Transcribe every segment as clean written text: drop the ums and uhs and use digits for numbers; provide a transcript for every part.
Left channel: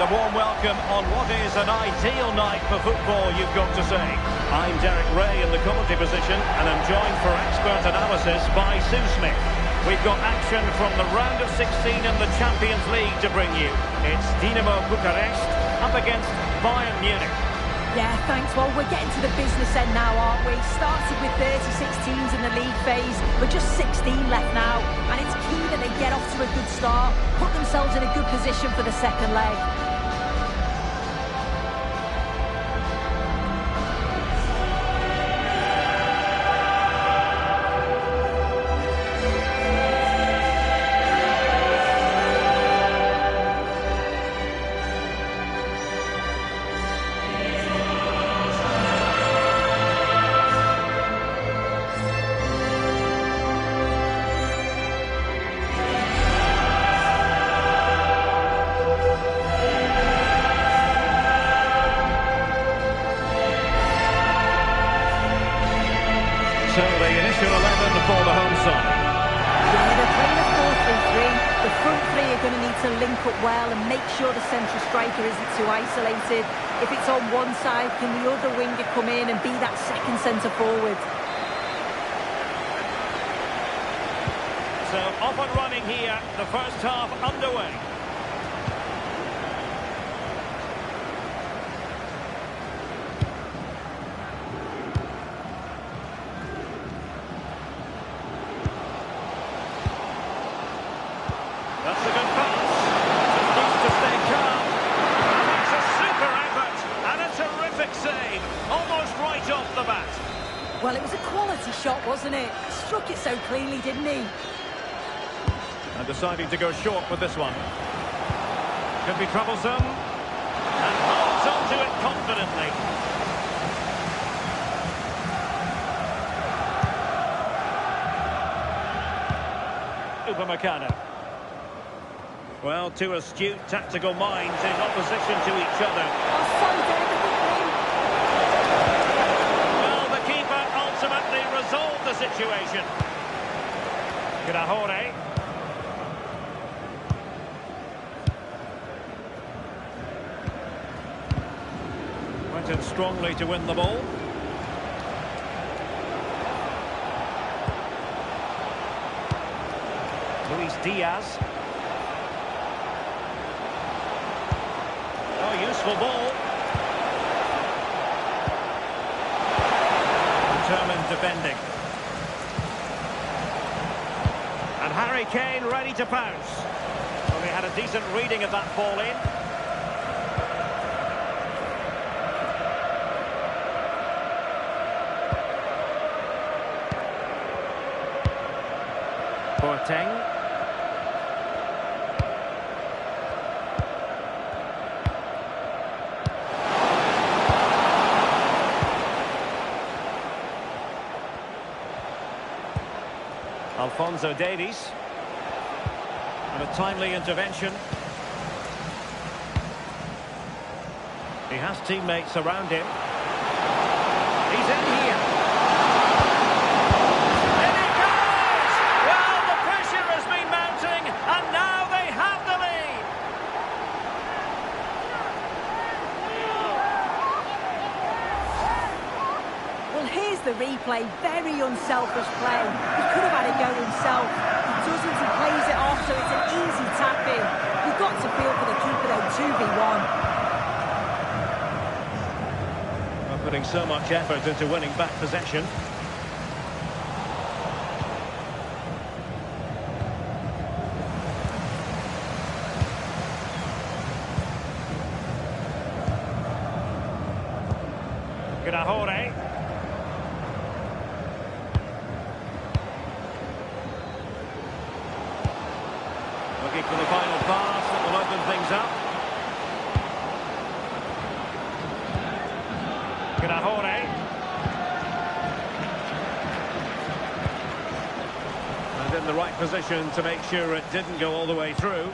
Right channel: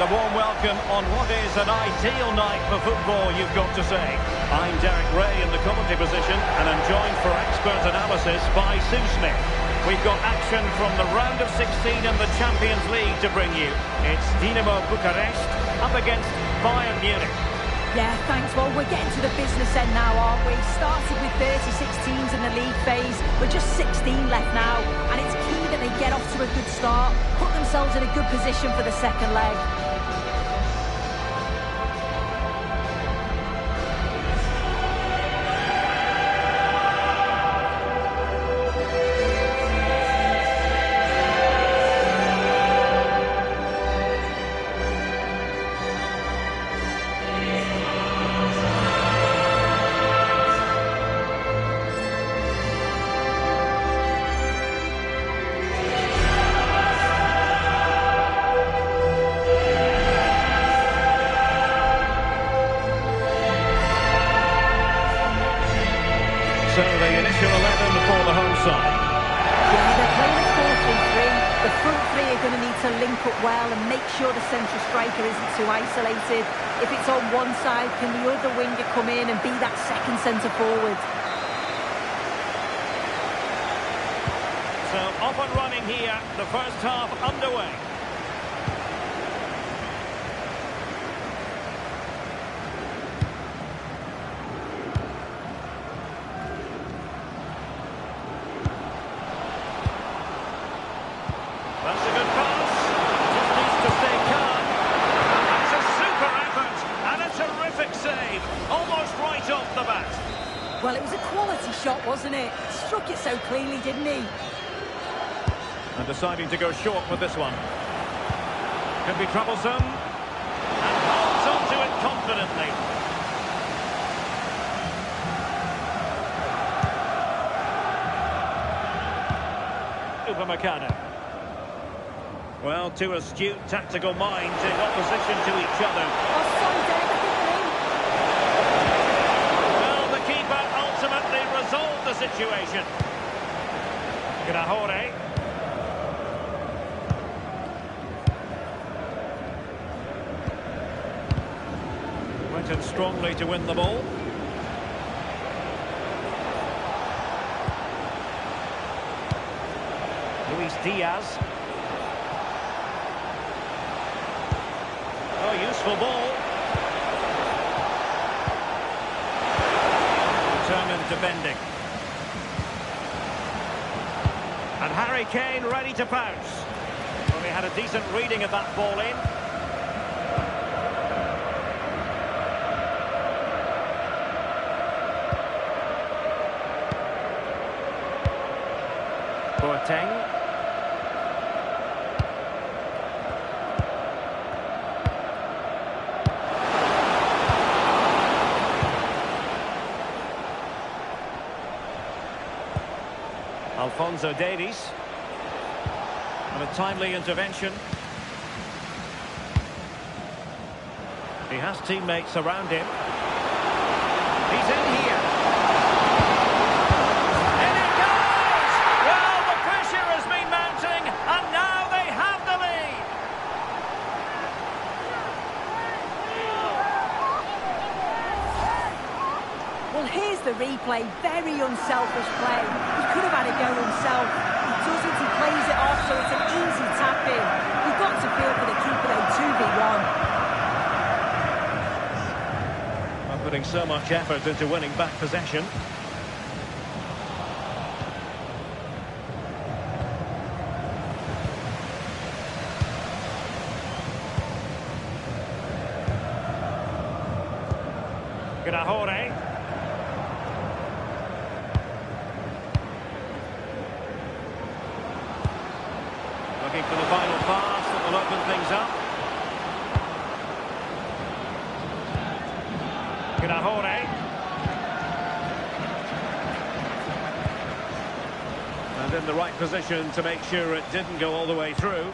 And a warm welcome on what is an ideal night for football, you've got to say. I'm Derek Ray in the commentary position, and I'm joined for expert analysis by Sue Smith. We've got action from the round of 16 in the Champions League to bring you. It's Dinamo Bucharest up against Bayern Munich. Yeah, thanks. Well, we're getting to the business end now, aren't we? Started with 36 teams in the league phase. We're just 16 left now. And it's key that they get off to a good start, put themselves in a good position for the second leg. So the initial 11 for the home side. Yeah, they're playing a 4-3-3. The front three are going to need to link up well and make sure the central striker isn't too isolated. If it's on one side, can the other winger come in and be that second centre forward? So off and running here, the first half underway. That's a good pass. Just needs to stay calm. And that's a super effort and a terrific save. Almost right off the bat. Well, it was a quality shot, wasn't it? Struck it so cleanly, didn't he? And deciding to go short with this one. Could be troublesome. And holds on to it confidently. Upamecano. Well, two astute tactical minds in opposition to each other. Oh, sorry, Derek, Well, the keeper ultimately resolved the situation. Grahore. Went in strongly to win the ball. Luis Diaz. Oh, useful ball. Determined defending. And Harry Kane ready to pounce. Well, they had a decent reading of that ball in. Boateng. Alphonso Davies. And a timely intervention. He has teammates around him. He's in here. In it goes! Well, the pressure has been mounting, and now they have the lead. Well, here's the replay. Very unselfish play. He could have had a go himself. He doesn't. He plays it off, so it's an easy tap-in. You've got to feel for the keeper, though. 2v1. Well, putting so much effort into winning back possession. Grahore. Looking for the final pass that will open things up. Grahore. And in the right position to make sure it didn't go all the way through.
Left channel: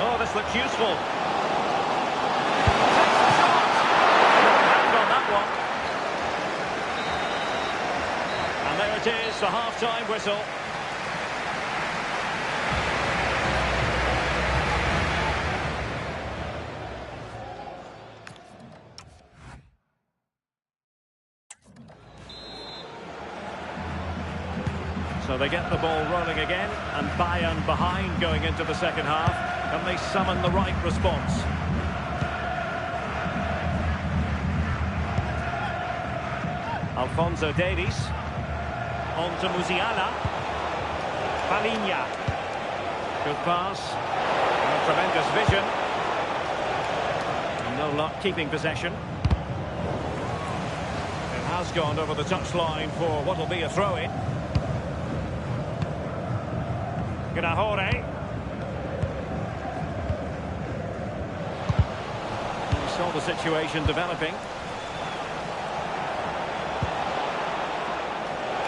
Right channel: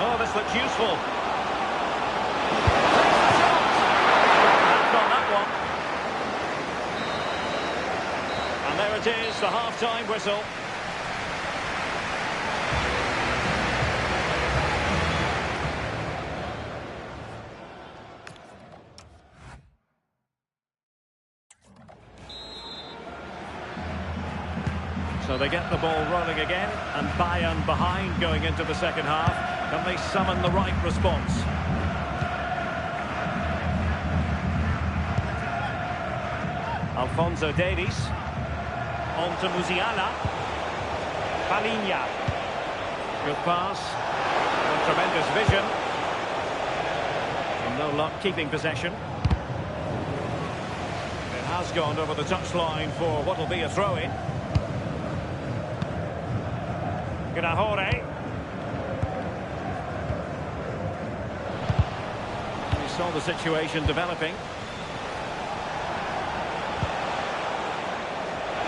Oh, this looks useful. Takes the shot. Strong hand on that one. And there it is, the half-time whistle. So they get the ball rolling again, and Bayern behind going into the second half. Can they summon the right response? Alphonso Davies. On to Musiala. Palinha. Good pass. And a tremendous vision. And no luck keeping possession. It has gone over the touchline for what will be a throw-in. Gnahore. We saw the situation developing.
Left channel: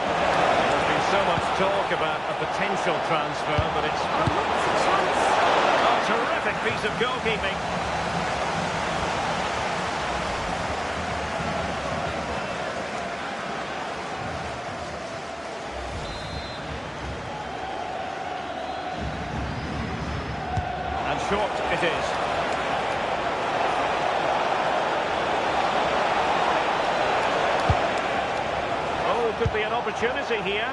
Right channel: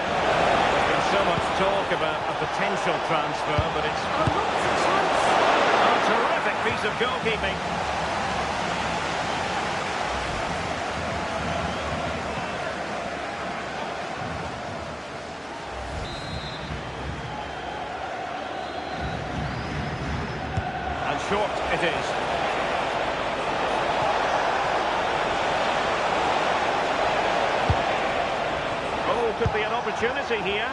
There's been so much talk about a potential transfer, but it's... Oh, look, it's a chance. A terrific piece of goalkeeping. And short it is. Oh, could be an opportunity here.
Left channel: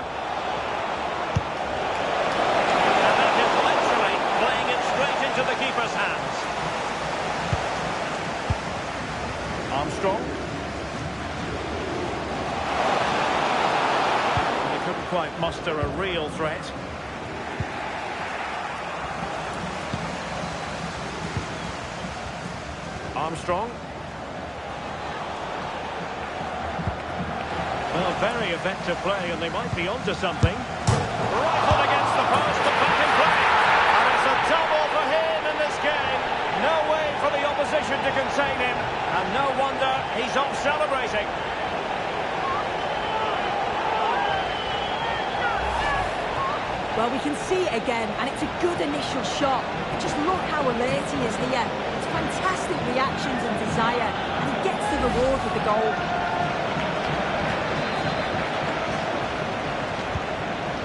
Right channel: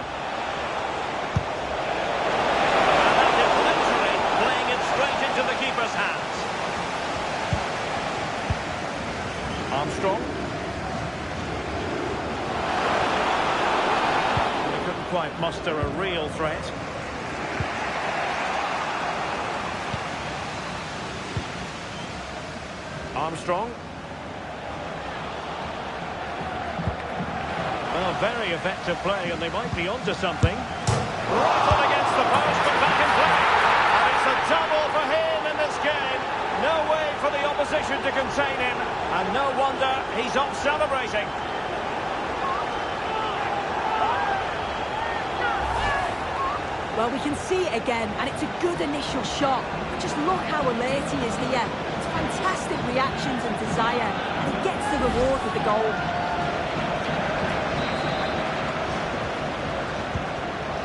And that is literally playing it straight into the keeper's hands. Armstrong. And they couldn't quite muster a real threat. Armstrong. Well, very effective play, and they might be onto something. Rifled against the post, but back in play. And it's a double for him in this game. No way for the opposition to contain him. And no wonder he's off celebrating. Well, we can see it again, and it's a good initial shot. But just look how alert he is here. It's fantastic reactions and desire, and he gets the reward with the goal.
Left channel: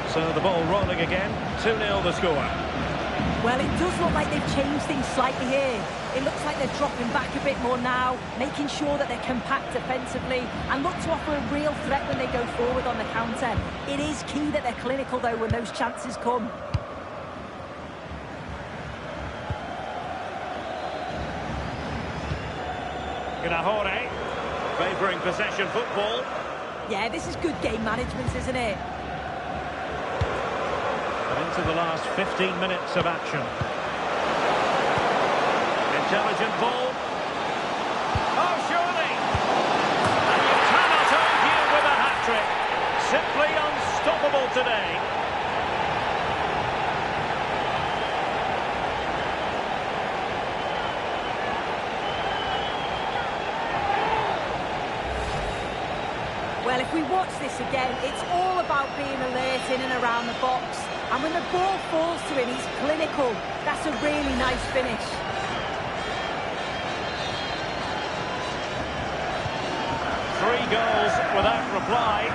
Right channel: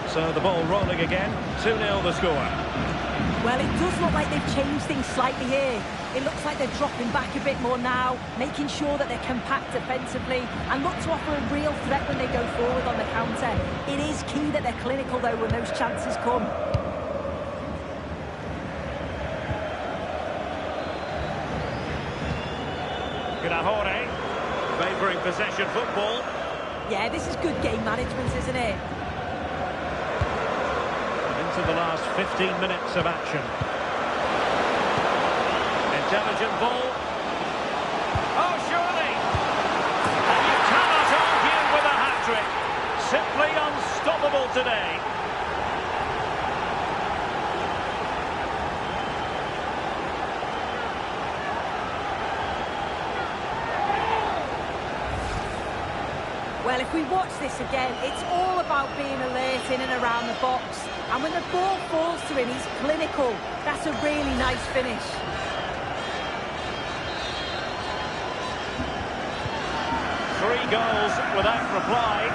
So the ball rolling again, 2-0 the score. Well, it does look like they've changed things slightly here. It looks like they're dropping back a bit more now, making sure that they're compact defensively and look to offer a real threat when they go forward on the counter. It is key that they're clinical, though, when those chances come. Gnahore, favouring possession football. Yeah, this is good game management, isn't it? And into the last 15 minutes of action. Intelligent ball. Oh, surely! And you cannot argue with a hat-trick. Simply unstoppable today. Well, if we watch this again, it's all about being alert in and around the box. And when the ball falls to him, he's clinical. That's a really nice finish. Three goals without reply.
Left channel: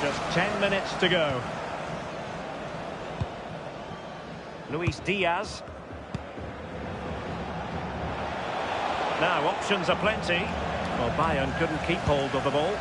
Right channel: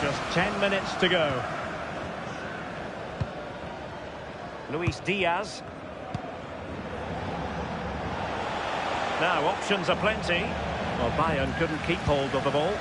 Just 10 minutes to go. Luis Diaz. Now, options are plenty. Well, Bayern couldn't keep hold of the ball.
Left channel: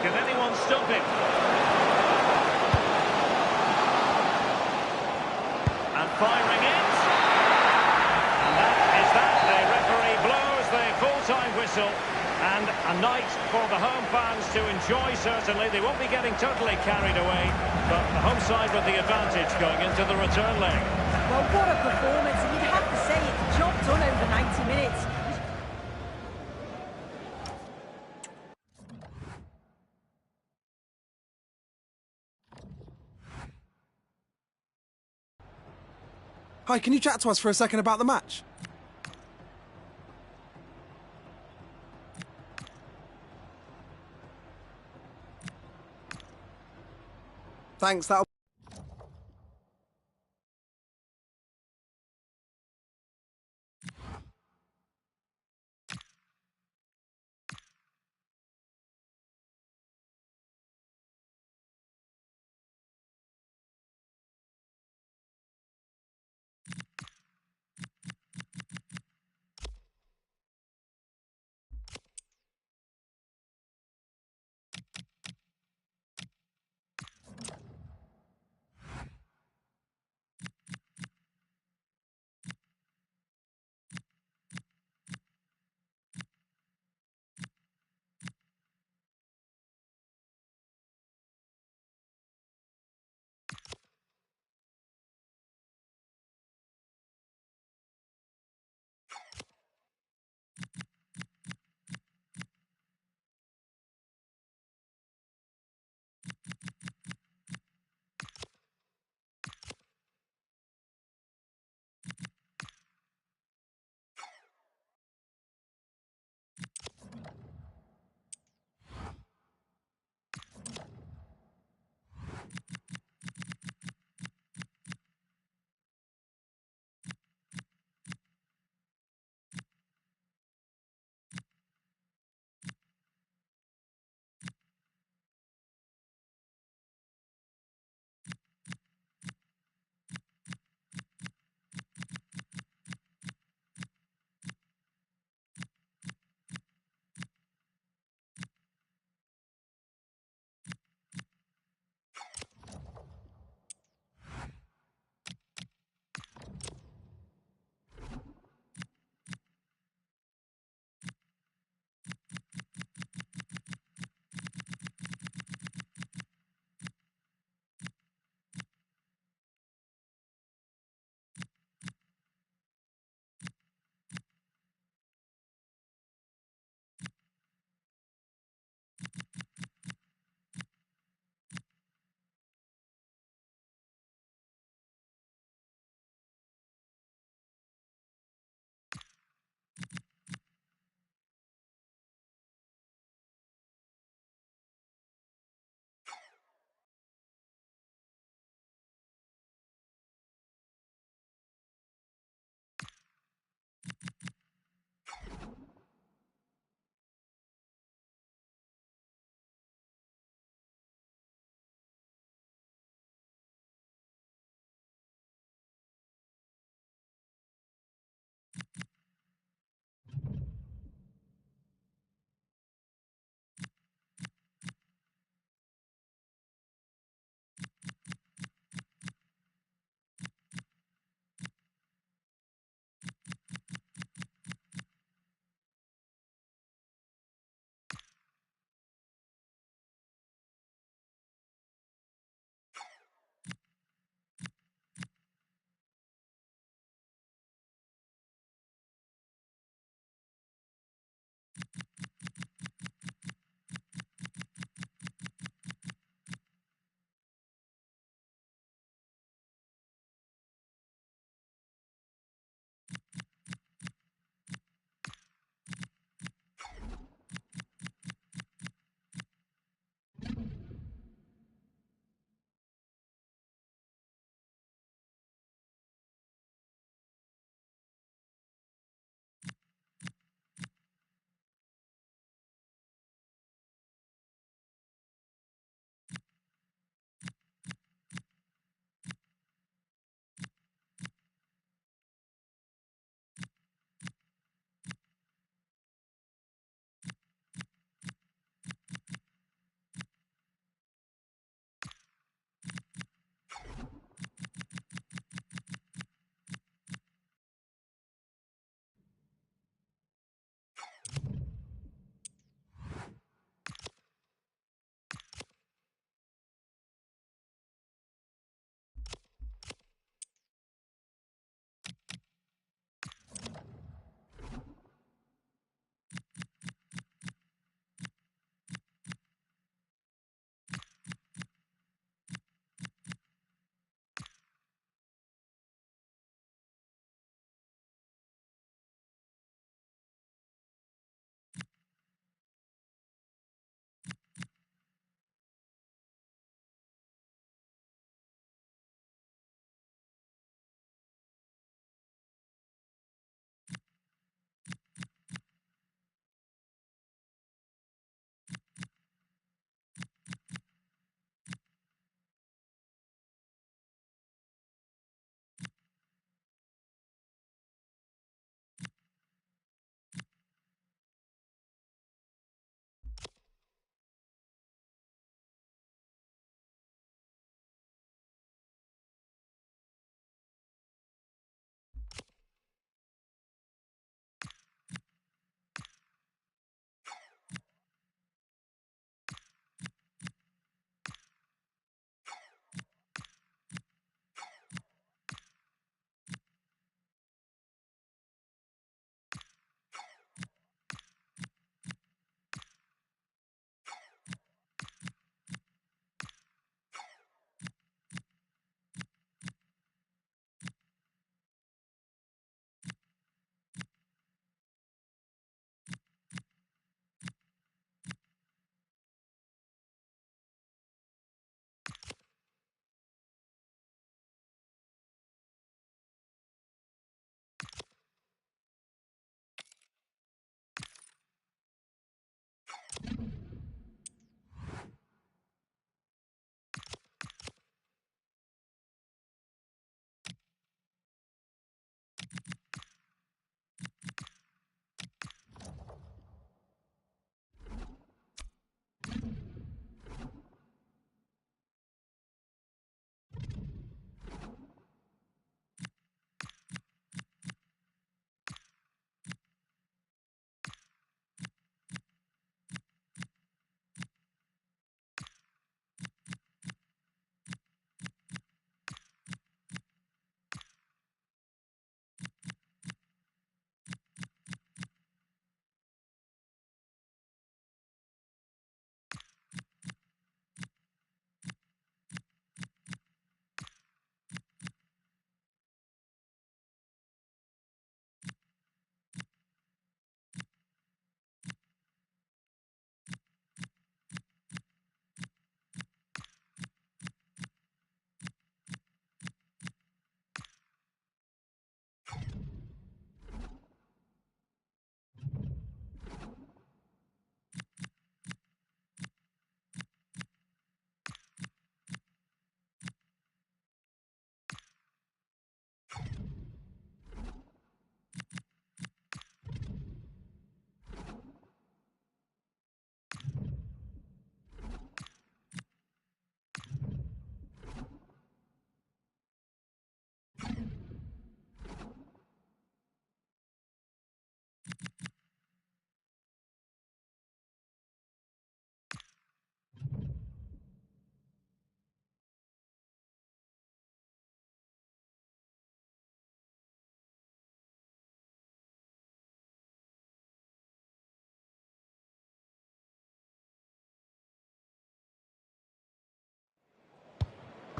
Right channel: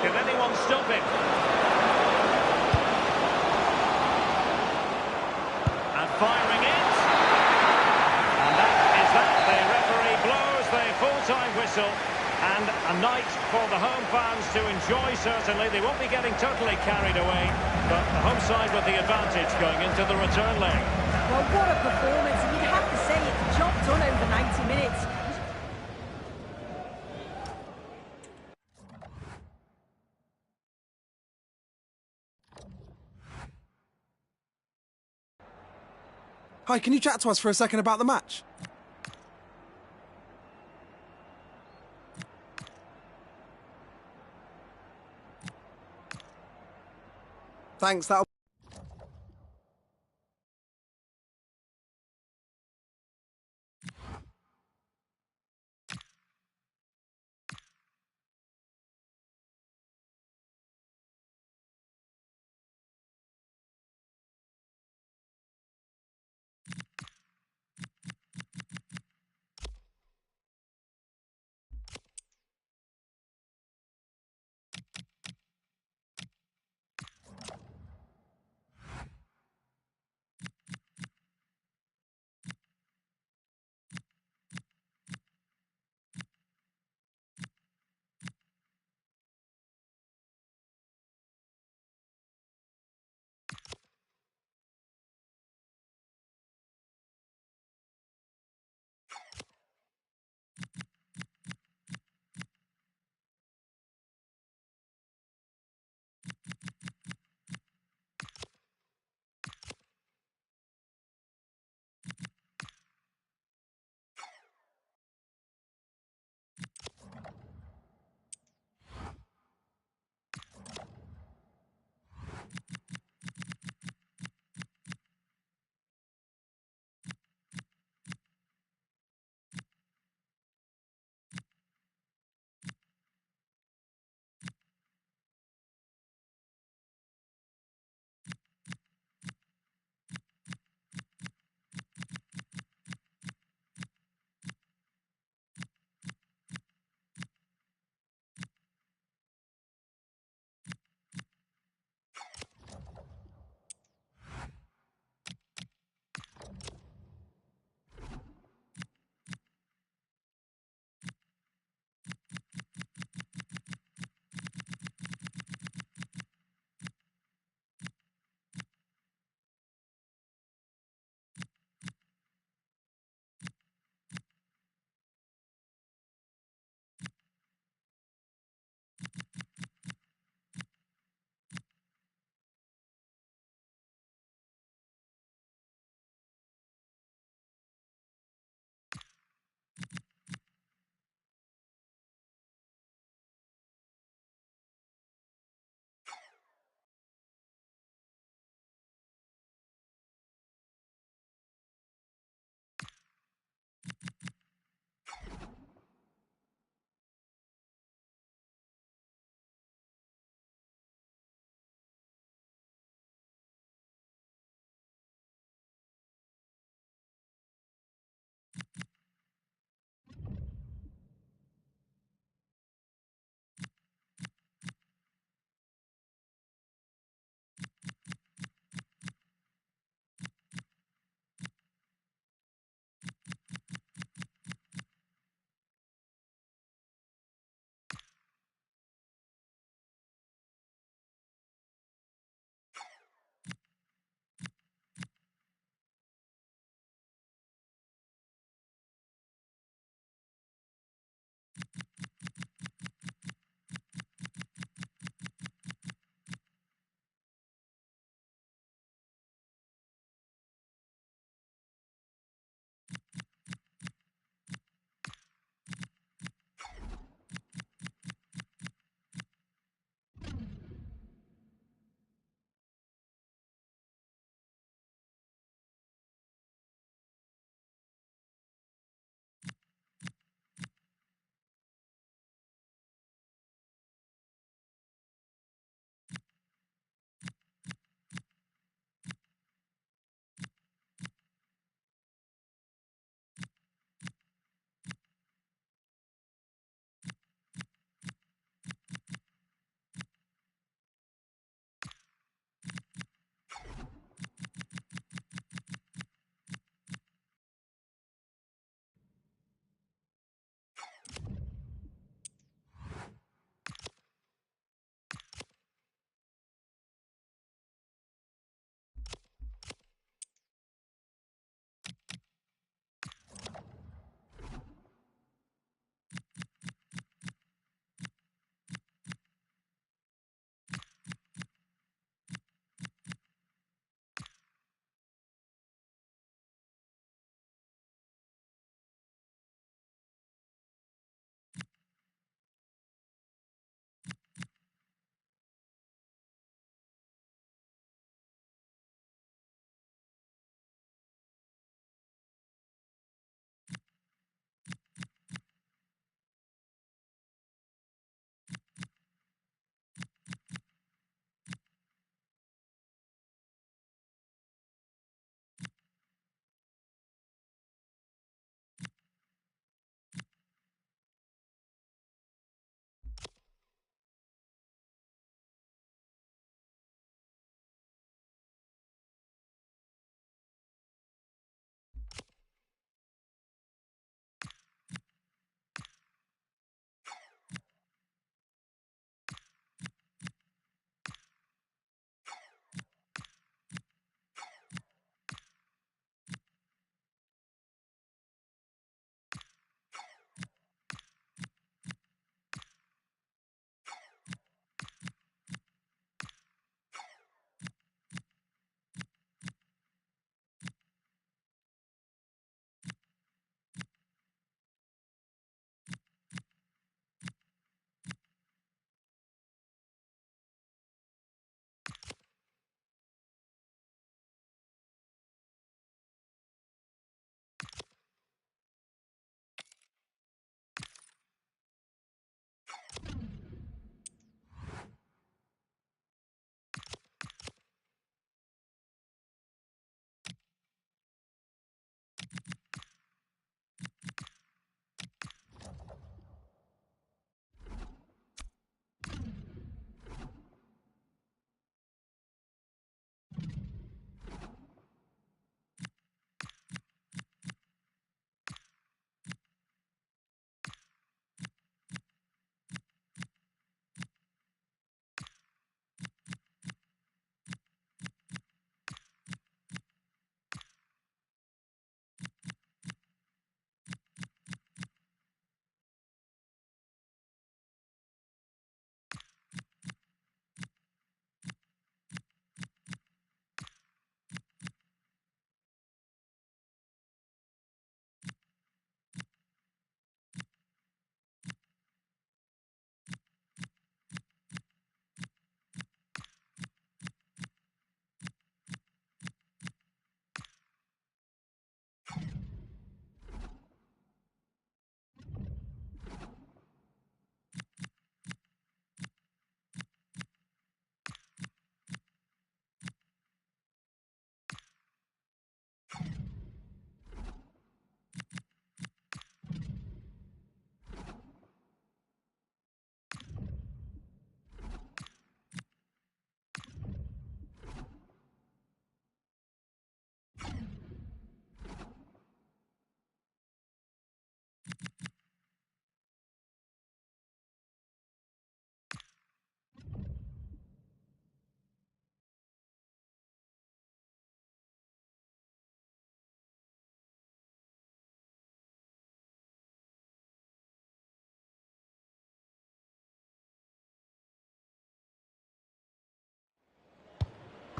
Can anyone stop him? And firing it. And that is that. The referee blows the full-time whistle. And a night for the home fans to enjoy, certainly. They won't be getting totally carried away. But the home side with the advantage going into the return leg. Well, what a performance. And you'd have to say it's job done over 90 minutes. Hi, can you chat to us for a second about the match? Thanks, that'll...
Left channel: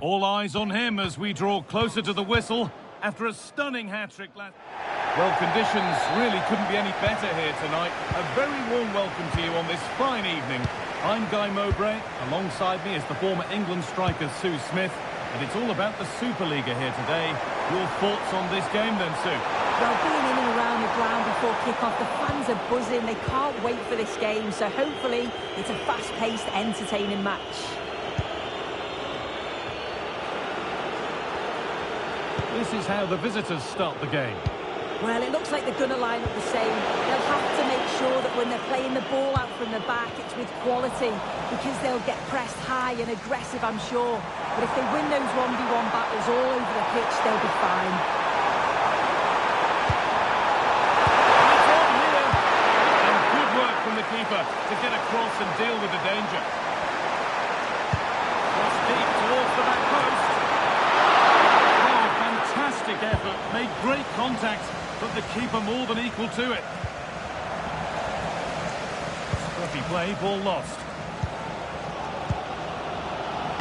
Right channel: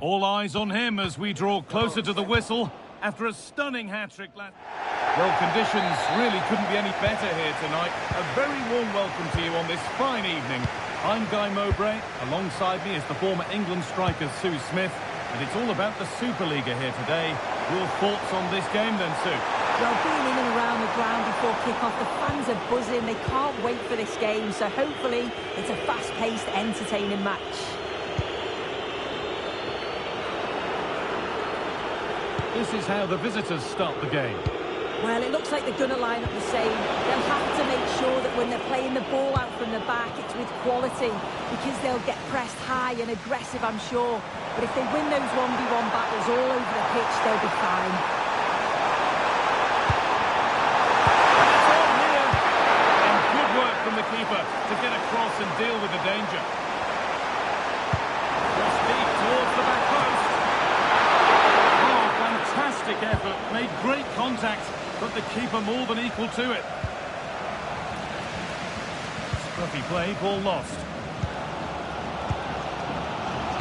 All eyes on him as we draw closer to the whistle after a stunning hat-trick last... Well, conditions really couldn't be any better here tonight. A very warm welcome to you on this fine evening. I'm Guy Mowbray. Alongside me is the former England striker Sue Smith. And it's all about the Superliga here today. Your thoughts on this game then, Sue? Well, being in and around the ground before kick-off, the fans are buzzing. They can't wait for this game. So hopefully it's a fast-paced, entertaining match. This is how the visitors start the game. Well, it looks like they're going to line up the same. They'll have to make sure that when they're playing the ball out from the back, it's with quality, because they'll get pressed high and aggressive, I'm sure. But if they win those 1v1 battles all over the pitch, they'll be fine. And it's on here. And good work from the keeper to get across and deal with the danger. Cross deep towards the back post. Oh, fantastic effort. Made great contact, but the keeper more than equal to it. Scruffy play, ball lost.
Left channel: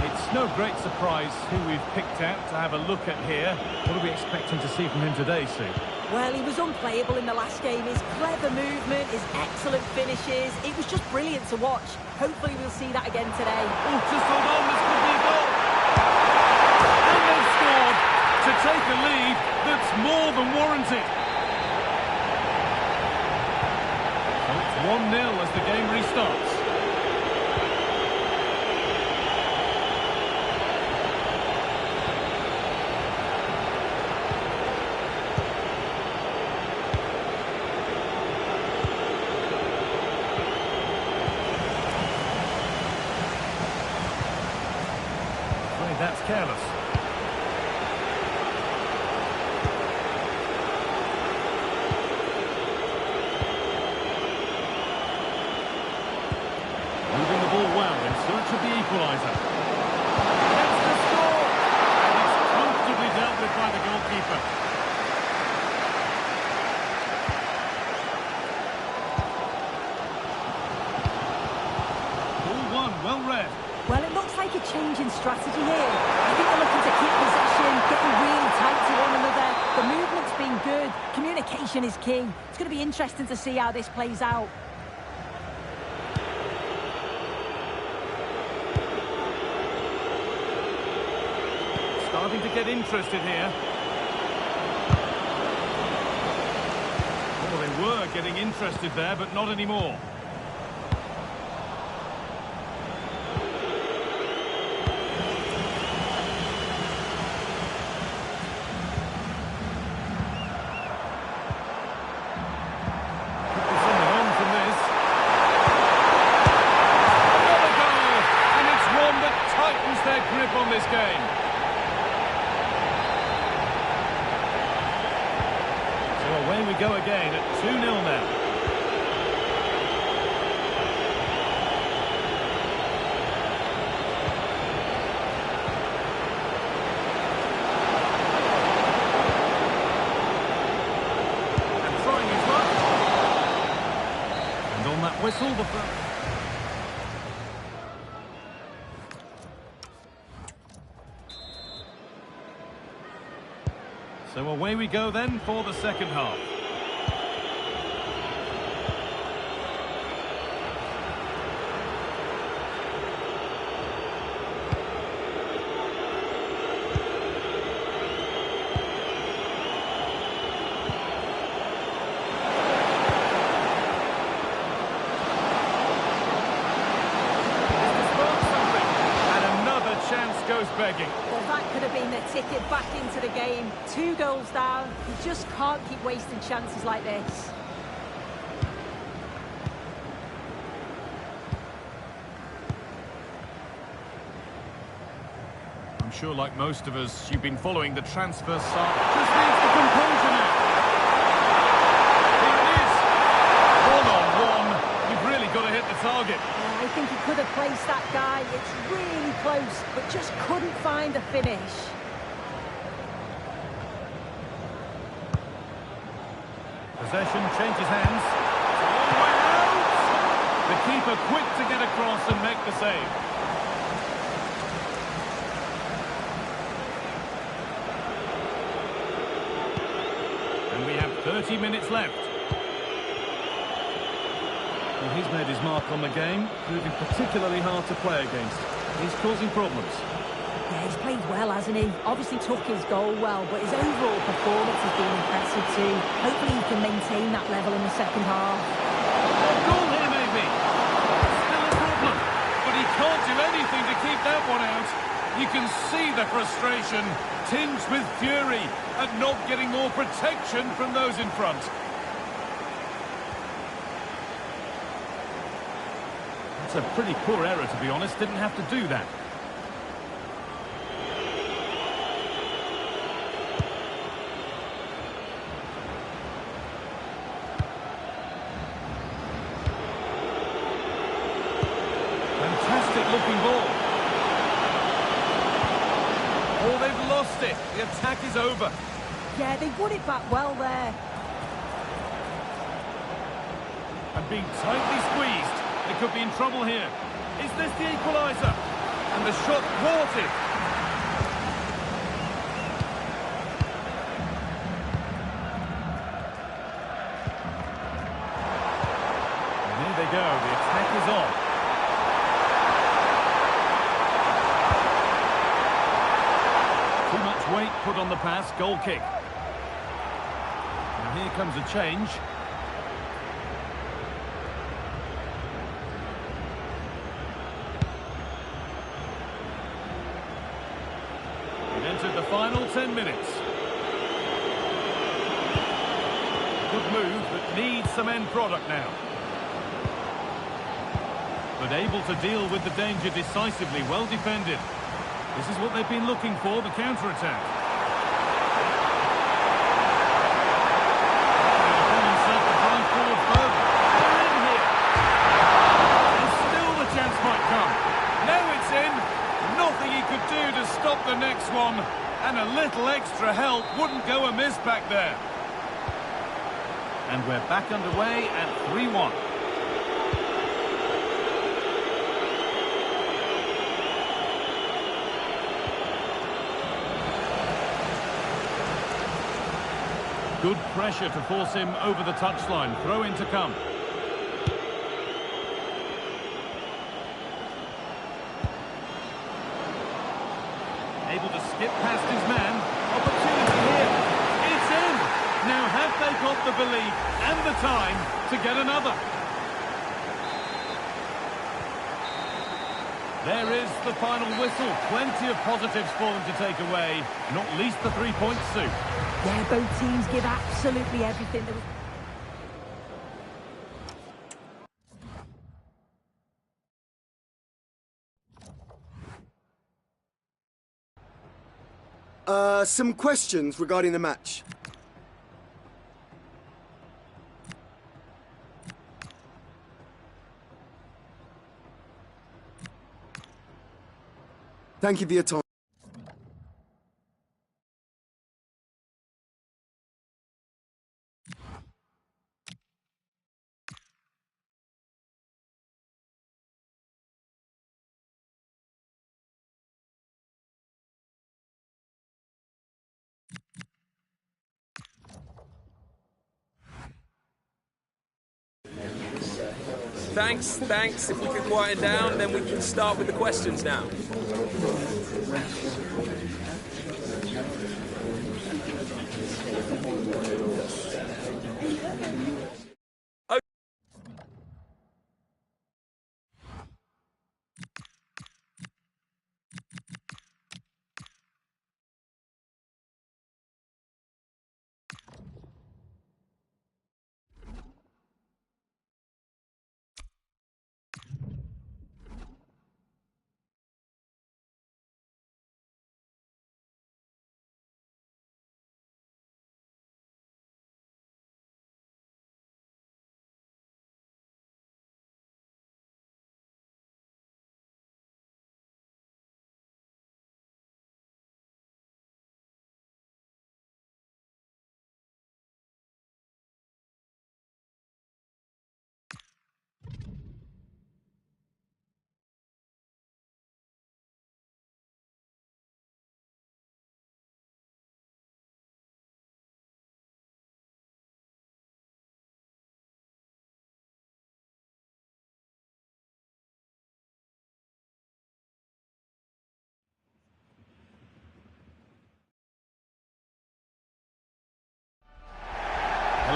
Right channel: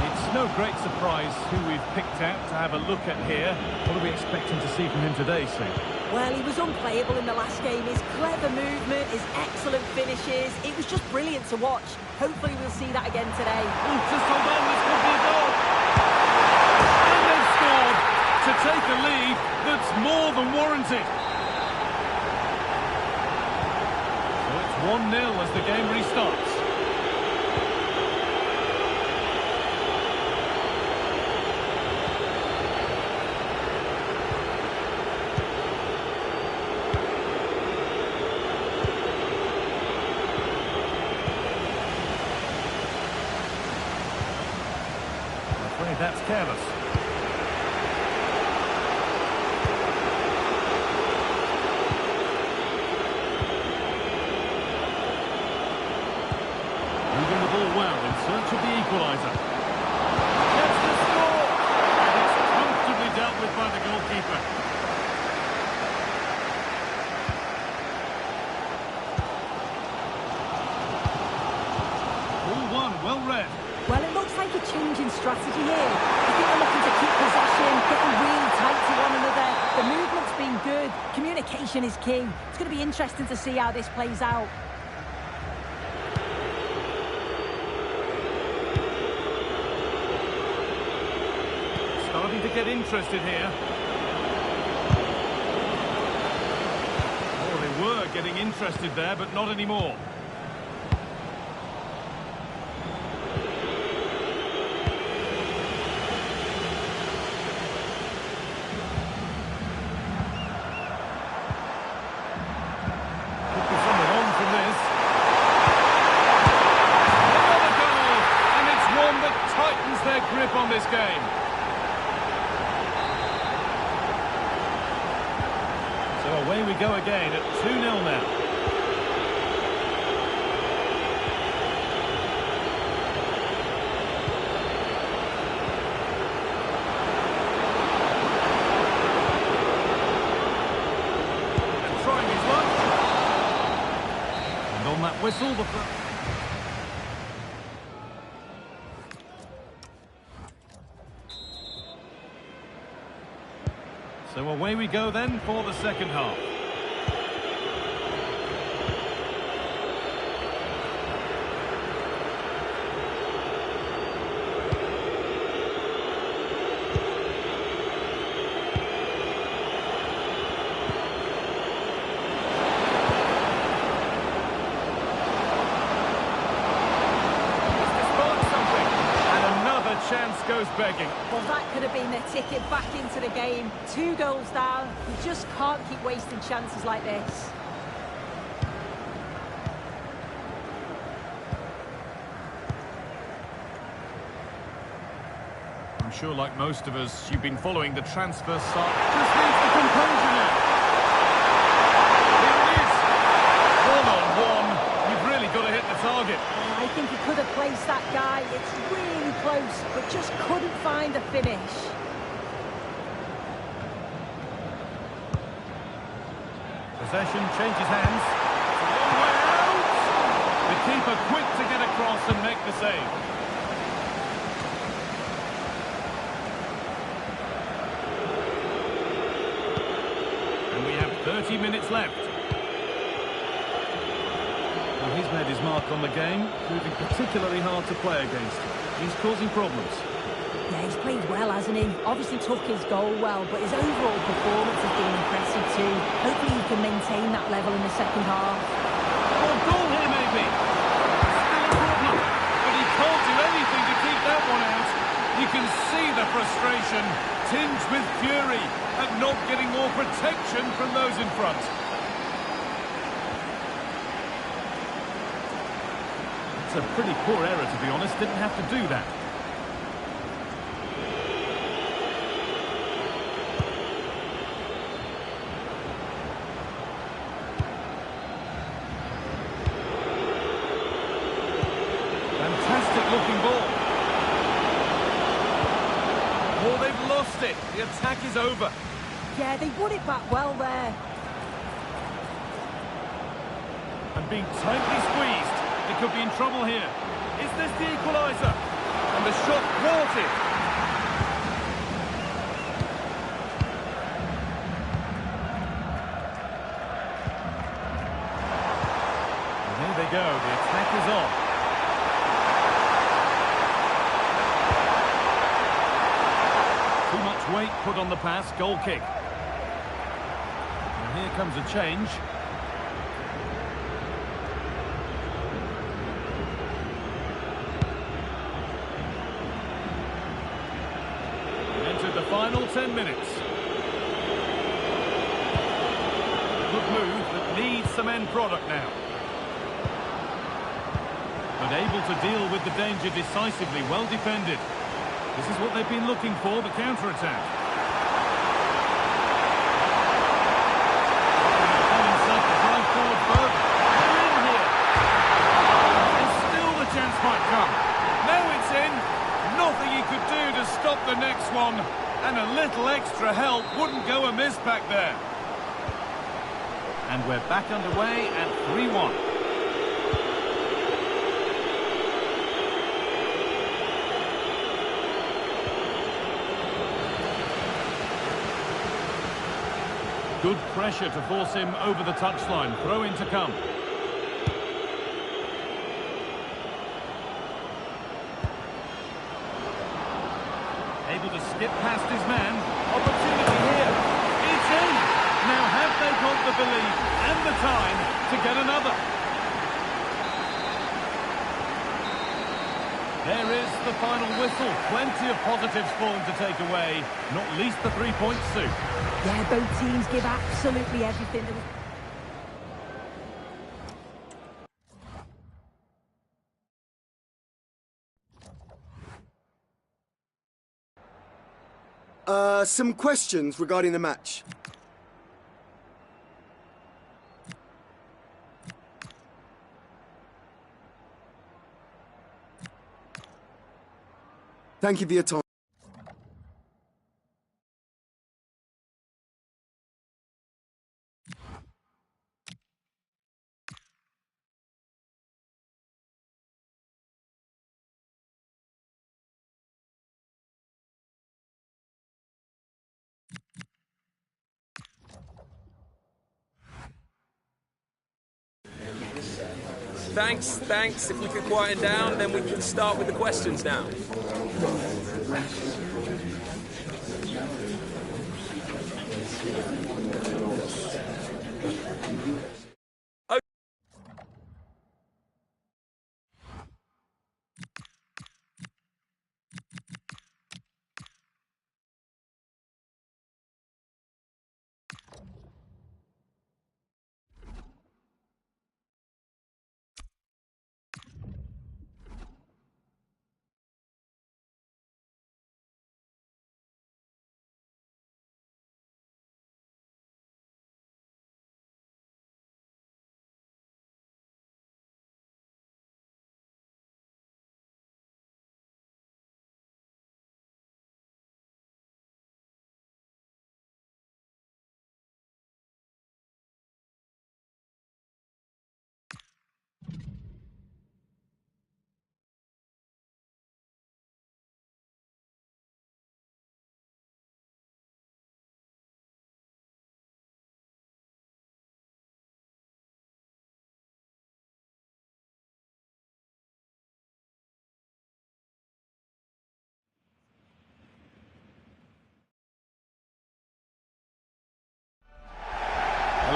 It's no great surprise who we've picked out to have a look at here. What are we expecting to see from him today, Sue? Well, he was unplayable in the last game. His clever movement, his excellent finishes, it was just brilliant to watch. Hopefully we'll see that again today. Oh, just hold on, this could be a goal. And they've scored to take a lead that's more than warranted. So it's 1-0 as the game restarts. That's careless. Moving the ball well in search of the equaliser. Gets to score! And it's comfortably dealt with by the goalkeeper. Ball one, well read. Well, it looks like a change in strategy here. I think they're looking to keep possession, getting really tight to one another. The movement's been good. Communication is key. It's going to be interesting to see how this plays out. Starting to get interested here. Oh, they were getting interested there, but not anymore. Their grip on this game. So away we go again at 2-0 now. And trying his luck. And on that whistle, the... So away we go then for the second half. Chance goes begging. Well, that could have been their ticket back into the game. 2 goals down. You just can't keep wasting chances like this. I'm sure, like most of us, you've been following the transfer side. Just needs the composure now. Here it is. 1-on-1. You've really got to hit the target. I think he could have placed that guy. It's really close, but just couldn't find a finish. Possession changes hands. It's a long way out. The keeper quick to get across and make the save. 30 minutes left. Well, he's made his mark on the game, proving particularly hard to play against. He's causing problems. Yeah, he's played well, hasn't he? Obviously took his goal well, but his overall performance has been impressive too. Hopefully he can maintain that level in the second half. Oh, goal here maybe. Still a problem, but he can't do anything to keep that one out. You can see the frustration, tinged with fury, at not getting more protection from those in front. That's a pretty poor error, to be honest. Didn't have to do that. Fantastic looking ball. Oh, they've lost it. The attack is over. Yeah, they won it back well there. And being tightly squeezed. They could be in trouble here. Is this the equaliser? And the shot thwarted. And here they go. The attack is on. Too much weight put on the pass. Goal kick. Now here comes a change. Entered the final 10 minutes. Good move, but needs some end product now. But able to deal with the danger decisively, well defended. This is what they've been looking for, the counter-attack. Upon himself to drive forward further. They're in here. And still the chance might come. Now it's in. Nothing he could do to stop the next one, and a little extra help wouldn't go amiss back there. And we're back underway at 3-1. Good pressure to force him over the touchline. Throw in to come. Able to skip past his man. Opportunity here. It's in. Now have they got the belief and the time to get another? There is the final whistle. Plenty of positives for them to take away. Not least the 3 points, Sue. Yeah, both teams give absolutely everything. Some questions regarding the match. Thank you for your time. Thanks. If we could quieten down, then we can start with the questions now.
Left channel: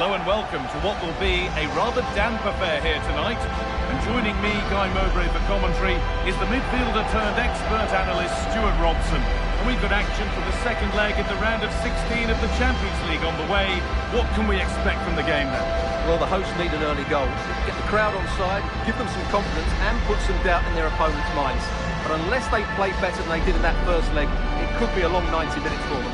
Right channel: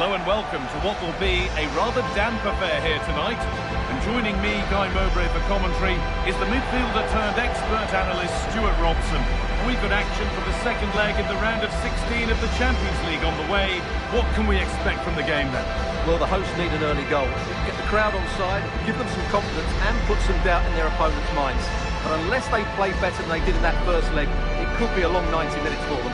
Hello and welcome to what will be a rather damp affair here tonight. And joining me, Guy Mowbray, for commentary is the midfielder turned expert analyst Stuart Robson. And we've got action for the second leg in the round of 16 of the Champions League on the way. What can we expect from the game then? Well, the hosts need an early goal. Get the crowd on side, give them some confidence and put some doubt in their opponent's minds. But unless they play better than they did in that first leg, it could be a long 90 minutes for them.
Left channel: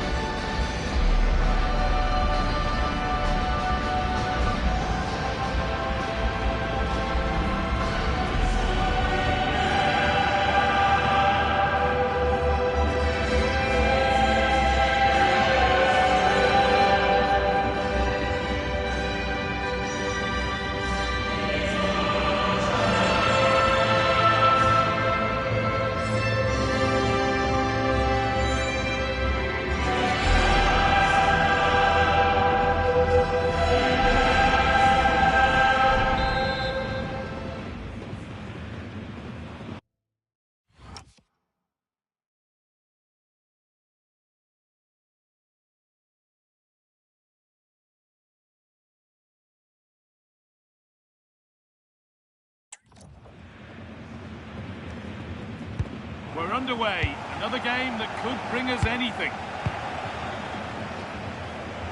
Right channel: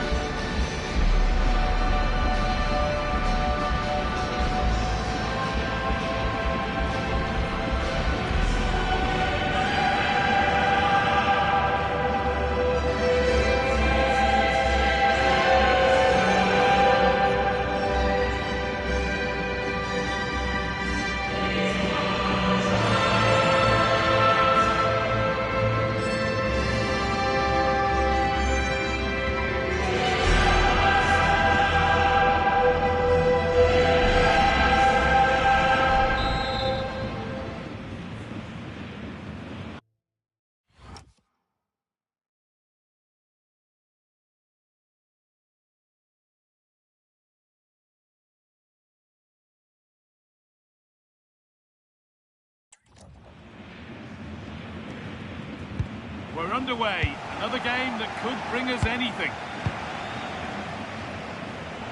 We're underway. Another game that could bring us anything.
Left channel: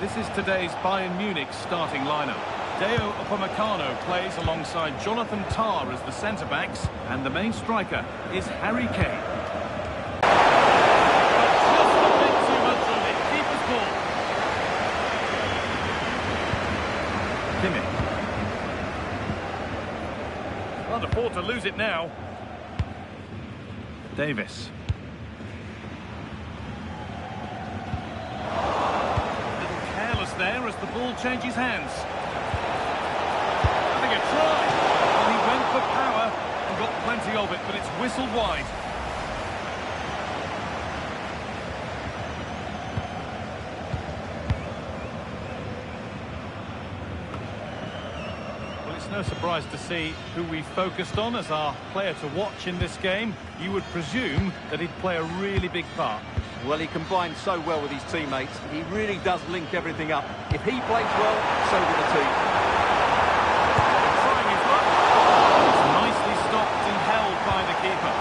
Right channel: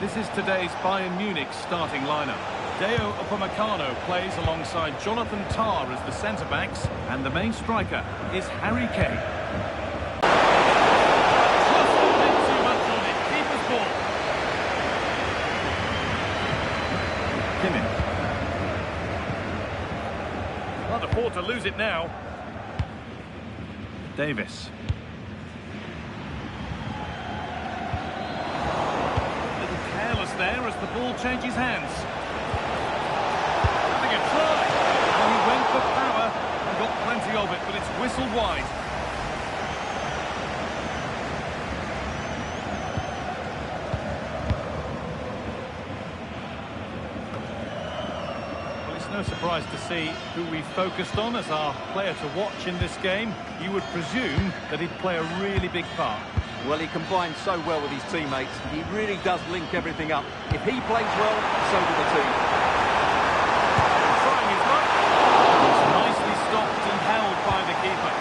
This is today's Bayern Munich starting lineup. Deo Upamecano plays alongside Jonathan Tah as the centre-backs, and the main striker is Harry Kane. But just a bit too much on it. Keeper's ball. Kimmich. Can't afford to lose it now. Davis. A little careless there as the ball changes hands. Having a try. Well, he went for power and got plenty of it, but it's whistled wide. It's no surprise to see who we focused on as our player to watch in this game. You would presume that he'd play a really big part. Well, he combines so well with his teammates. He really does link everything up. If he plays well, so do the team. And trying his luck. It's nicely stopped and held by the keeper.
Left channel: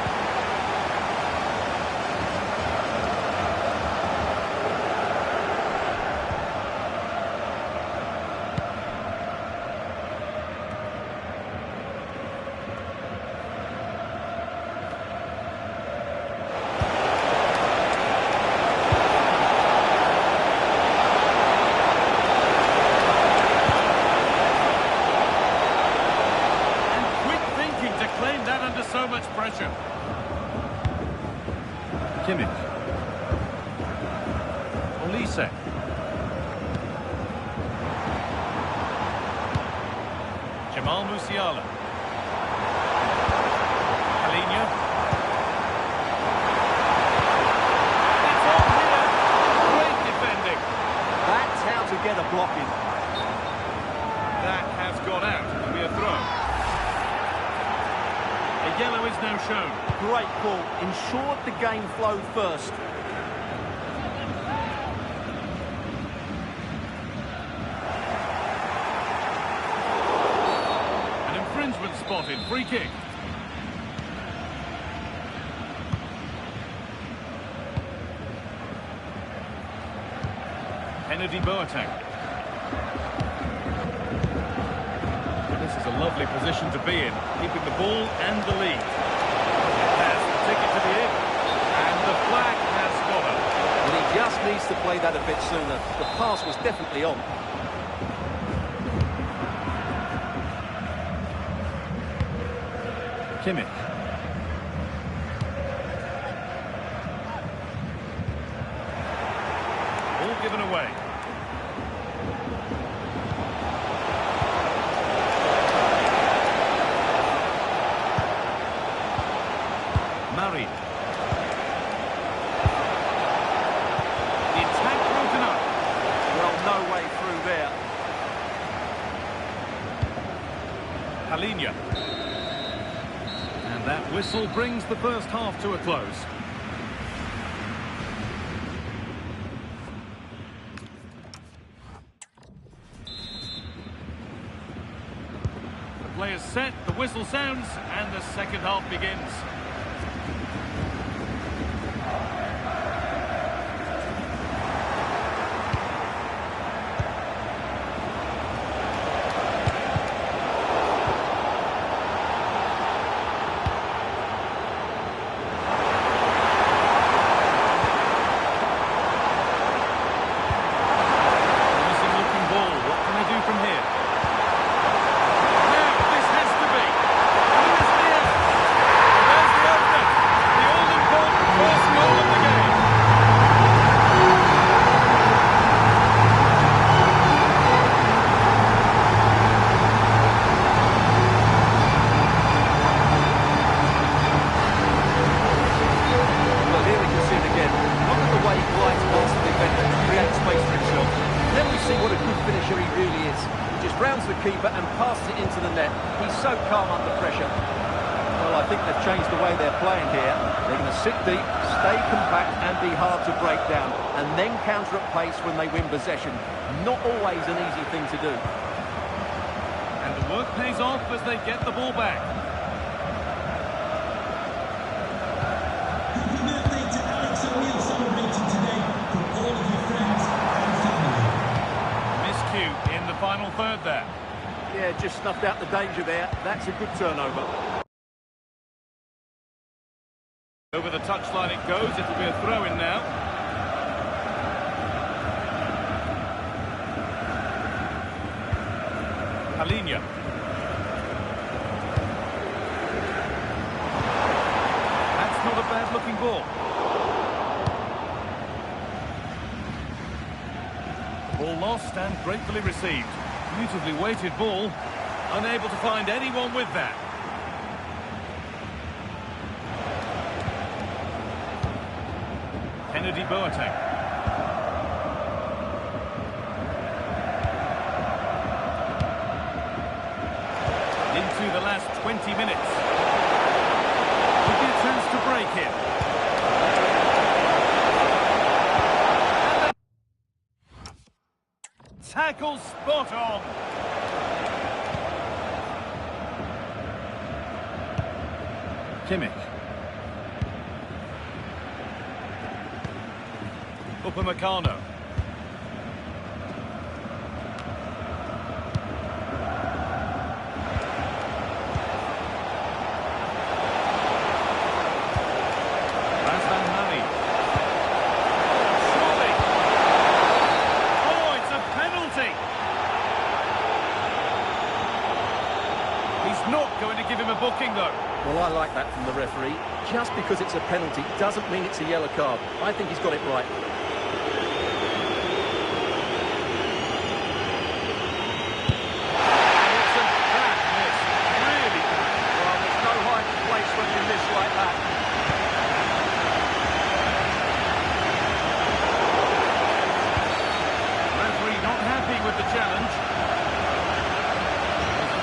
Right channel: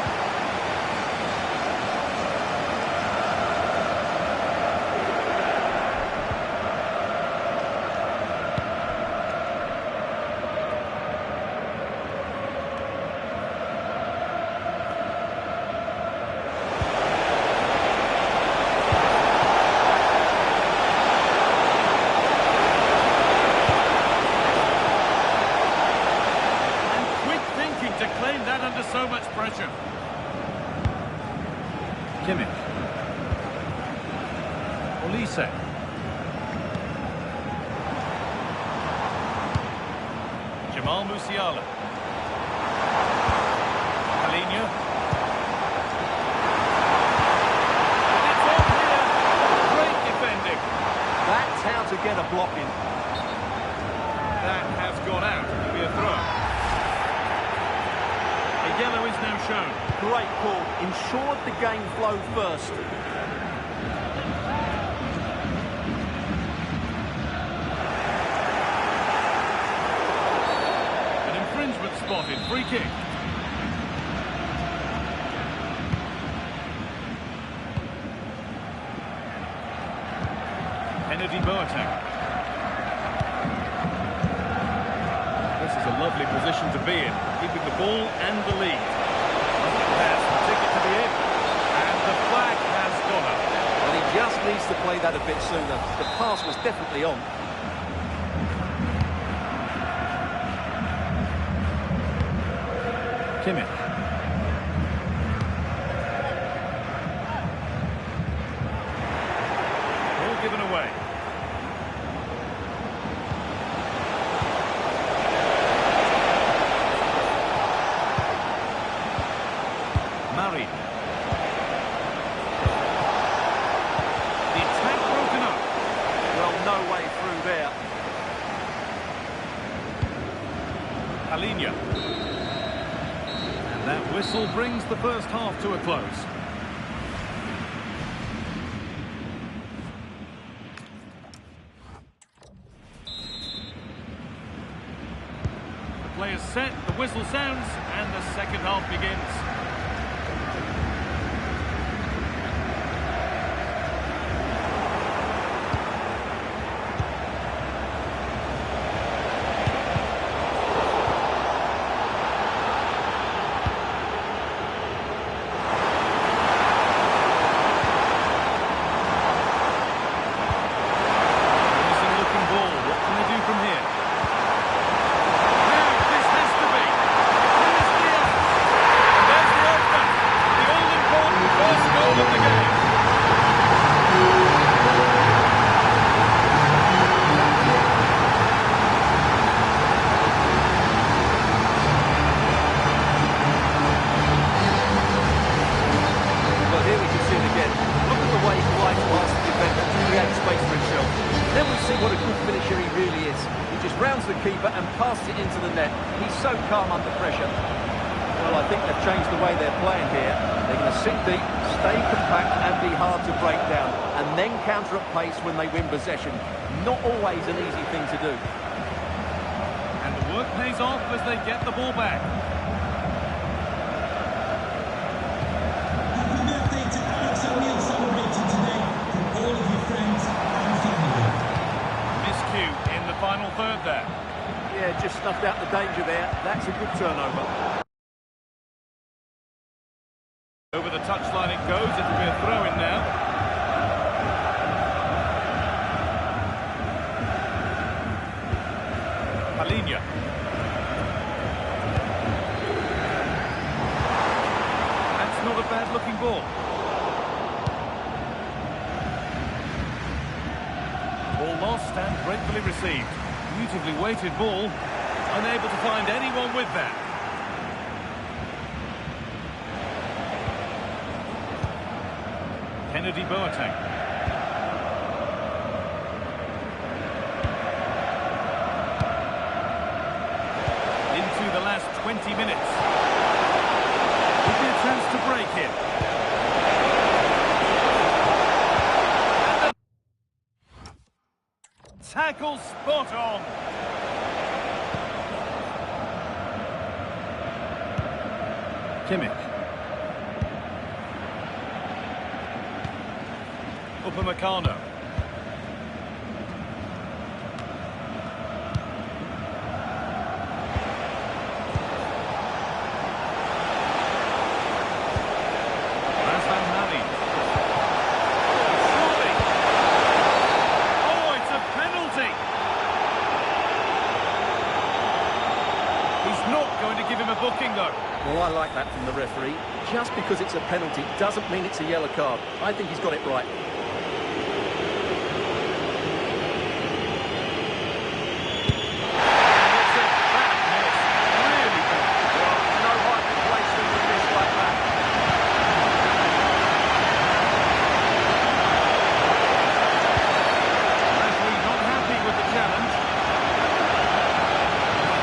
Under so much pressure. Kimmich. Olise. Jamal Musiala. Palhinha. It's on here. Great defending. That's how to get a block in. That has gone out. It'll be a throw. A yellow is now shown. Great call. Ensured the game flowed first. An infringement spotted. Free kick. Kennedy Boateng. This is a lovely position to be in, keeping the ball and the lead. Pass, the ticket to the in, and the flag has gone up. Well, he just needs to play that a bit sooner. The pass was definitely on. Kimmich. Ball given away. Murray. The attack broken up. Well, no way through there. Palhinha. And that whistle brings the first half to a close. Players set, the whistle sounds, and the second half begins. The keeper and passes it into the net. He's so calm under pressure. Well, I think they've changed the way they're playing here. They're going to sit deep, stay compact and be hard to break down, and then counter at pace when they win possession. Not always an easy thing to do. And the work pays off as they get the ball back. Happy birthday to aleXan celebrating today from all of your friends and family. Miscue in the final third there. Yeah, just snuffed out the danger there. That's a good turnover. Over the touchline it goes. It'll be a throw-in now. Palinha. That's not a bad-looking ball. Ball lost and gratefully received. Beautifully weighted ball. Unable to find anyone with that. Kennedy Boateng. Into the last 20 minutes. Would be a chance to break it. Tackle spot on. Kimmich. Upamecano. Not going to give him a booking, though. Well, I like that from the referee. Just because it's a penalty doesn't mean it's a yellow card. I think he's got it right. And it's a bad miss. Really bad. Well, there's no hiding place when you miss like that. Referee not happy with the challenge.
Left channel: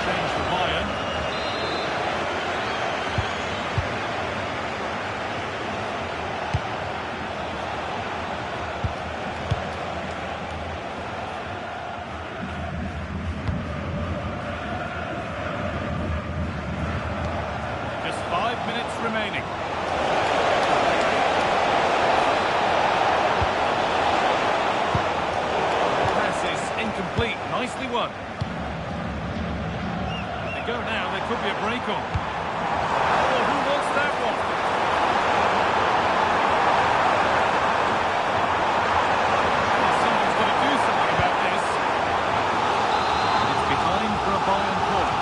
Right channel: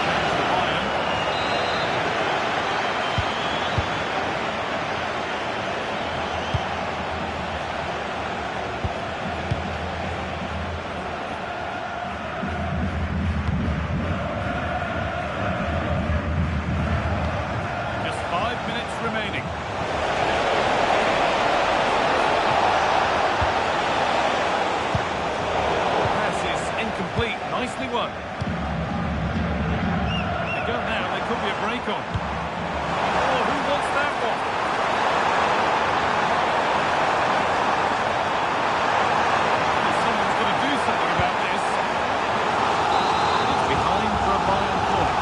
Change the Bayern. Just 5 minutes remaining. The pass is incomplete. Nicely won. Go now, there could be a break on. Oh, who wants that one? Well, someone's got to do something about this. It's behind for a Bayern corner.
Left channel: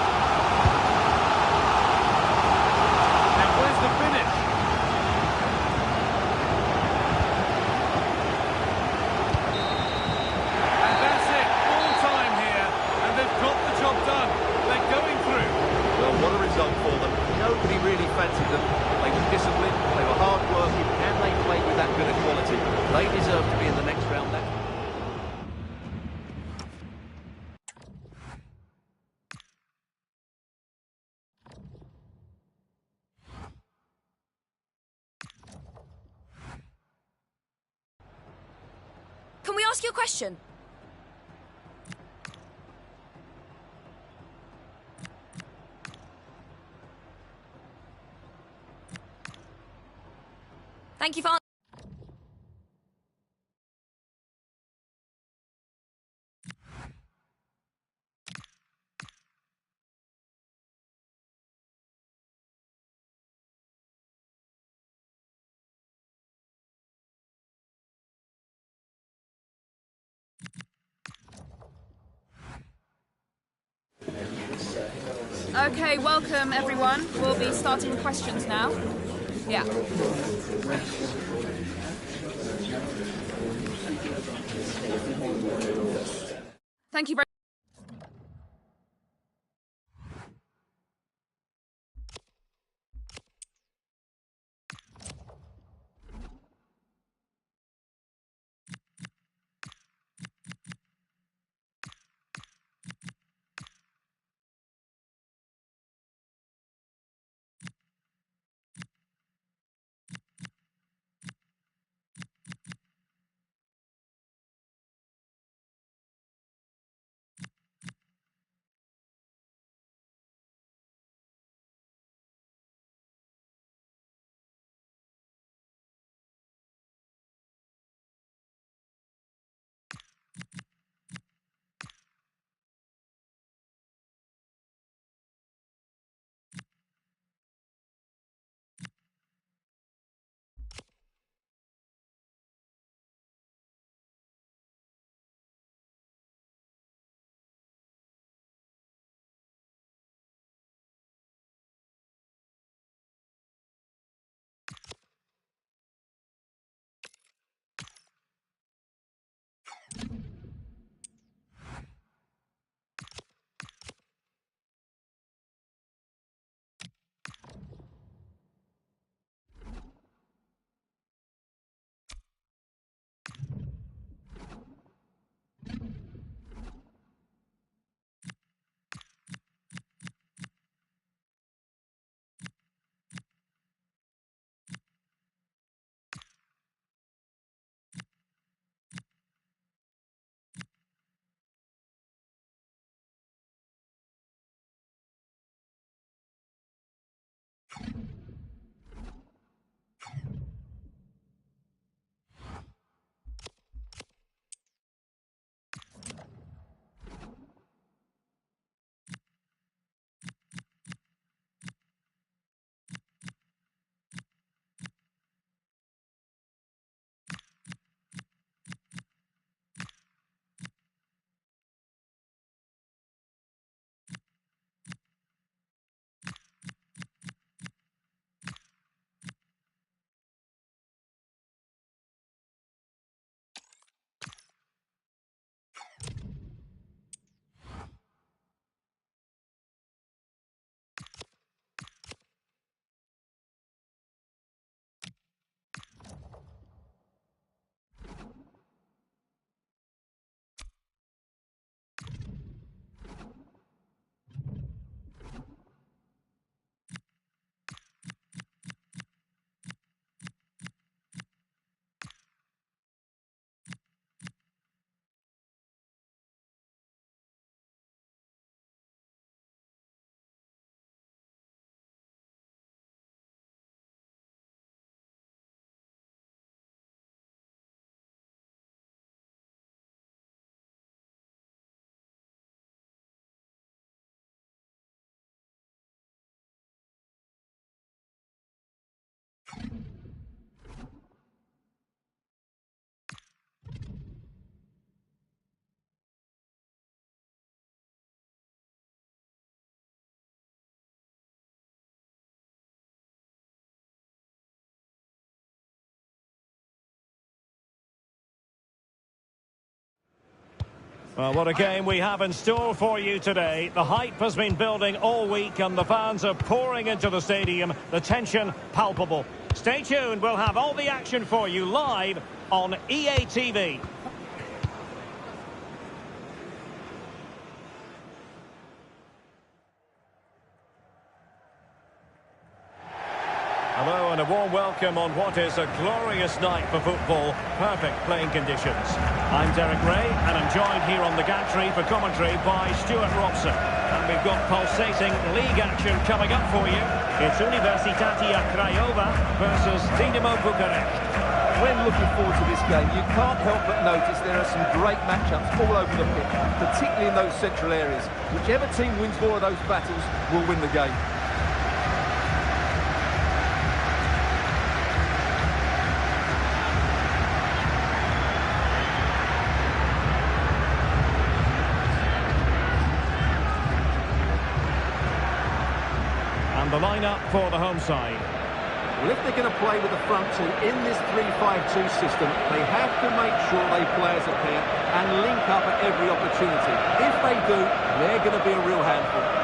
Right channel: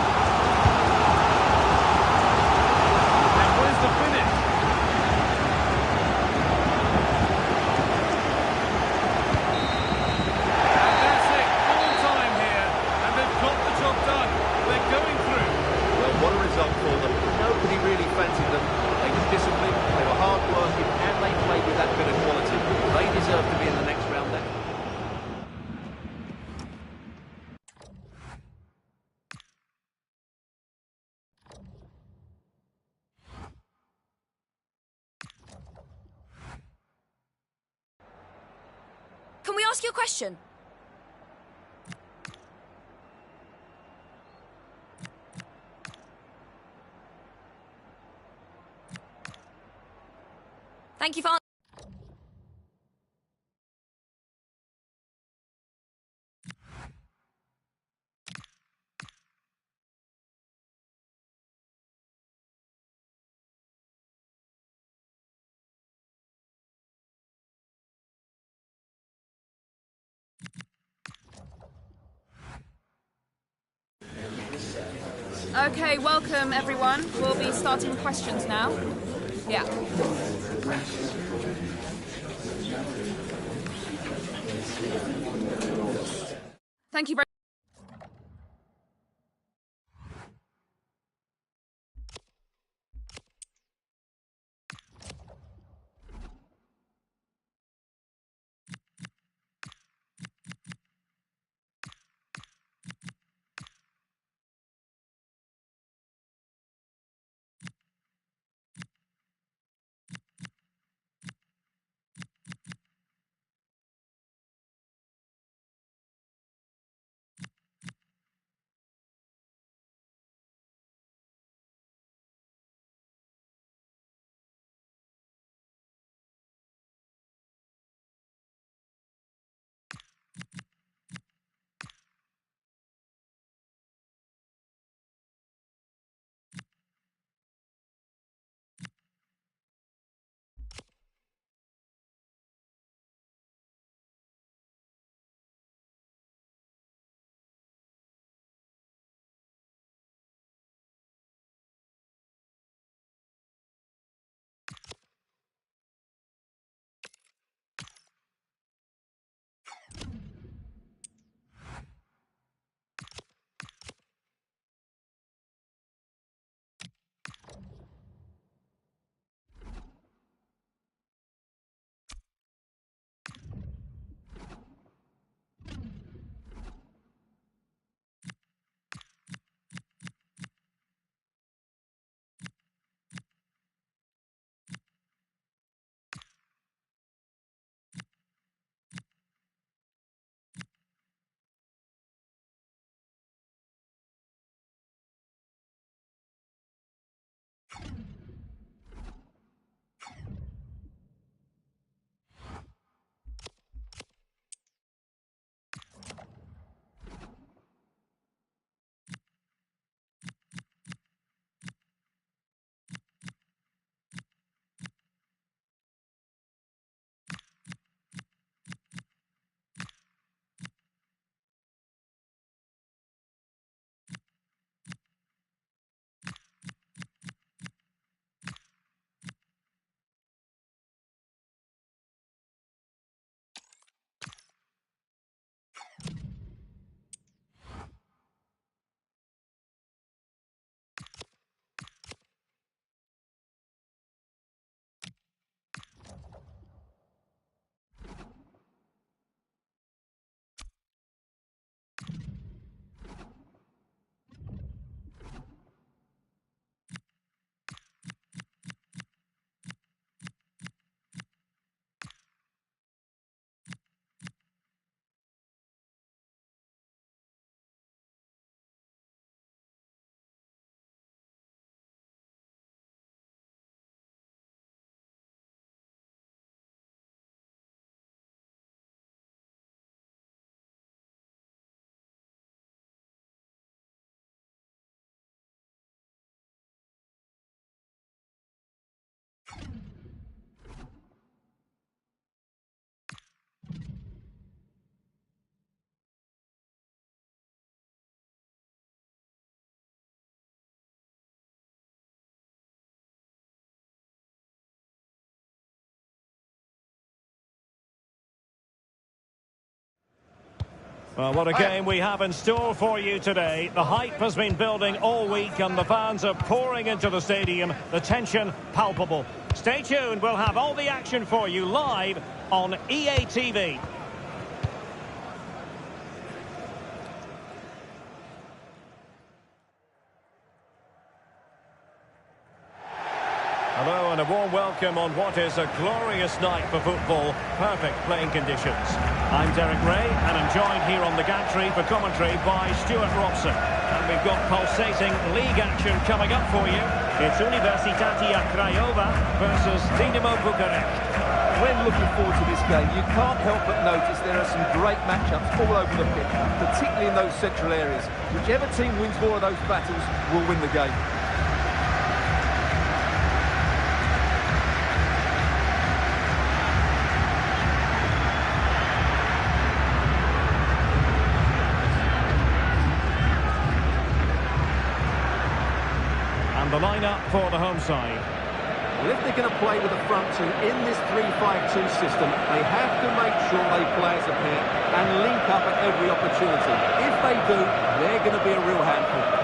And where's the finish? And that's it, full time here, and they've got the job done. They're going through. Well, what a result for them. Nobody really fancied them, but they were disciplined, they were hard-working, and they played with that bit of quality. They deserve to be in the next round. That. Can we ask you a question? Thank you for... Okay, welcome everyone. We'll be starting the questions now. Yeah. Thank you very much. Well, what a game we have in store for you today. The hype has been building all week and the fans are pouring into the stadium. The tension palpable. Stay tuned, we'll have all the action for you live on EA TV. Hello and a warm welcome on what is a glorious night for football. Perfect playing conditions. I'm Derek Ray and I'm joined here on the gantry for commentary by Stuart Robson. And we've got pulsating league action coming up for you. It's Universitatea Craiova versus Dinamo Bucharest. When looking forward to this game, you can't help but notice there are some great matchups all over the pitch, particularly in those central areas. Whichever team wins more of those battles will win the game. And the lineup for the home side. Well, if they're going to play with the front two in this 3-5-2 system, they have to make sure they play as a pair and link up at every opportunity. If they do, they're going to be a real handful.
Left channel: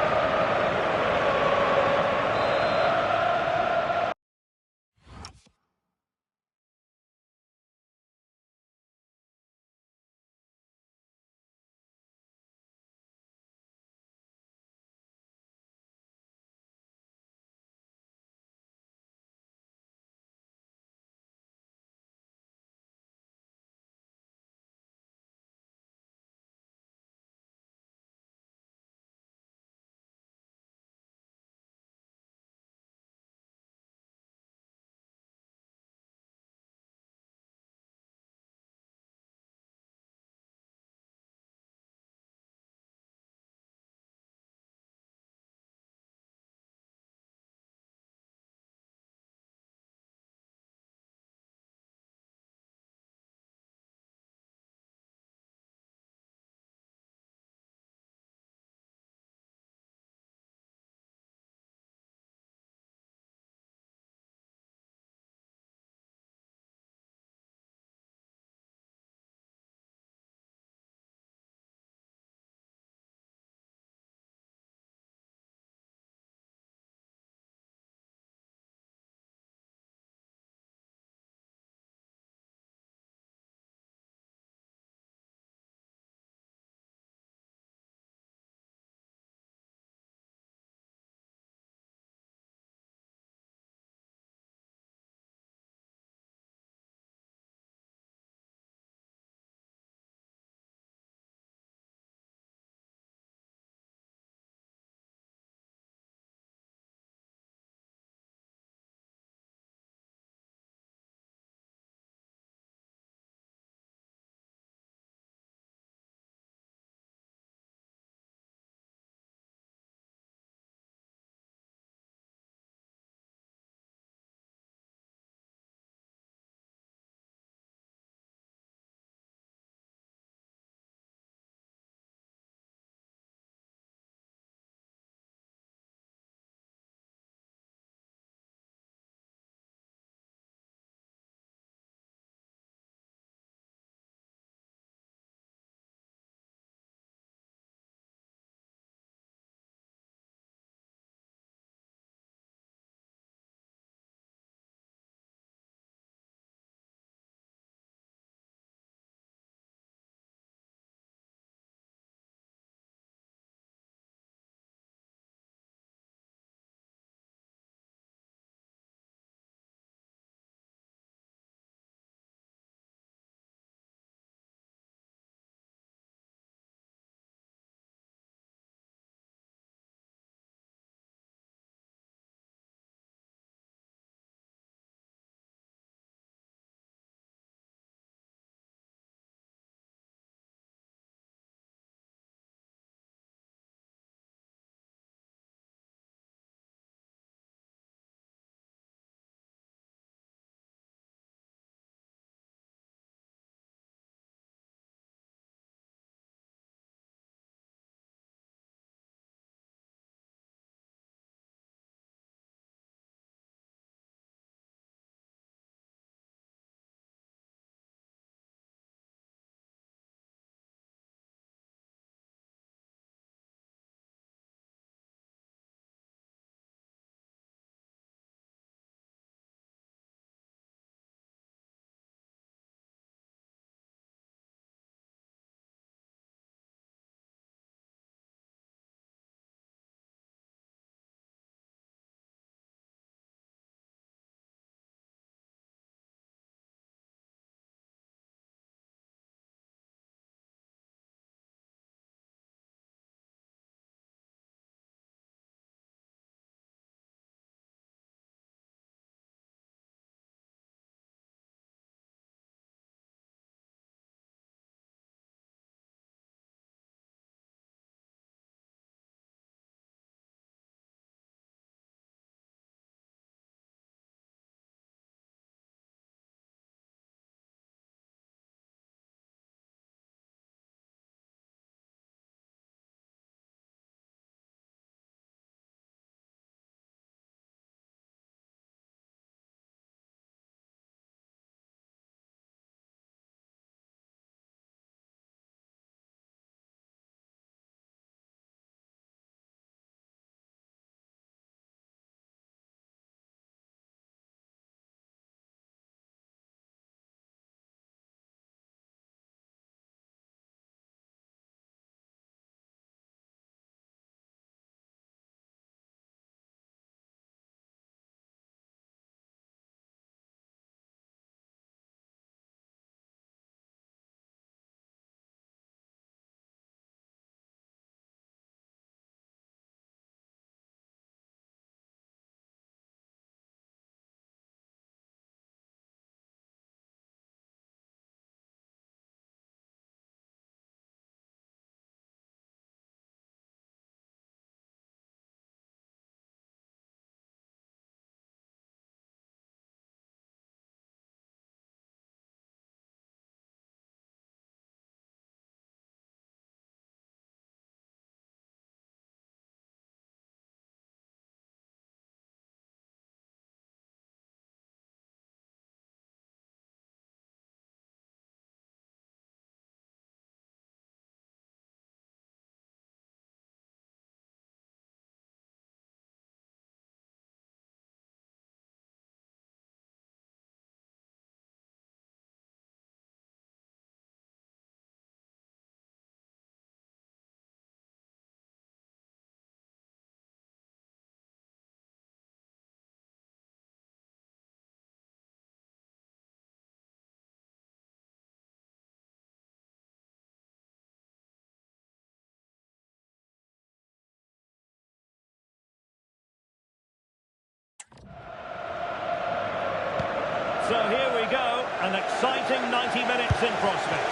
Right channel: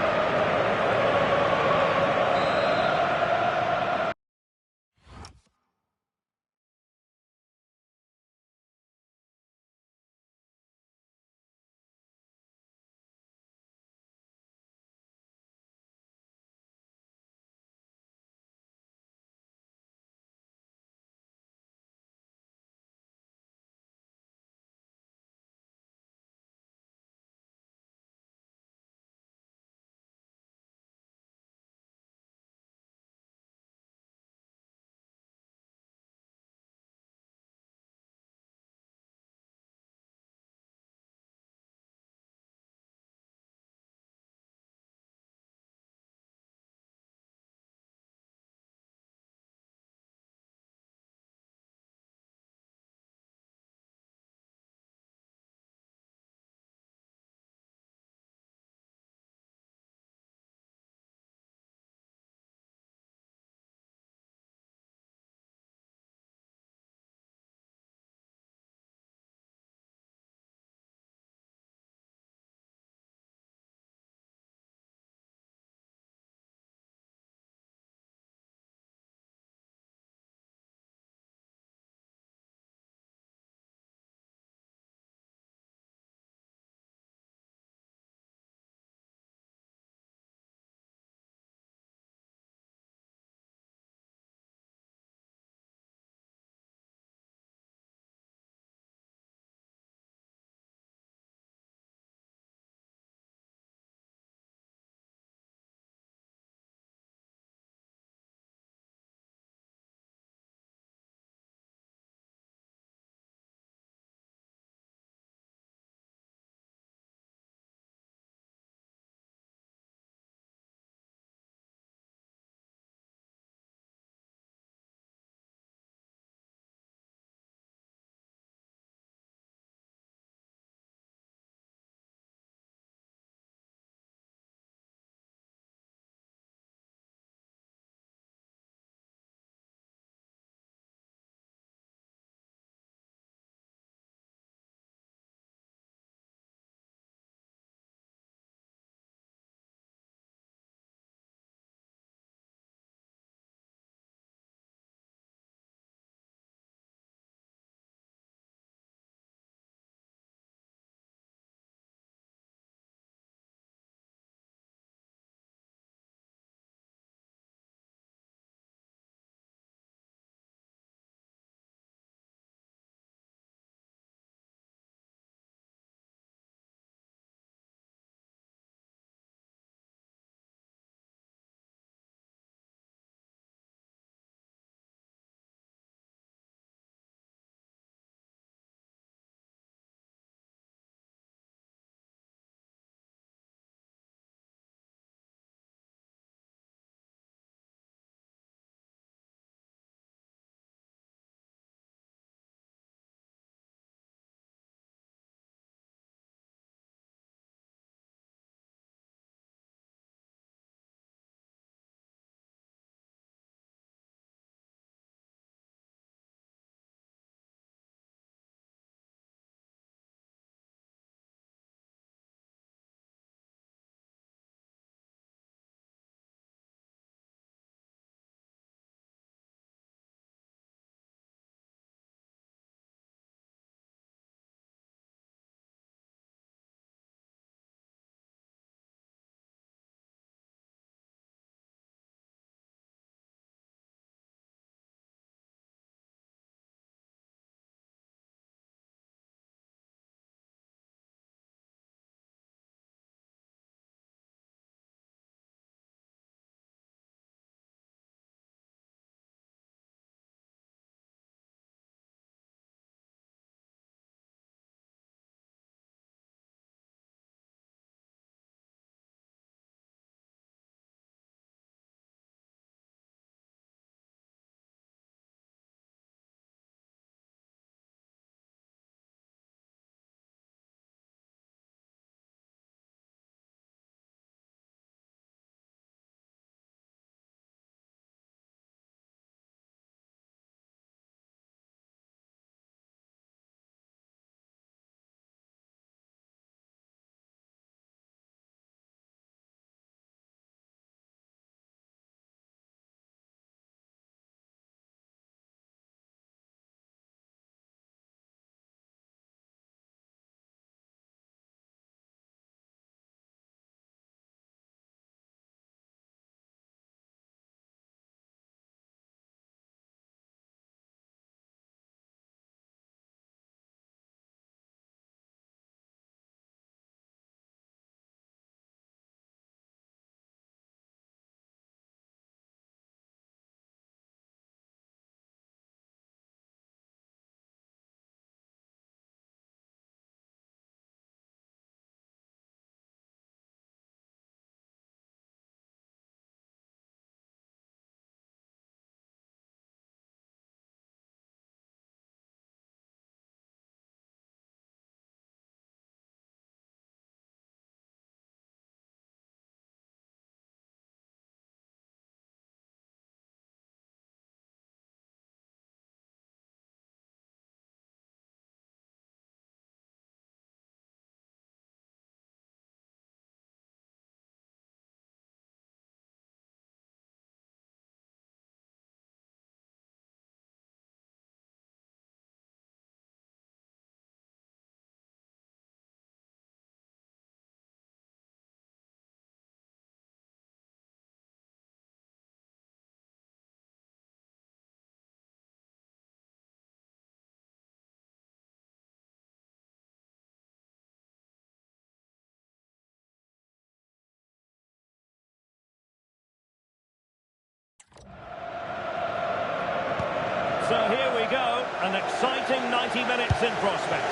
So here we go, an exciting 90 minutes in prospect.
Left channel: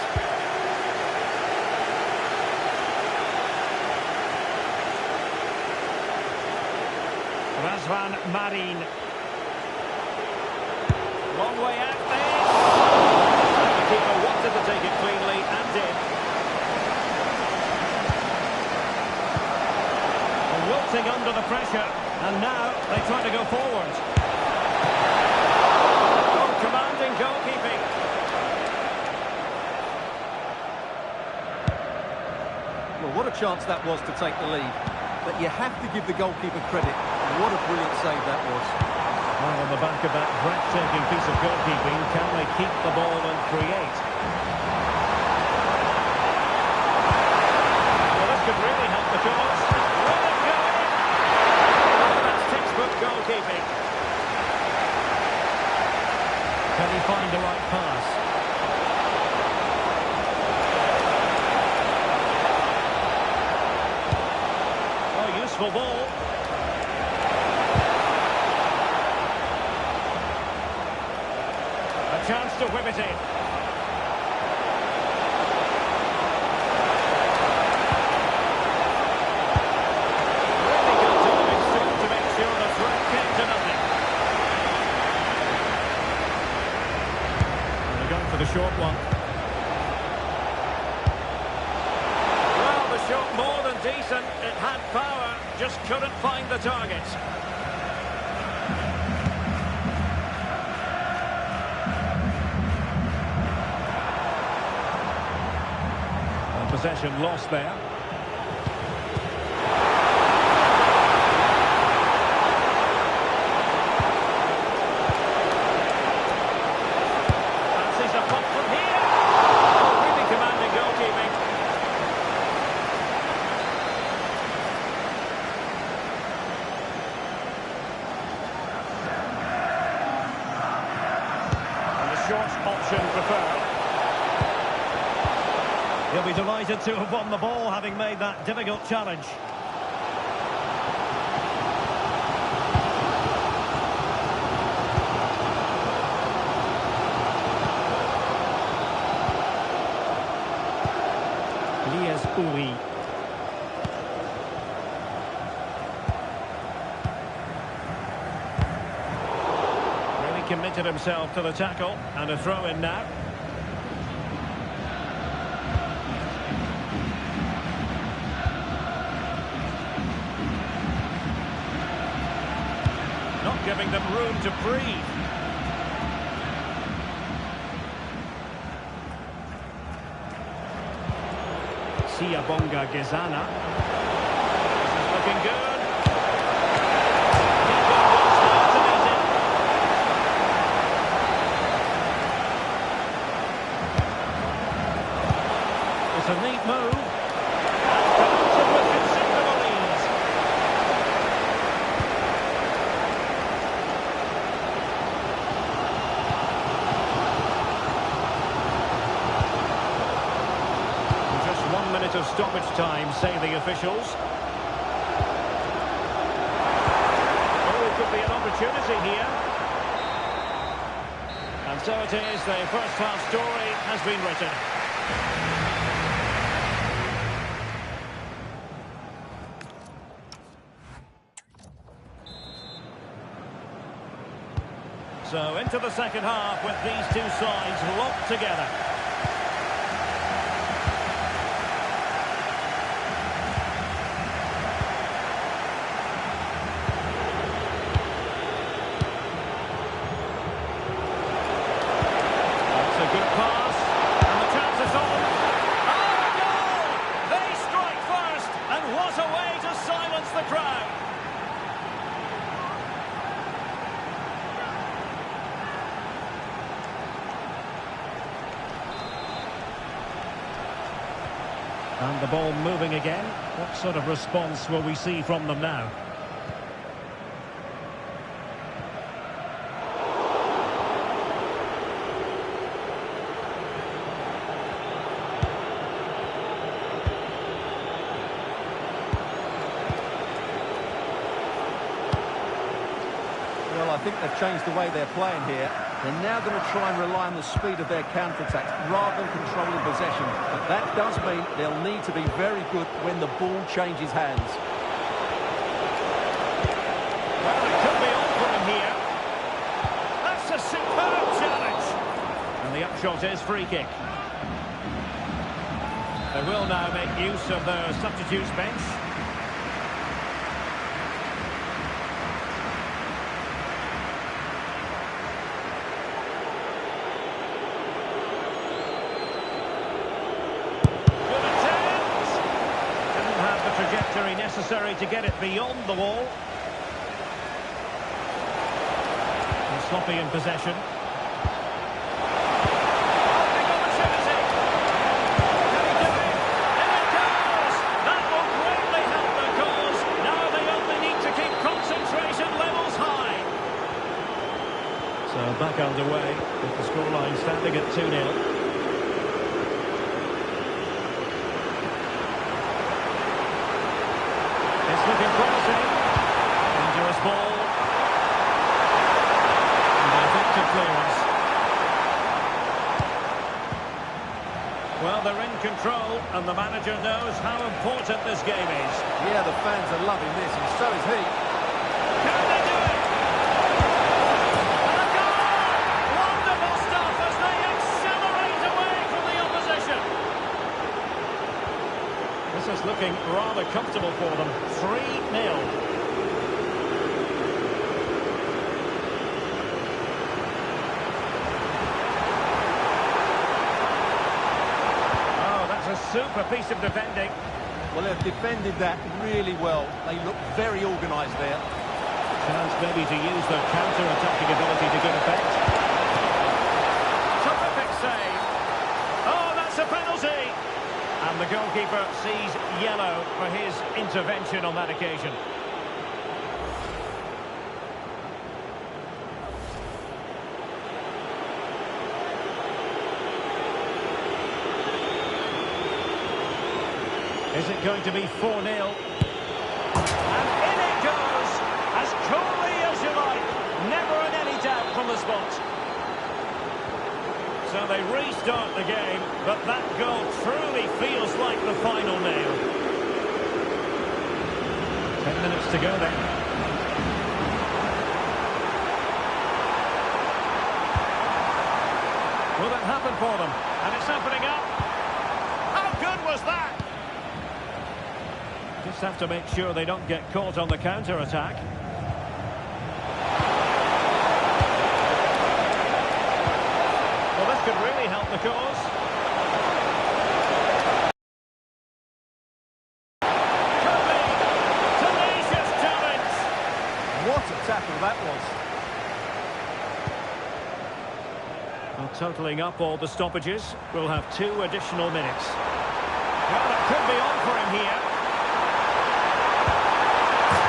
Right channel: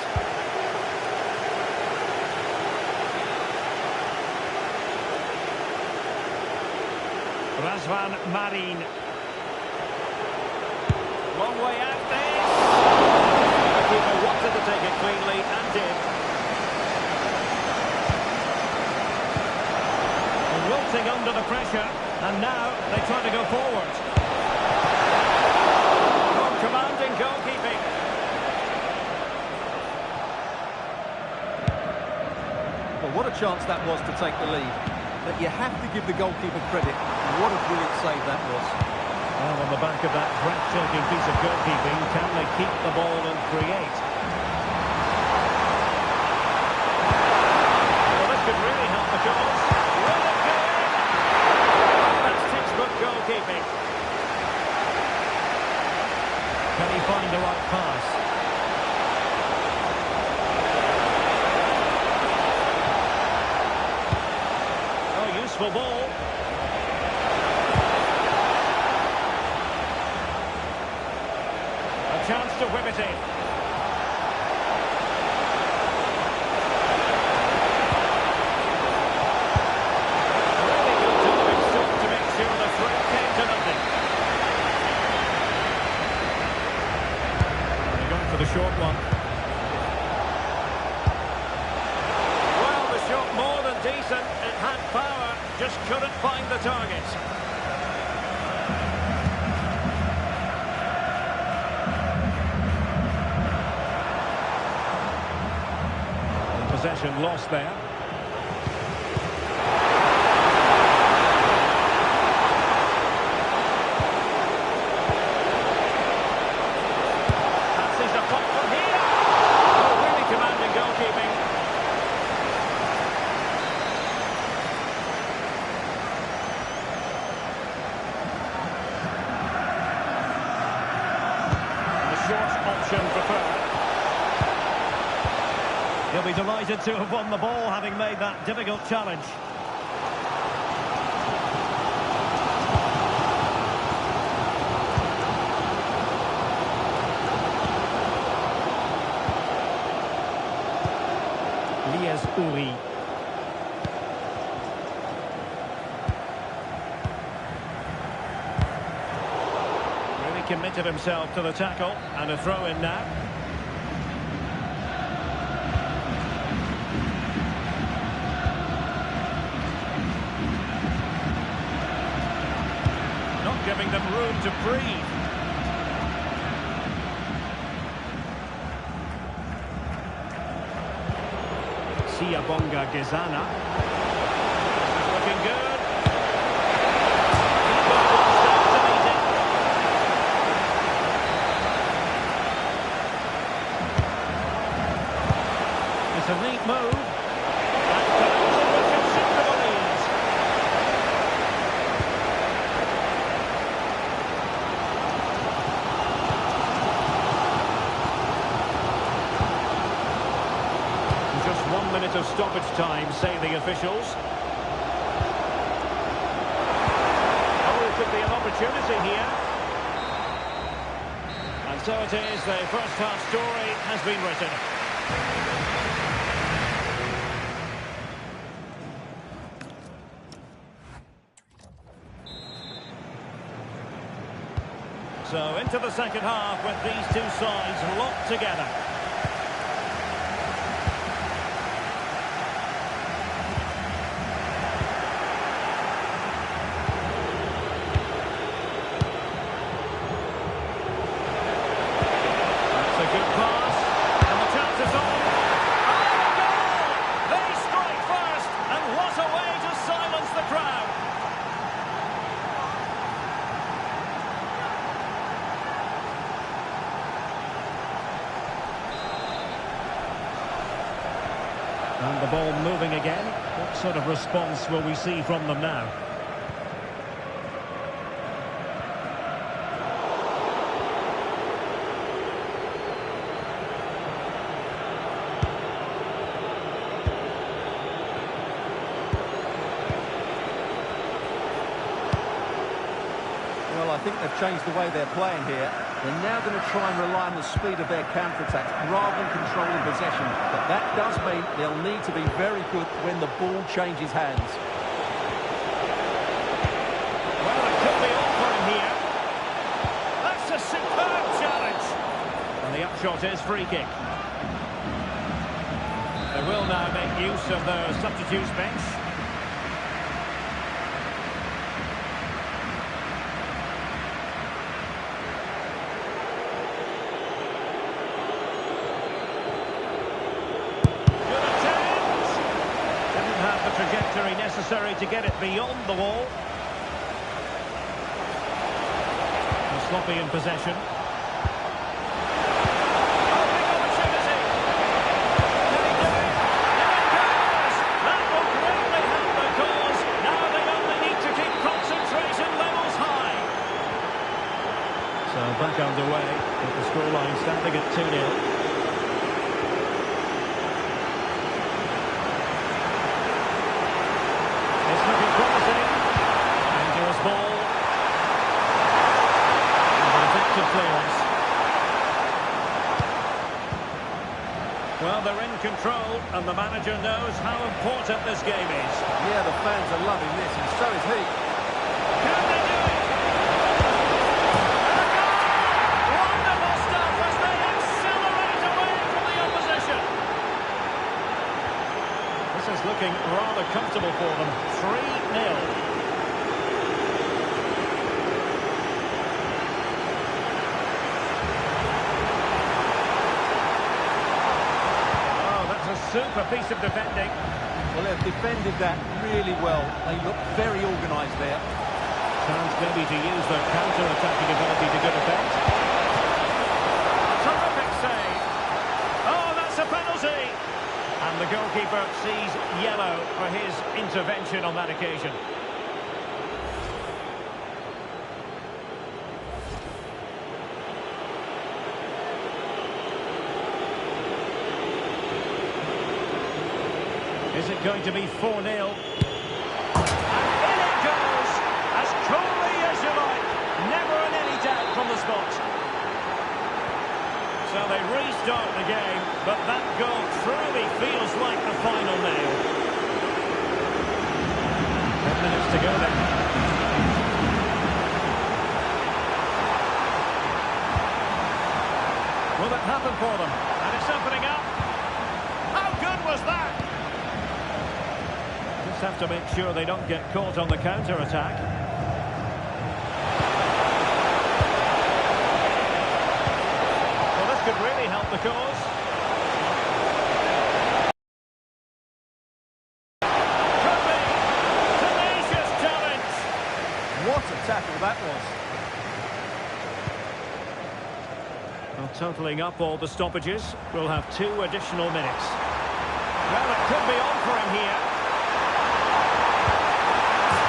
Razvan Marin. Long way out this. The keeper wanted to take it cleanly and did. Wilting under the pressure, and now they try to go forward. Oh, commanding goalkeeping. Well, what a chance that was to take the lead. But you have to give the goalkeeper credit. What a brilliant save that was. Well, on the back of that breathtaking piece of goalkeeping, can they keep the ball and create? Well, this could really help the cause. Will it go in? Oh, that's textbook goalkeeping. Can he find the right pass? Oh, useful ball. A chance to whip it in. Really good timing still to make sure the threat came to nothing. And they're going for the short one. Well, the shot more than decent. It had power, just couldn't find the target. Possession lost there. Fancies a pop from here. Oh, really commanding goalkeeping. And the short option preferred. He'll be delighted to have won the ball, having made that difficult challenge. Elias Uri. Really committed himself to the tackle, and a throw in now. Giving them room to breathe. Siabonga Gezana. This is looking good. Keeper wants there to meet it. It's a neat move. And collected with considerable ease. Just 1 minute of stoppage time, say the officials. Oh, it could be an opportunity here. And so it is, the first half story has been written. So into the second half with these two sides locked together. That's a good pass, and the chance is on. Oh, a goal! They strike first, and what a way to silence the crowd. And the ball moving again. What sort of response will we see from them now? Well, I think they've changed the way they're playing here. They're now going to try and rely on the speed of their counter-attacks rather than controlling possession. But that does mean they'll need to be very good when the ball changes hands. Well, it could be on for him here. That's a superb challenge. And the upshot is free kick. They will now make use of their substitutes bench. The trajectory necessary to get it beyond the wall. And sloppy in possession. Oh, big opportunity. Can he do it? In it goes! That will greatly help the cause. Now they only need to keep concentration levels high. So back underway with the scoreline standing at 2-0. It's looking promising. Dangerous ball. And an effective clearance. Well, they're in control, and the manager knows how important this game is. Yeah, the fans are loving this, and so is he. Can they do it? And a goal! Wonderful stuff as they accelerate away from the opposition. This is looking rather comfortable for them. 3-0. Oh, that's a super piece of defending. Well, they've defended that really well. They look very organised there. Chance maybe to use their counter-attacking ability to good effect. Terrific save. Oh, that's a penalty. And the goalkeeper sees yellow for his intervention on that occasion. Is it going to be 4-0? And in it goes! As coolly as you like. Never in any doubt from the spot. So they restart the game, but that goal truly feels like the final nail. 10 minutes to go then. Will it happen for them? And it's opening up. How good was that? Just have to make sure they don't get caught on the counter-attack. Could really help the cause. Could be. Tenacious challenge. What a tackle that was. Well, totalling up all the stoppages, we'll have 2 additional minutes. Well, it could be on for him here.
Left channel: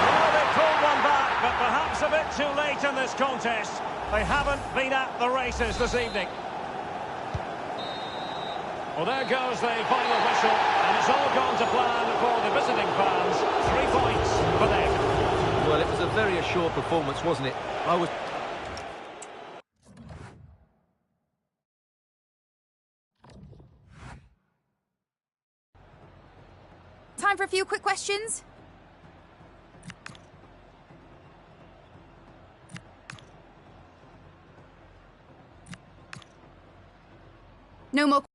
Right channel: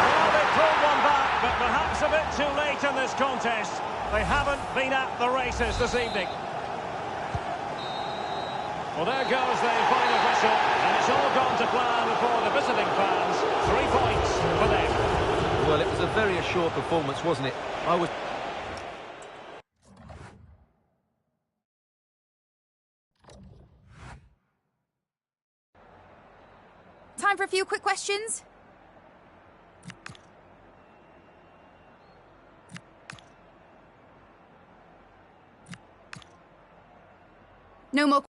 Well, they pulled one back, but perhaps a bit too late in this contest. They haven't been at the races this evening. Well, there goes the final whistle, and it's all gone to plan for the visiting fans. 3 points for them. Well, it was a very assured performance, wasn't it? Time for a few quick questions. No more.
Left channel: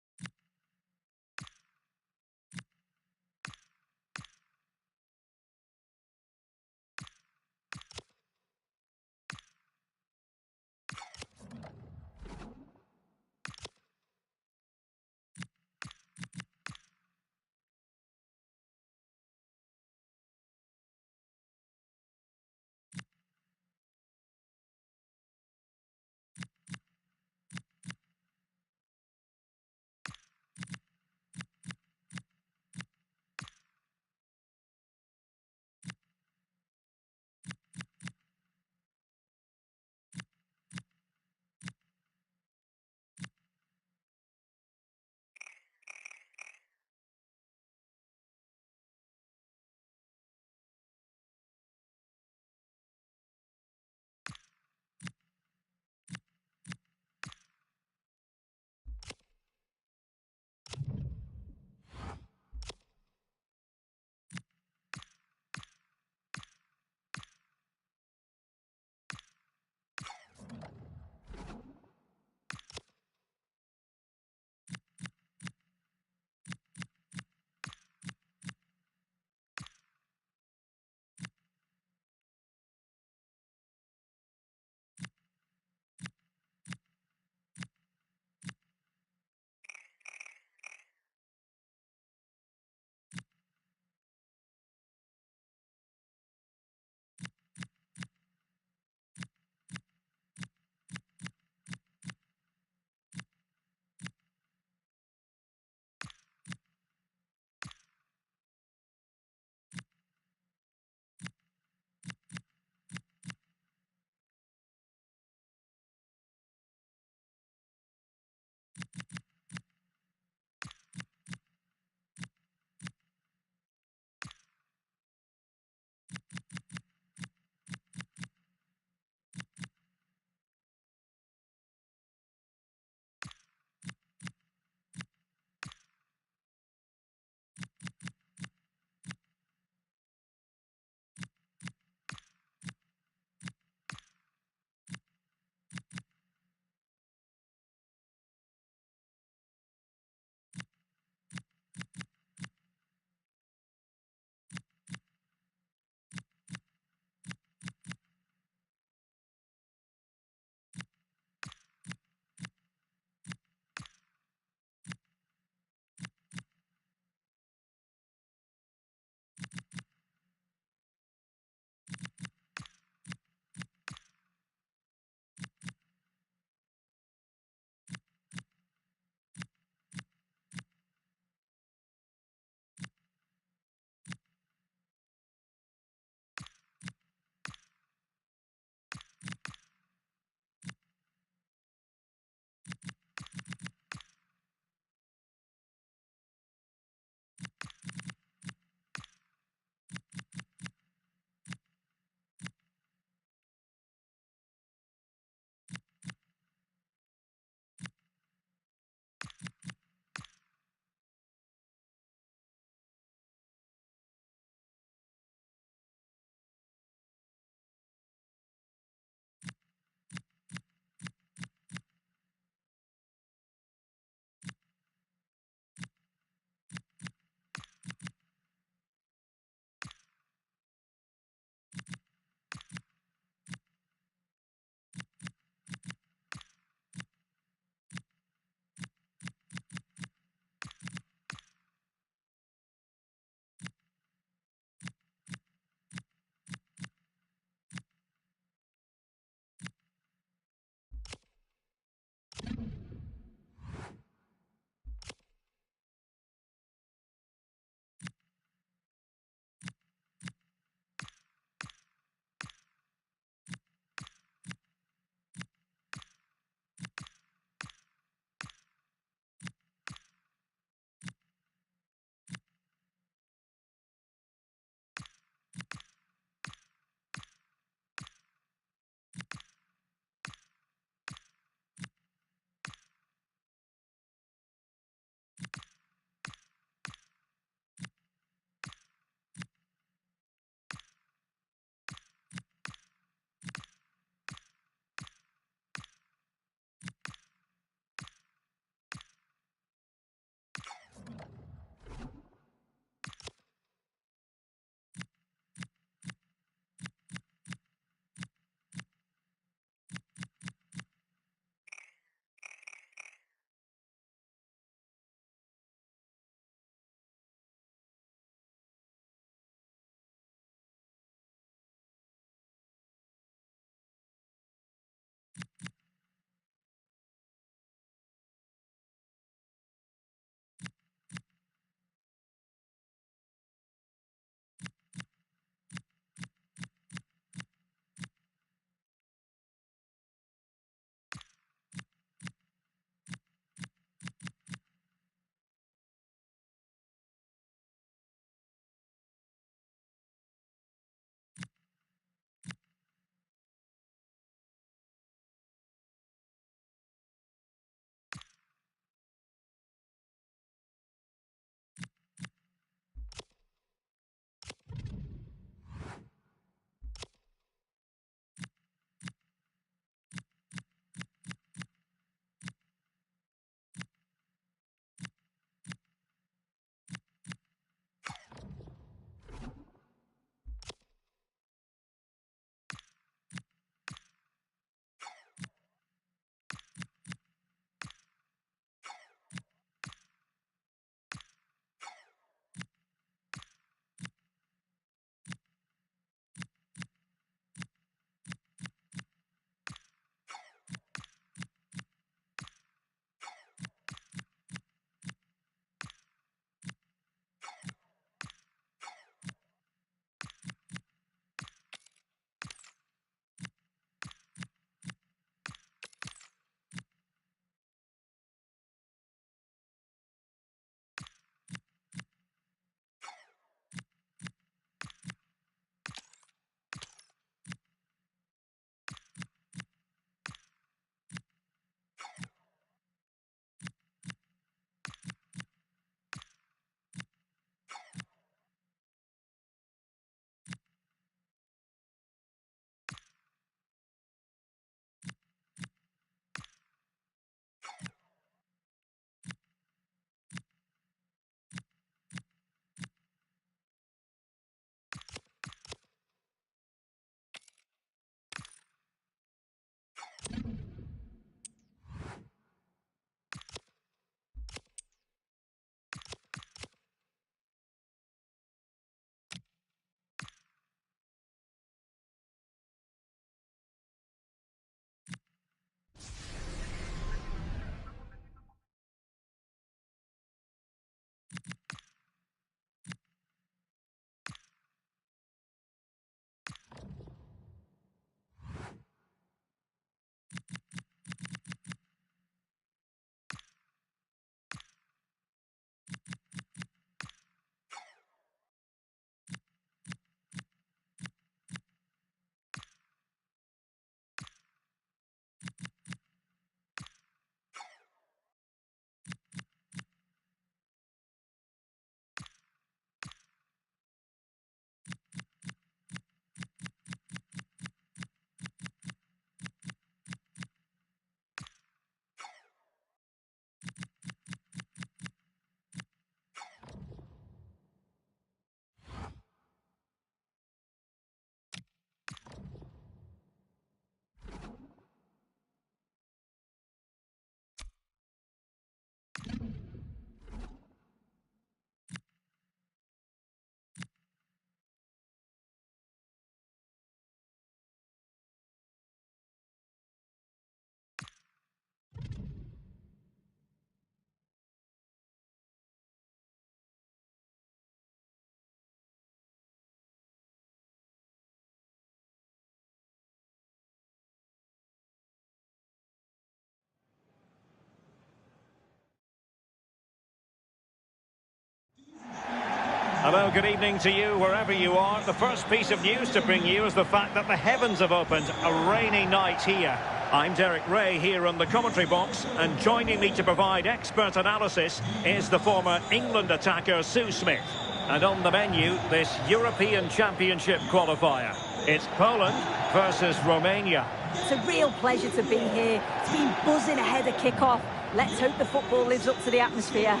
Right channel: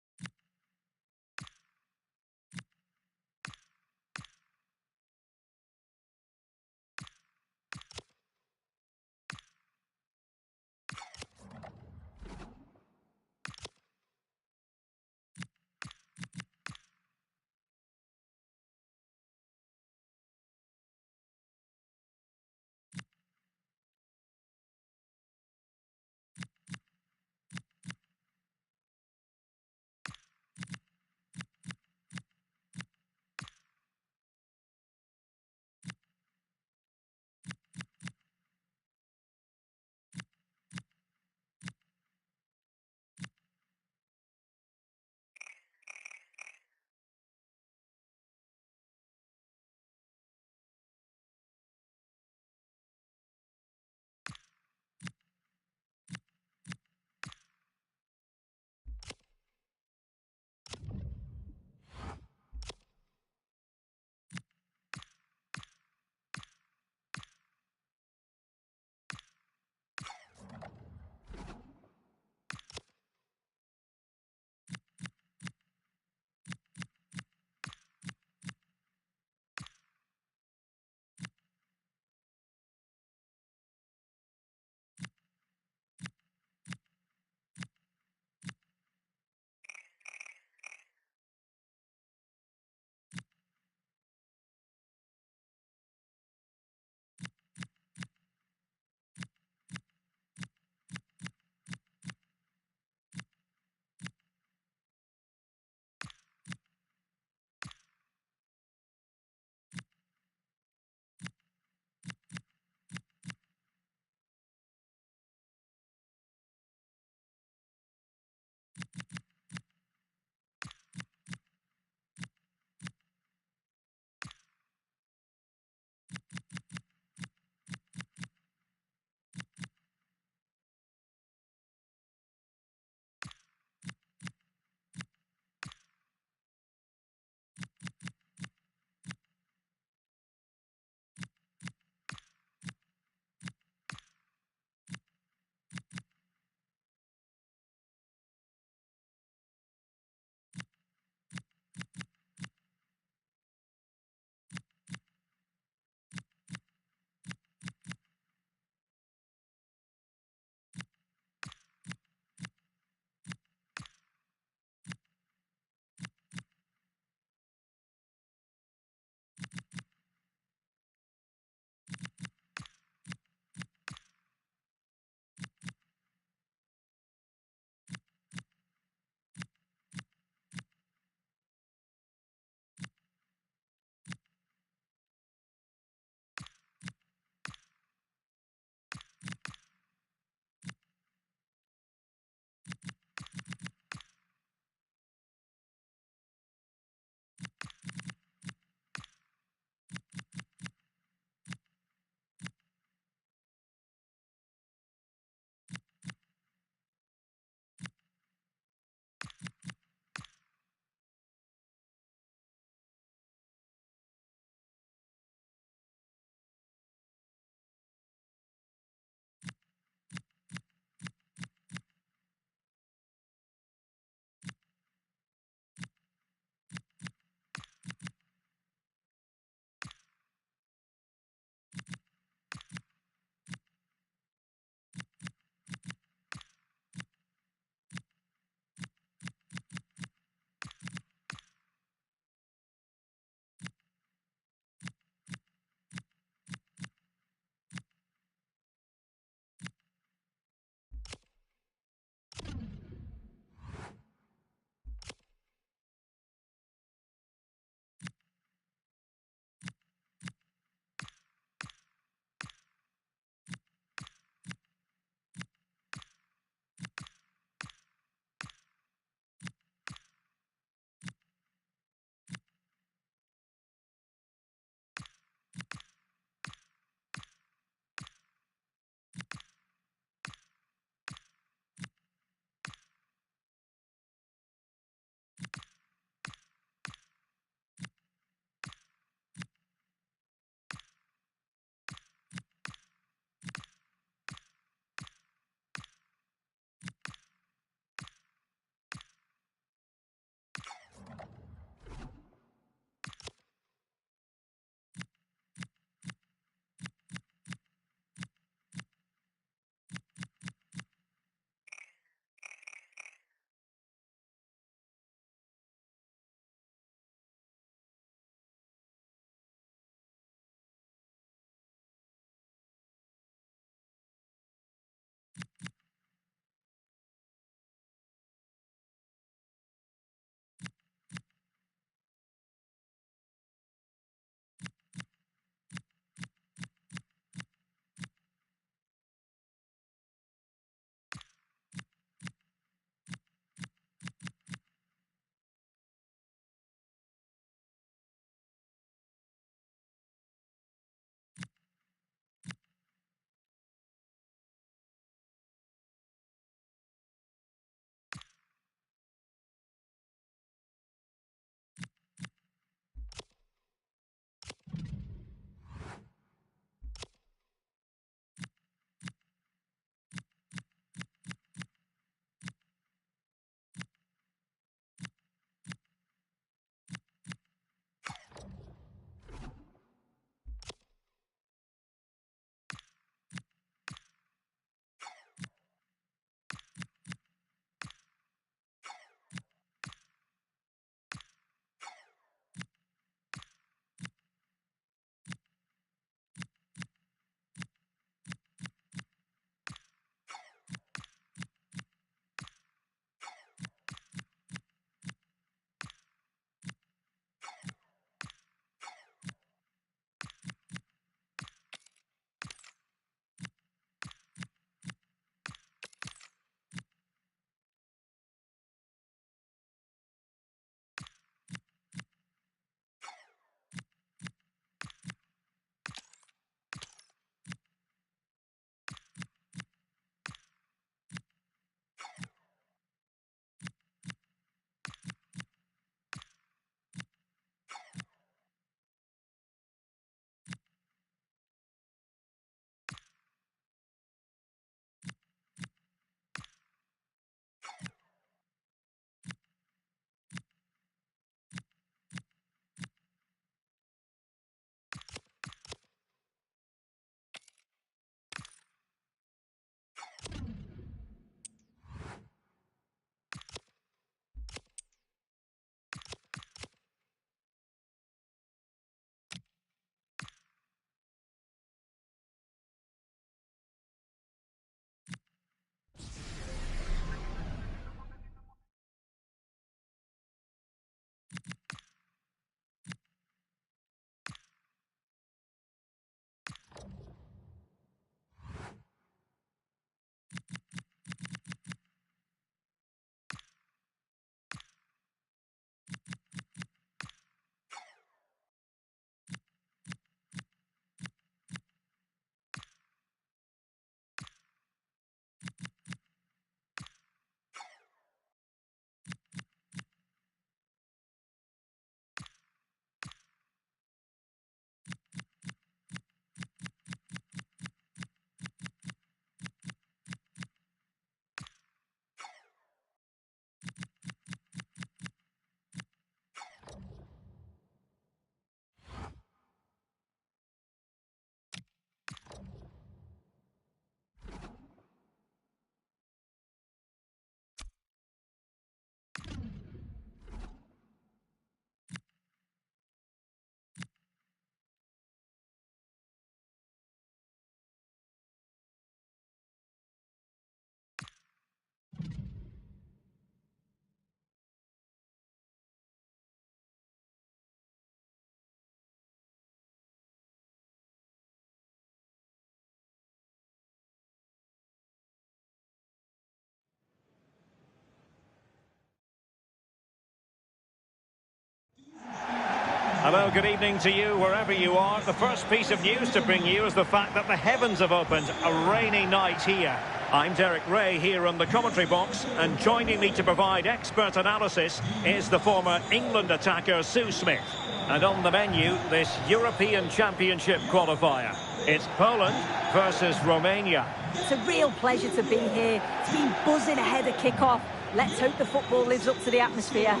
Hello, good evening to you wherever you are. The first piece of news to bring you is the fact that the heavens have opened. A rainy night here. I'm Derek Ray here on the commentary box, and joining me to provide expert analysis is the former England attacker Sue Smith. And on the menu, this European Championship qualifier. It's Poland versus Romania. It's a real pleasure to be here. It's been buzzing ahead of kick-off. Let's hope the football lives up to the atmosphere.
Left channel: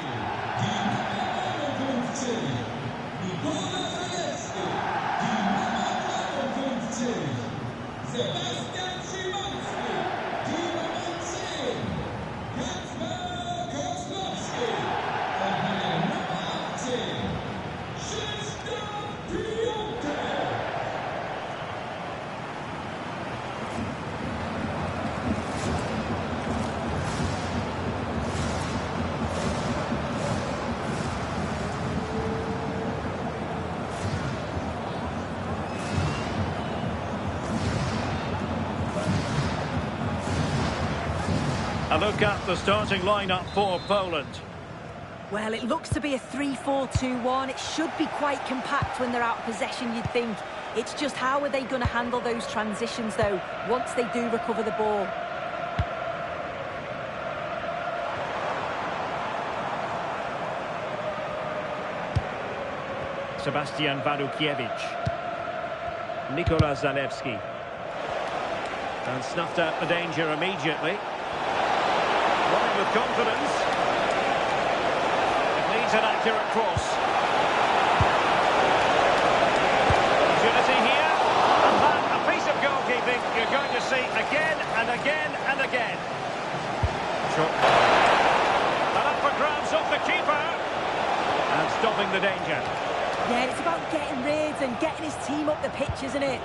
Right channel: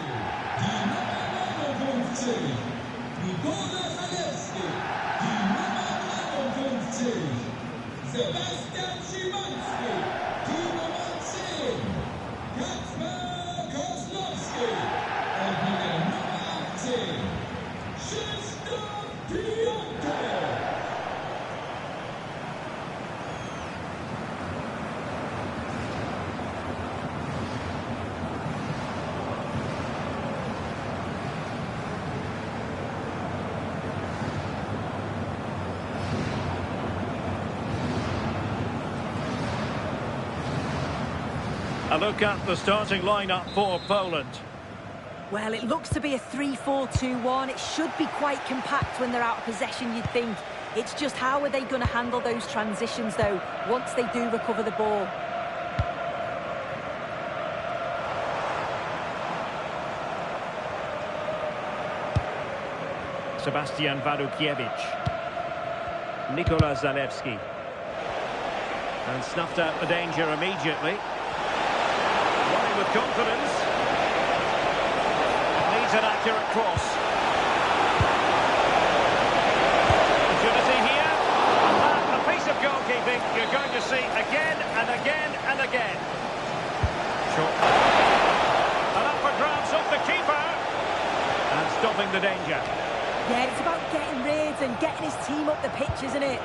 A look at the starting lineup for Poland. Well, it looks to be a 3-4-2-1. It should be quite compact when they're out of possession, you'd think. It's just how are they going to handle those transitions, though, once they do recover the ball? Sebastian Wadukiewicz. Nikola Zalewski. And snuffed out the danger immediately. Running with confidence. It needs an accurate cross. Opportunity here. And that, a piece of goalkeeping you're going to see again and again and again. Shot. And up for grabs off the keeper. And stopping the danger. Yeah, it's about getting rid and getting his team up the pitch, isn't it?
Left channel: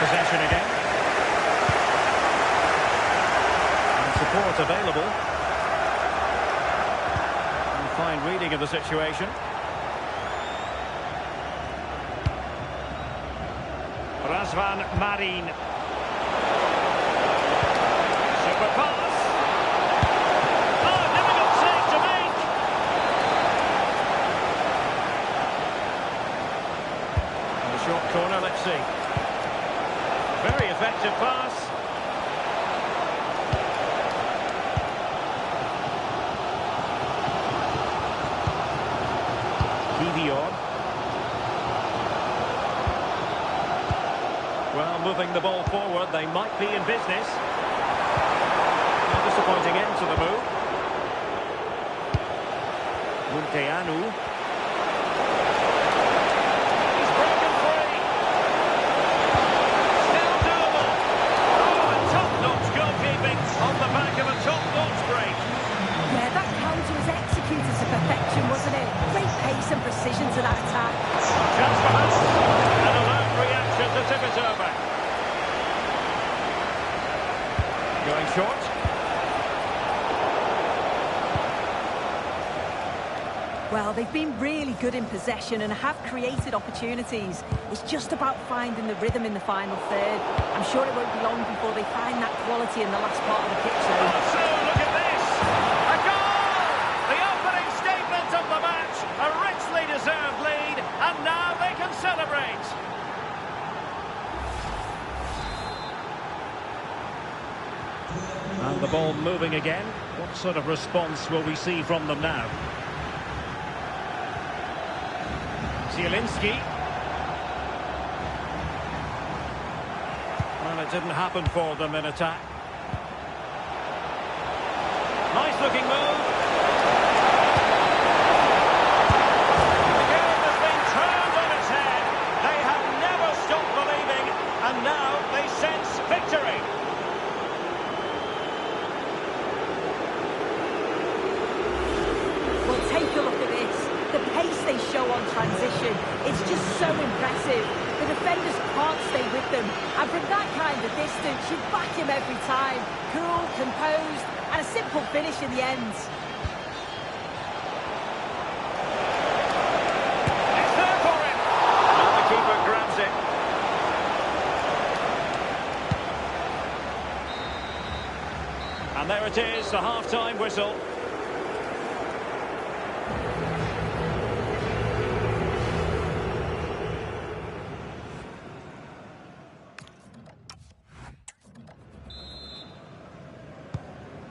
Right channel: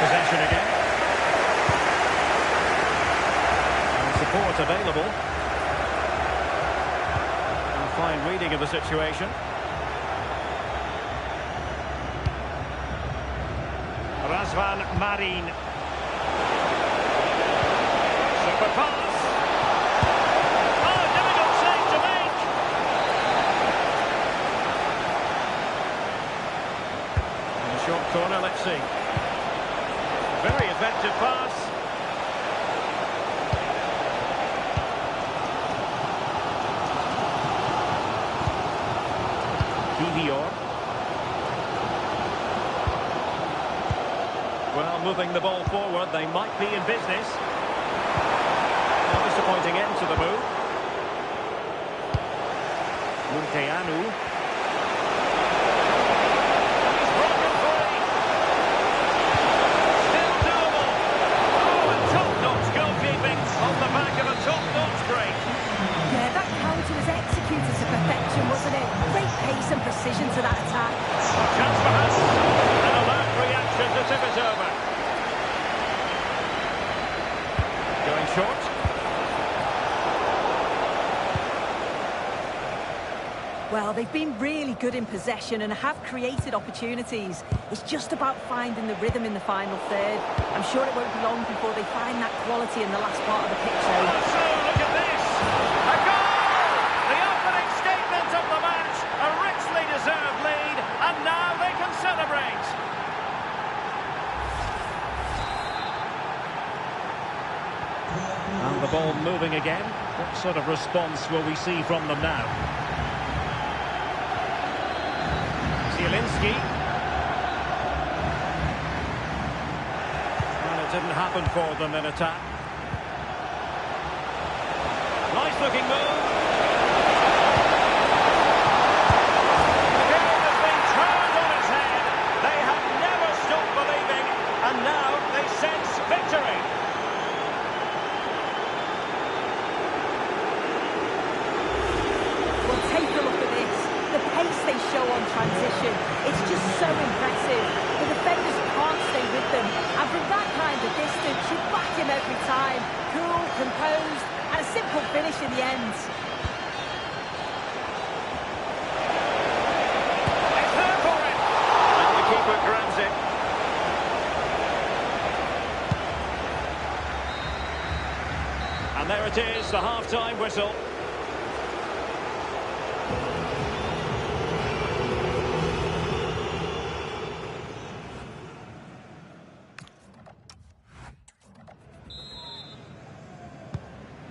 Possession again. And support available. And fine reading of the situation. Razvan Marin. Super pass. Oh, difficult save to make. And a short corner, let's see. Very effective pass. Kivior. Well, moving the ball forward, they might be in business. A disappointing end to the move. Munteanu. On the back of a top-notch break. Yeah, that counter was executed to perfection, wasn't it? Great pace and precision to that attack. Chance for us. An alert reaction to tip it over. Going short. Well, they've been really good in possession and have created opportunities. It's just about finding the rhythm in the final third. I'm sure it won't be long before they find that quality in the last part of the pitch, though. Oh, so look at this! A goal! The opening statement of the match. A richly deserved lead, and now they can celebrate. And the ball moving again. What sort of response will we see from them now? Zielinski. Well, it didn't happen for them in attack. Nice looking move. The game has been turned on its head. They have never stopped believing, and now they sense victory. Well, take a look at this. The pace they show on transition, it's just so impressive. The defenders can't stay with them. And from that kind of distance, you back him every time. Cool, composed, and a simple finish in the end. It's there for him. And the keeper grabs it. And there it is, the half-time whistle.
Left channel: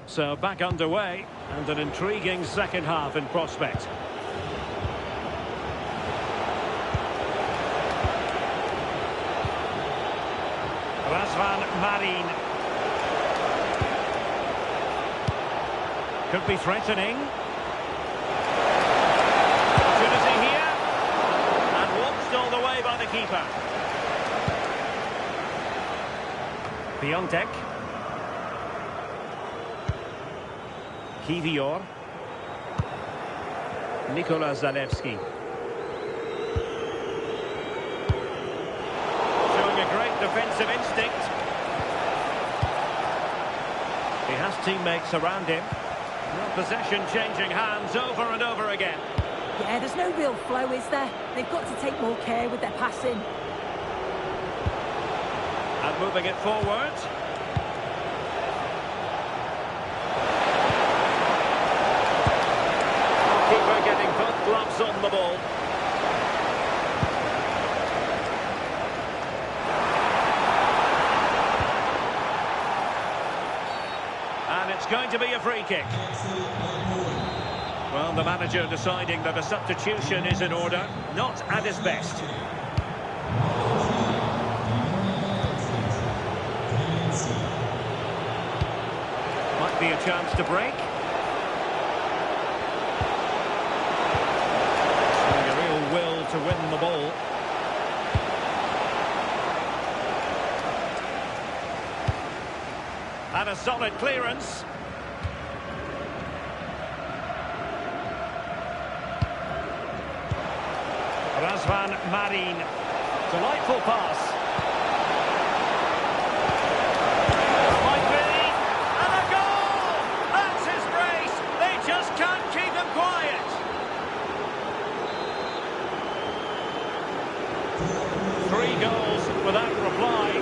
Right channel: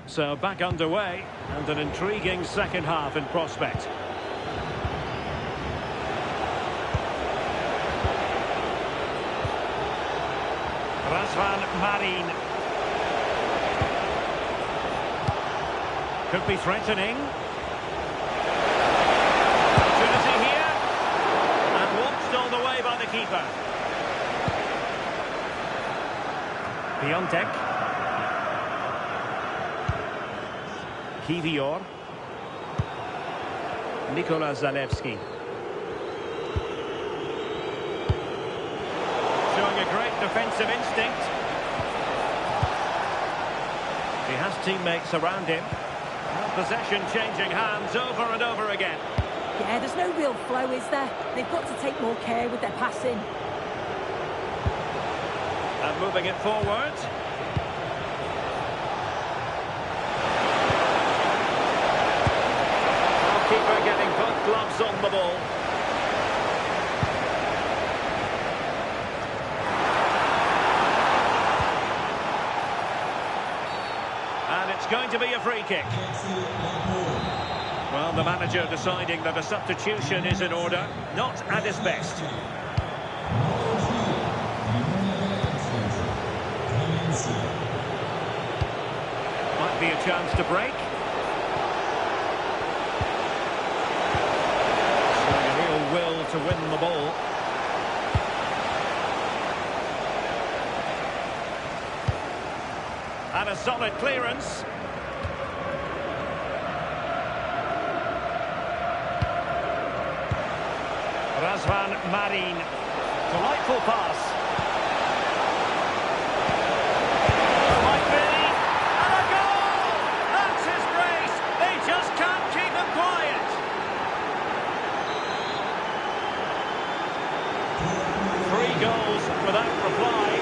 So back underway, and an intriguing second half in prospect. Razvan Marin. Could be threatening. Opportunity here. And watched all the way by the keeper. Piontek. Kivior. Nikola Zalewski. Showing a great defensive instinct. He has teammates around him. Well, possession changing hands over and over again. Yeah, there's no real flow, is there? They've got to take more care with their passing. And moving it forward. Keeper getting both gloves on the ball. And it's going to be a free kick. Well, the manager deciding that a substitution is in order, not at his best. Might be a chance to break. Showing a real will to win the ball. And a solid clearance. Razvan Marin. Delightful pass. There might be. And a goal! That's his brace. They just can't keep him quiet. Three goals without reply.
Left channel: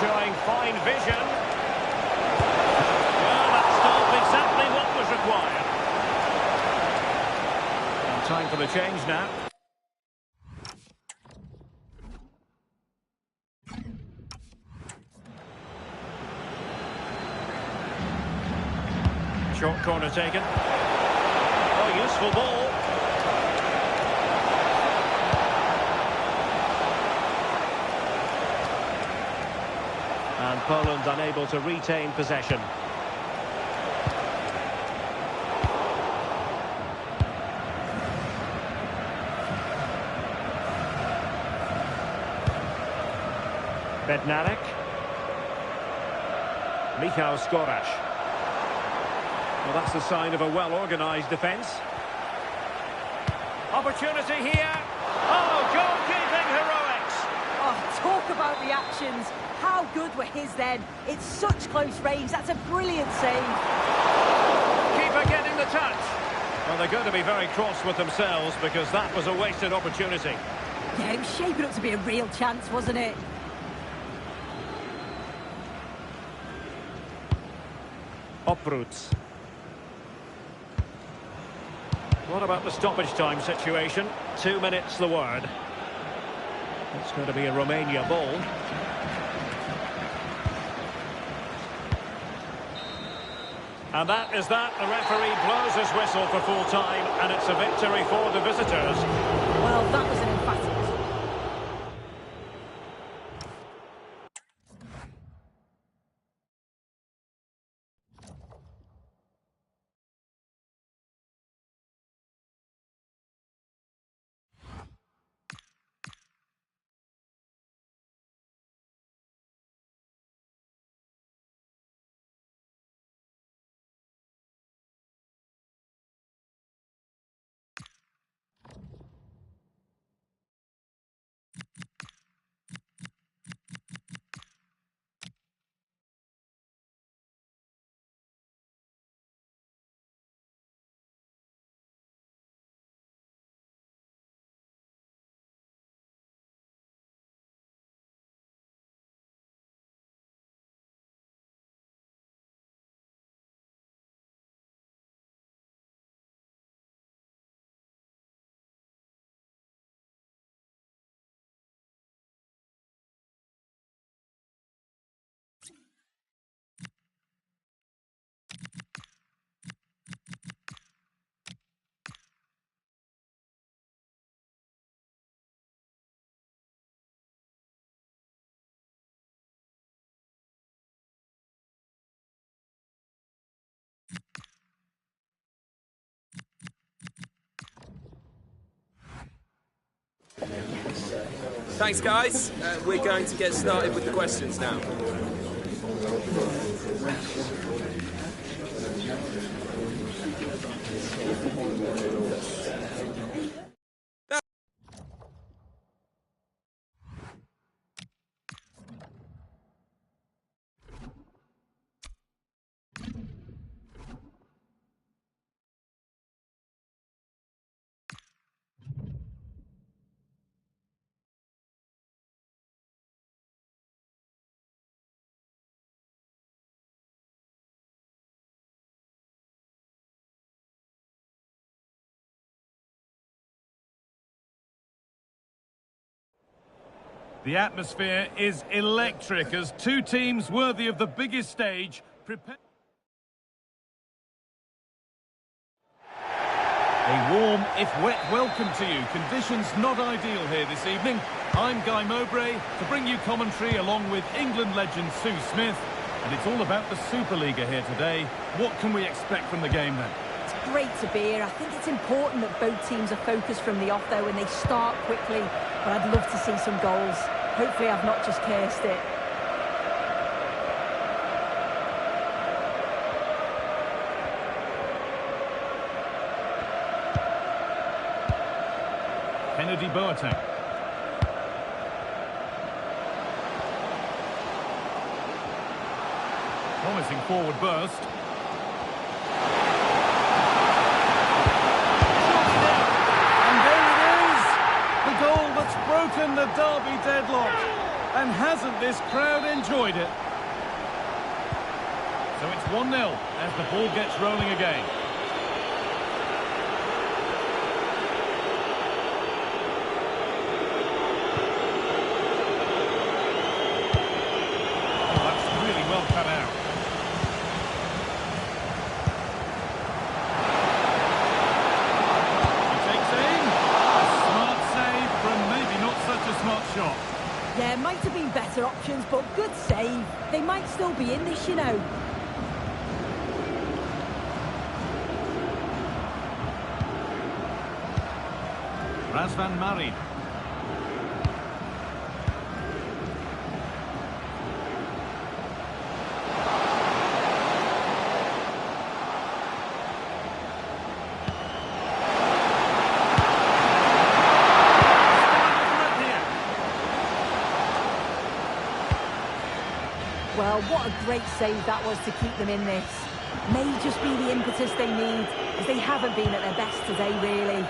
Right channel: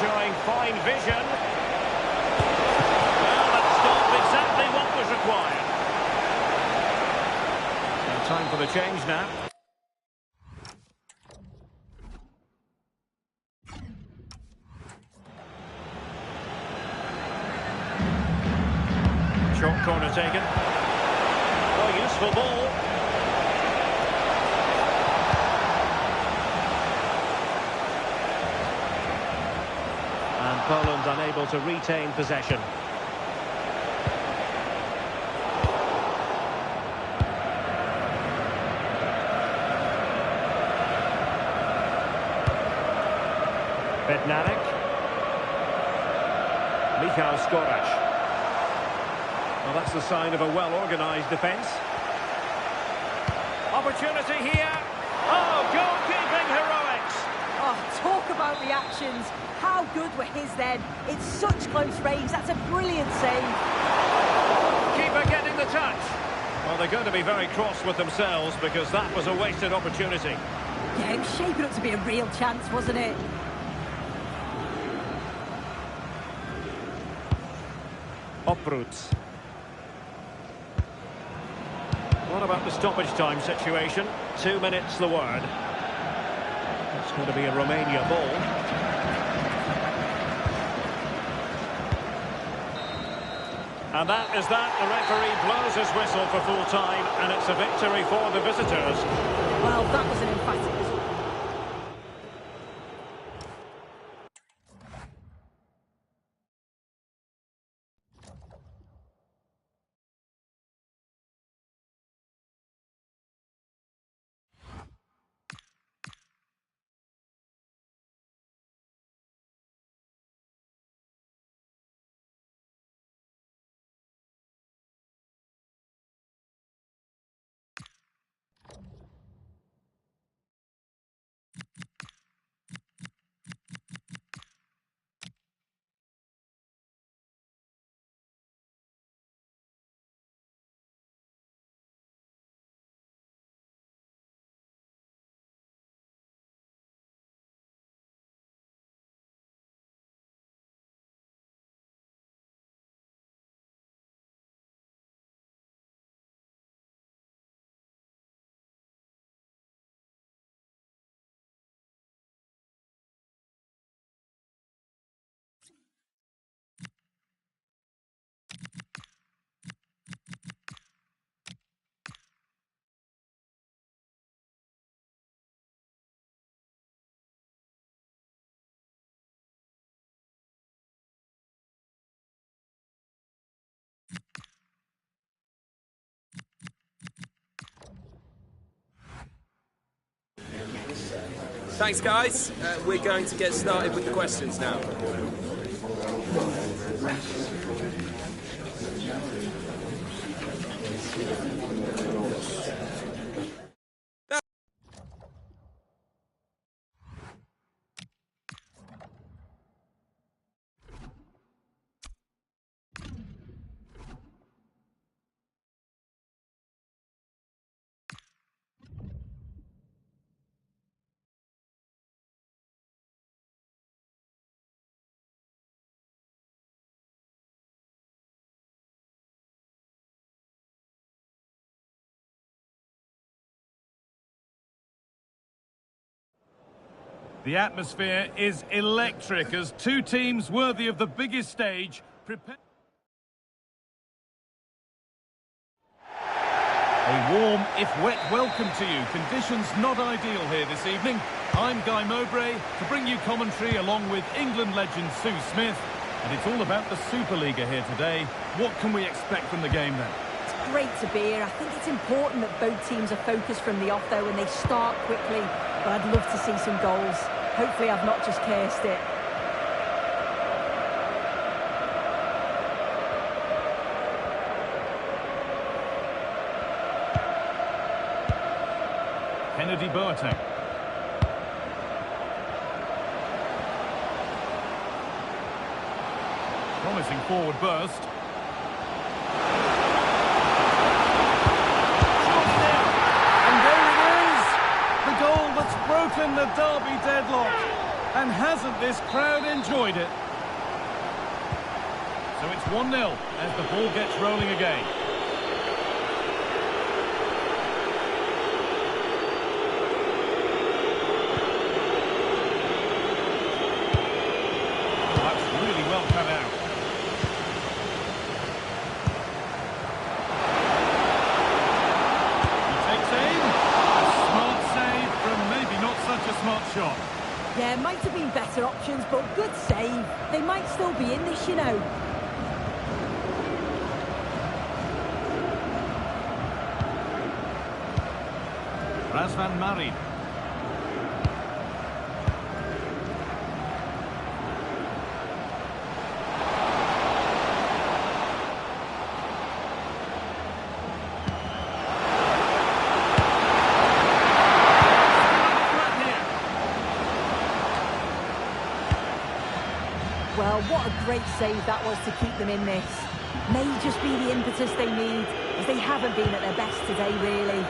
Showing fine vision. Well, that stopped exactly what was required. And time for the change now. Short corner taken. Oh, useful ball. And Poland unable to retain possession. Bednarek. Michał Skoraś. Well, that's the sign of a well-organised defence. Opportunity here. Oh, goalkeeping heroics. Oh, talk about reactions. How good were his then? It's such close range. That's a brilliant save. Keeper getting the touch. Well, they're going to be very cross with themselves because that was a wasted opportunity. Yeah, it was shaping up to be a real chance, wasn't it? Opruts. What about the stoppage time situation? 2 minutes the word. It's going to be a Romania ball. And that is that. The referee blows his whistle for full time, and it's a victory for the visitors. Well, that was an emphatic result. Thanks, guys. We're going to get started with the questions now. The atmosphere is electric as two teams worthy of the biggest stage prepare. A warm, if wet, welcome to you. Conditions not ideal here this evening. I'm Guy Mowbray to bring you commentary along with England legend Sue Smith. And it's all about the Superliga here today. What can we expect from the game then? It's great to be here. I think it's important that both teams are focused from the off though and they start quickly. But I'd love to see some goals. Hopefully I've not just cursed it. Kennedy Boateng. Promising forward burst. The goal that's broken the derby deadlock. And hasn't this crowd enjoyed it? So it's 1-0 as the ball gets rolling again. Oh, that's really well cut out. He takes aim. Smart save from maybe not such a smart shot. Yeah, might have been better options, but good save. They might still be in this, you know. Razvan Marin. Well, what a great save that was to keep them in this. May just be the impetus they need, as they haven't been at their best today, really.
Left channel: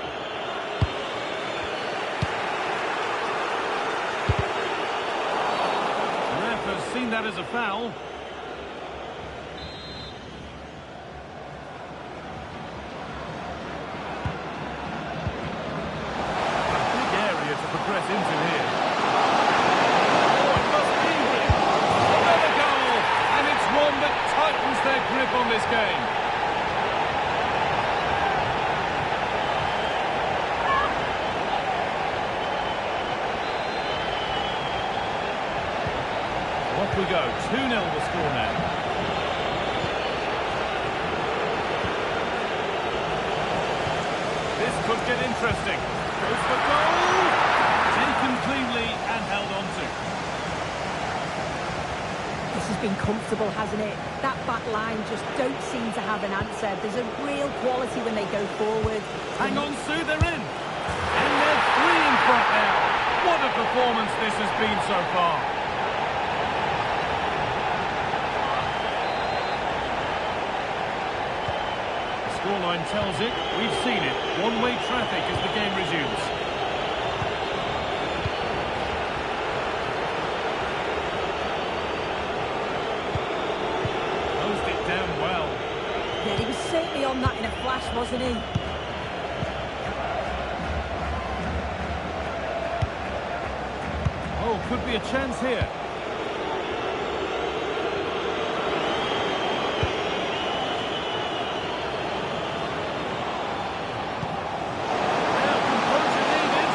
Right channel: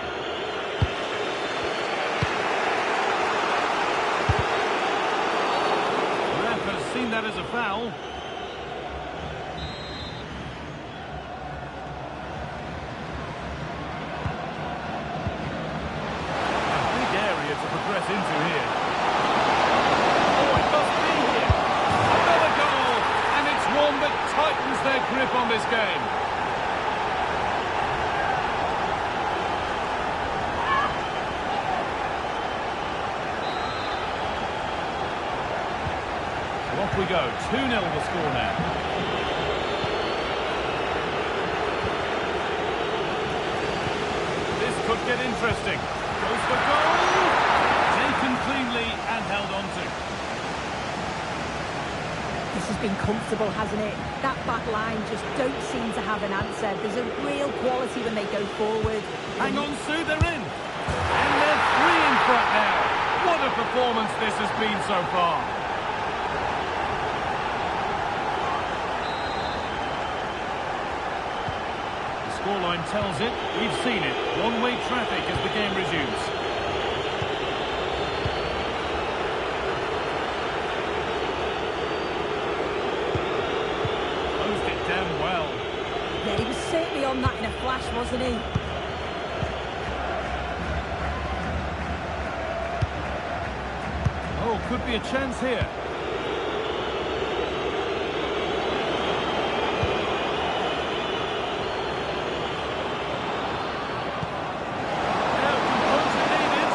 The ref has seen that as a foul. A big area to progress into here. Oh, it must be here. Another goal, and it's one that tightens their grip on this game. So off we go, 2-0 the score now. This could get interesting. Goes for goal! Taken cleanly and held on to. This has been comfortable, hasn't it? That back line just don't seem to have an answer. There's a real quality when they go forward. Hang on, Sue, they're in. And they're 3 in front now. What a performance this has been so far. The scoreline tells it. We've seen it. One-way traffic as the game resumes. Closed it down well. Yeah, he was certainly on that in a flash, wasn't he? Oh, could be a chance here. Now, composure needed.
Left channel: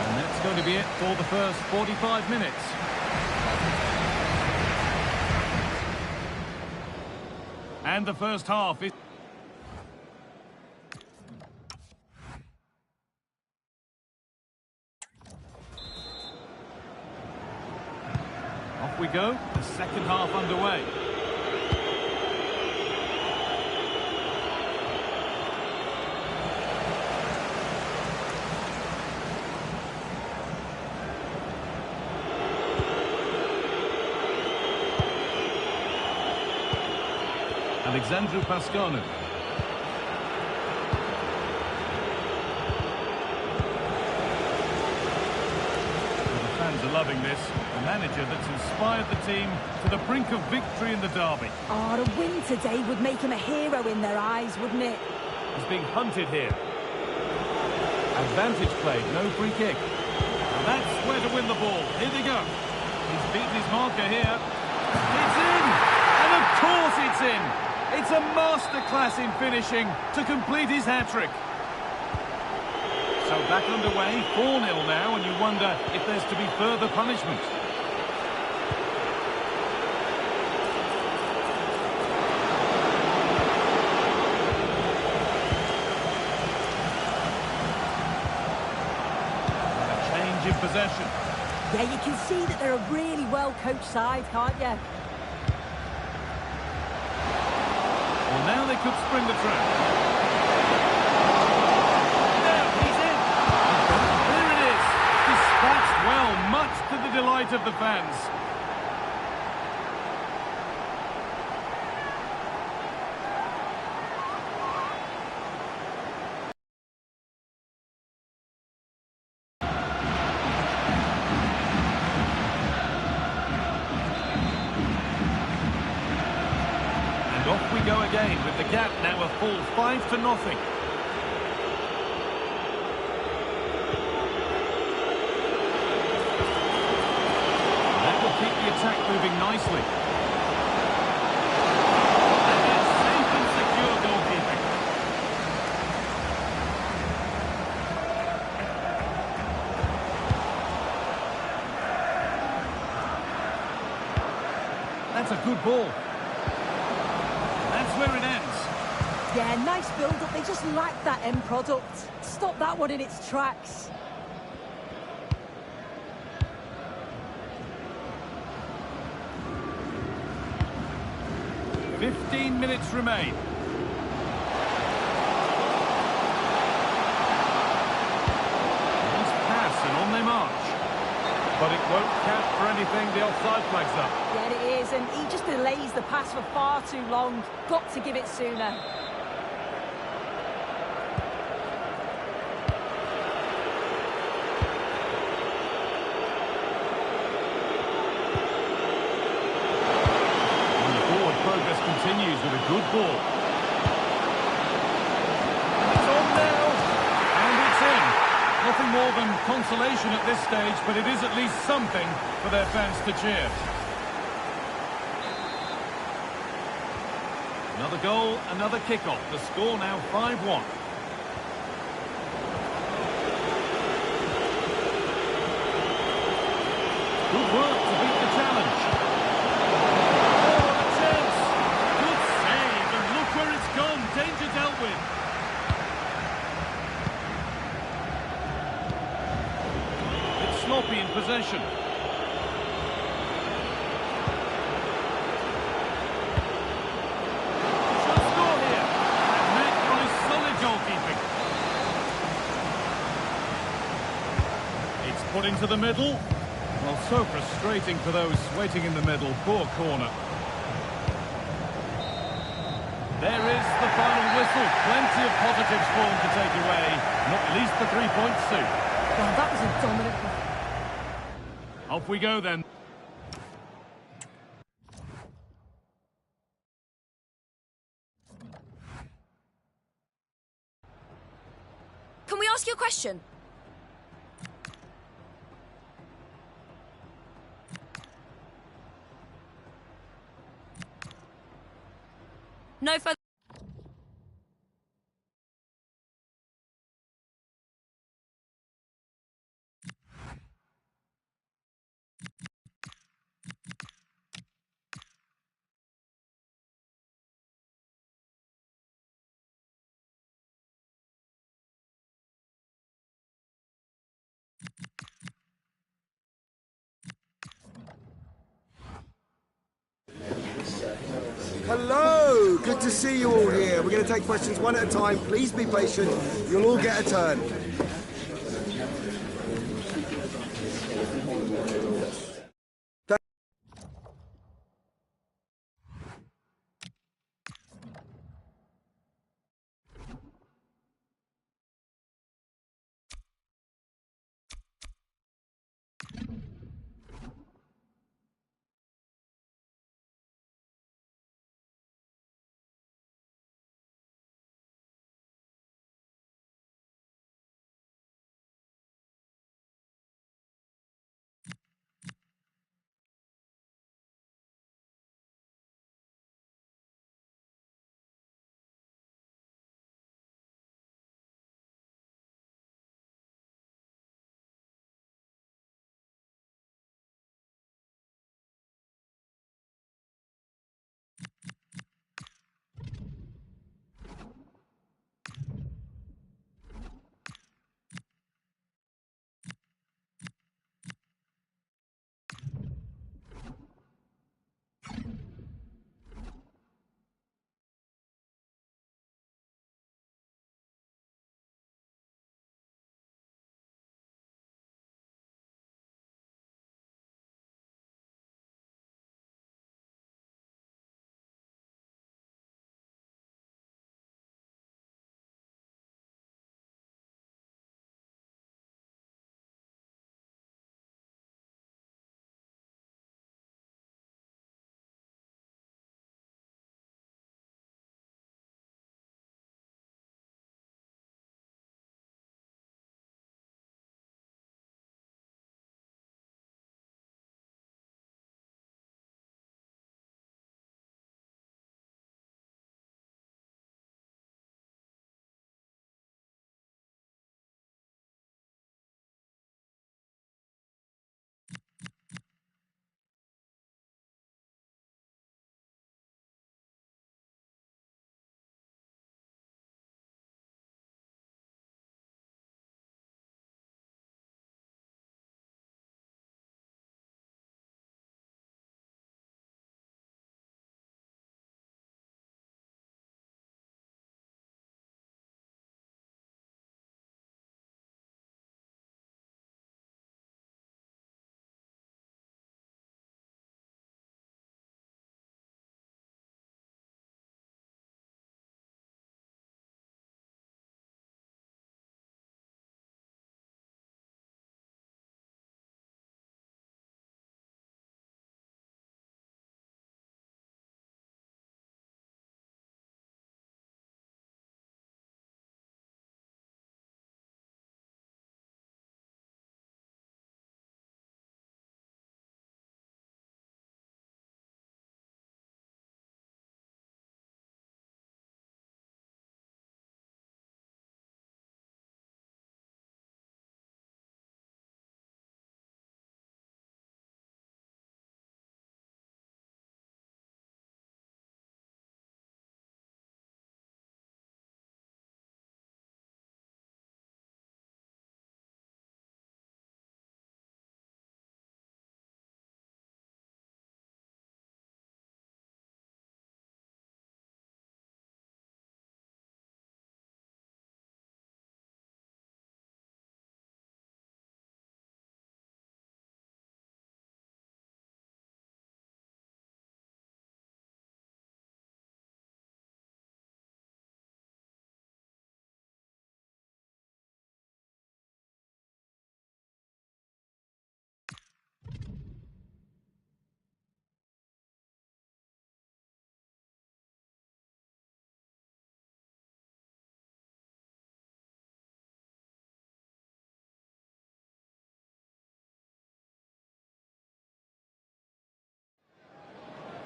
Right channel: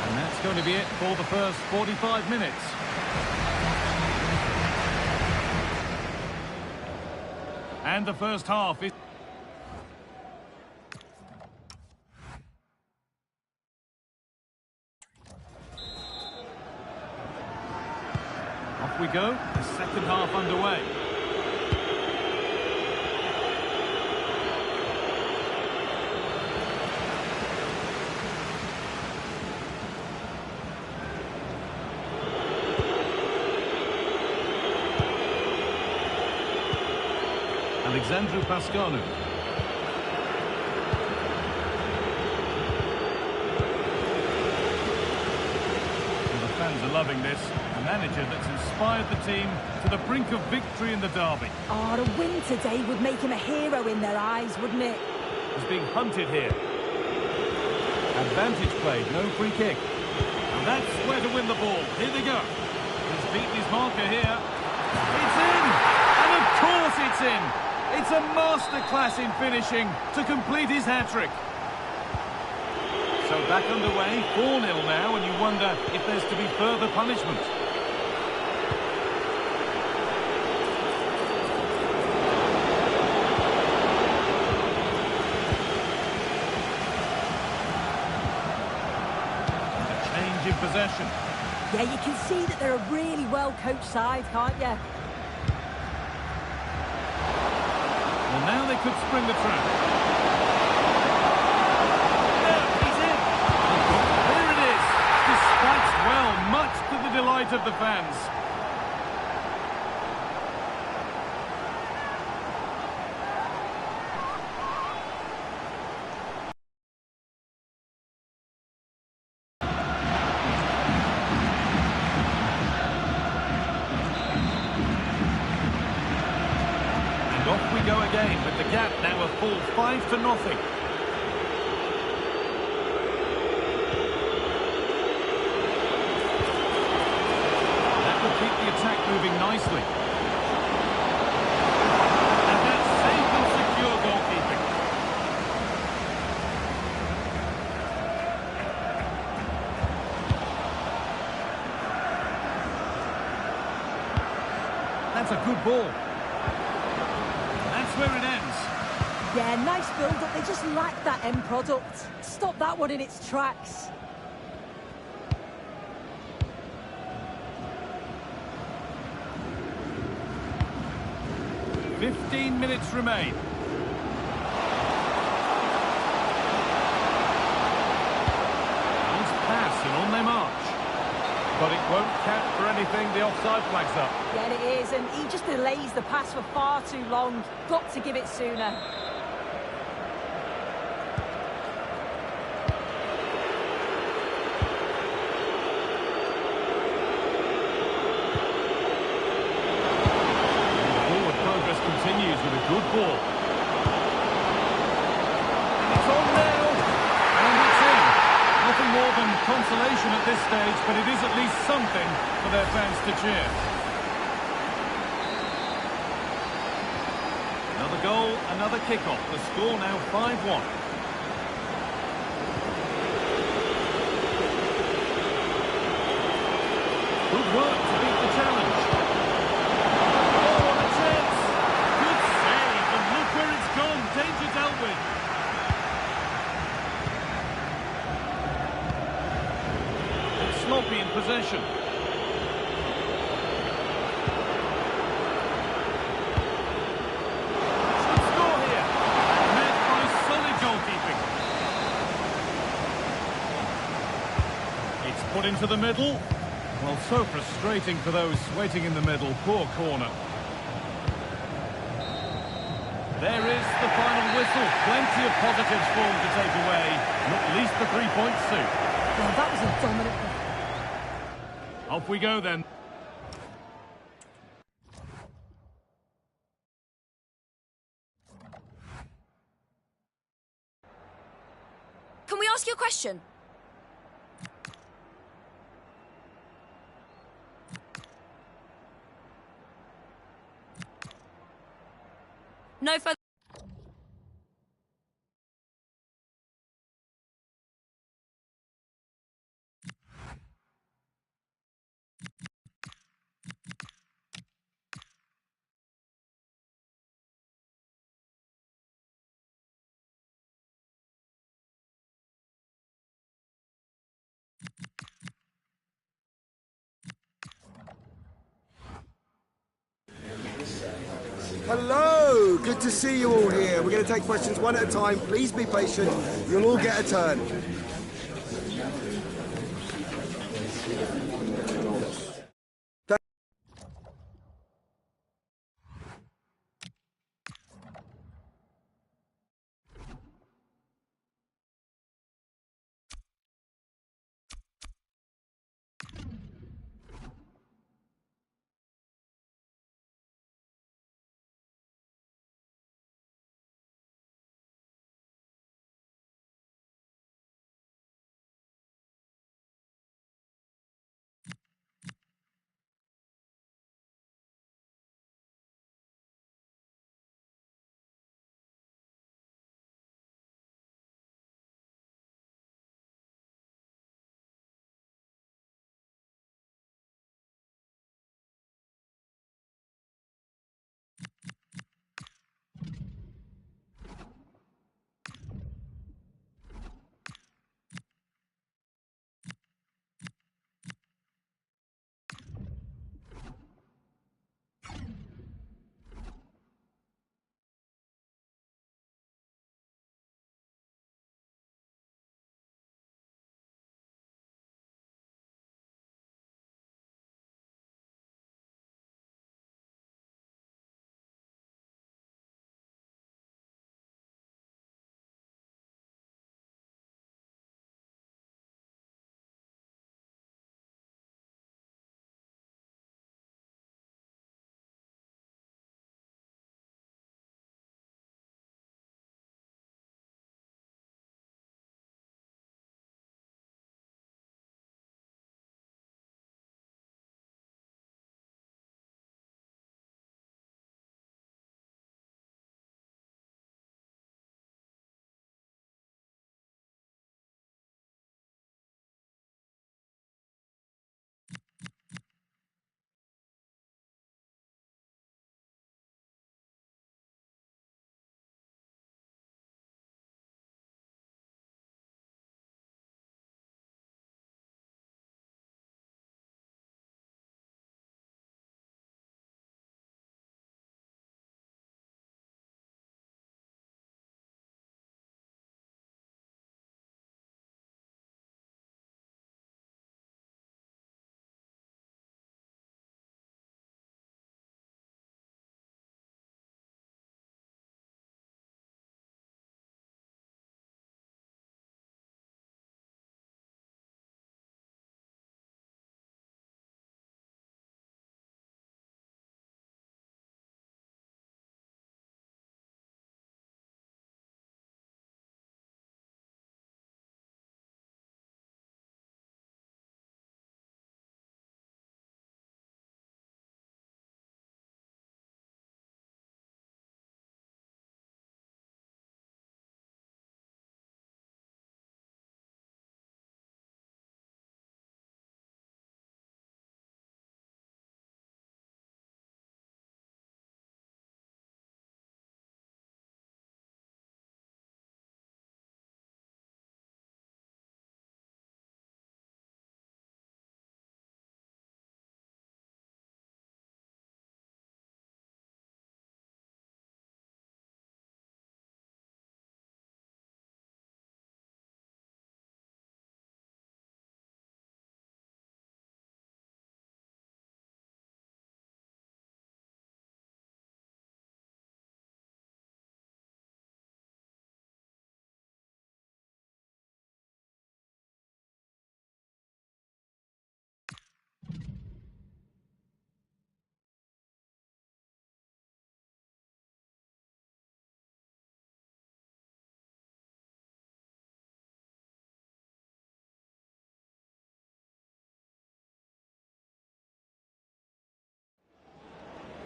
And that's going to be it for the first 45 minutes. And the first half is... Off we go, the second half underway. Alexandru Pascanu. Well, the fans are loving this. A manager that's inspired the team to the brink of victory in the derby. Oh, a win today would make him a hero in their eyes, wouldn't it? He's being hunted here. Advantage played, no free kick. Now that's where to win the ball. Here they go. He's beaten his marker here. It's in! And of course it's in! It's a masterclass in finishing to complete his hat-trick. So back underway, 4-0 now, and you wonder if there's to be further punishment. And a change in possession. Yeah, you can see that they're a really well-coached side, can't you? Well, now they could spring the trap. There, he's in. There it is. Dispatched well, much to the delight of the fans. And off we go again, with the gap now a full 5-0. That will keep the attack moving nicely. And that's safe and secure goalkeeping. That's a good ball. That's where it ends. Yeah, nice build-up. They just lack that end product. Stop that one in its tracks. "15 minutes remain. Nice pass and on they march. But it won't count for anything. The offside flag's up. Yeah, it is, and he just delays the pass for far too long. Got to give it sooner. And the forward progress continues with a good ball. And it's on now. And it's in. Nothing more than consolation at this stage, but it is at least something for their fans to cheer. Another goal, another kick-off. The score now 5-1. Good work to beat the challenge. Oh, what a chance! Good save, and look where it's gone. Danger dealt with. It's sloppy in possession. Should score here. And met by solid goalkeeping. It's put into the middle. Well, so frustrating for those waiting in the middle. Poor corner. There is the final whistle. Plenty of positives for them to take away. Not least the 3 points suit. Well, that was a dominant performance. Off we go then. Can we ask you a question? No further... Hello, good to see you all here. We're going to take questions one at a time. Please be patient. You'll all get a turn.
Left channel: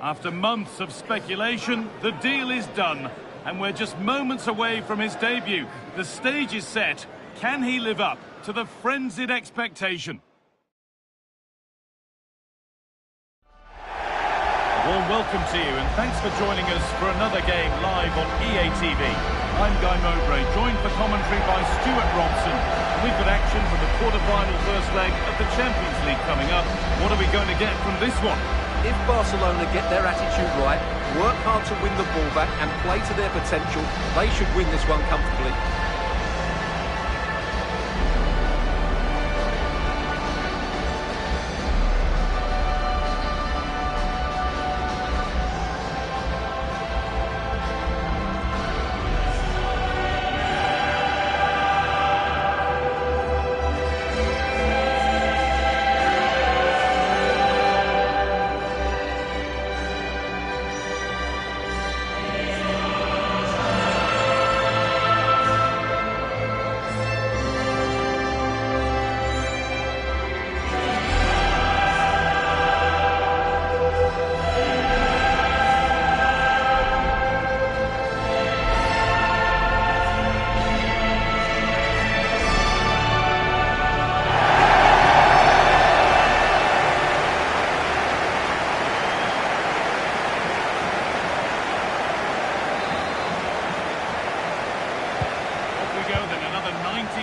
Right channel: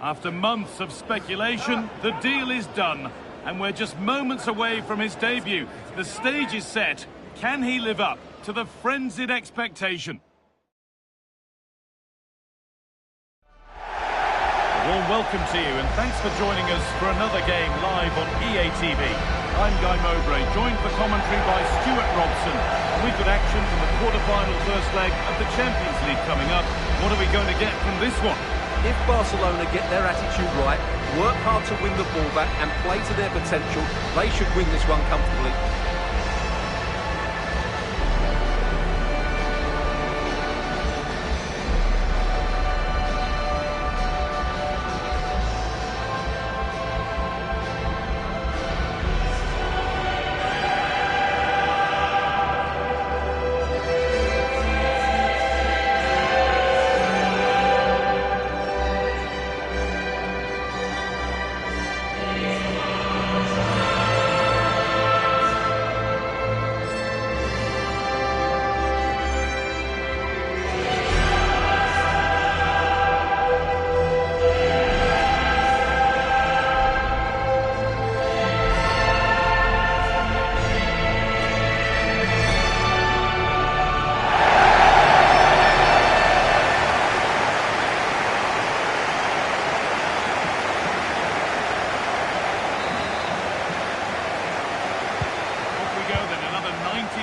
After months of speculation, the deal is done, and we're just moments away from his debut. The stage is set. Can he live up to the frenzied expectation? A warm welcome to you, and thanks for joining us for another game live on EA TV. I'm Guy Mowbray, joined for commentary by Stuart Robson, and we've got action from the quarter-final first leg of the Champions League coming up. What are we going to get from this one? If Barcelona get their attitude right, work hard to win the ball back and play to their potential, they should win this one comfortably.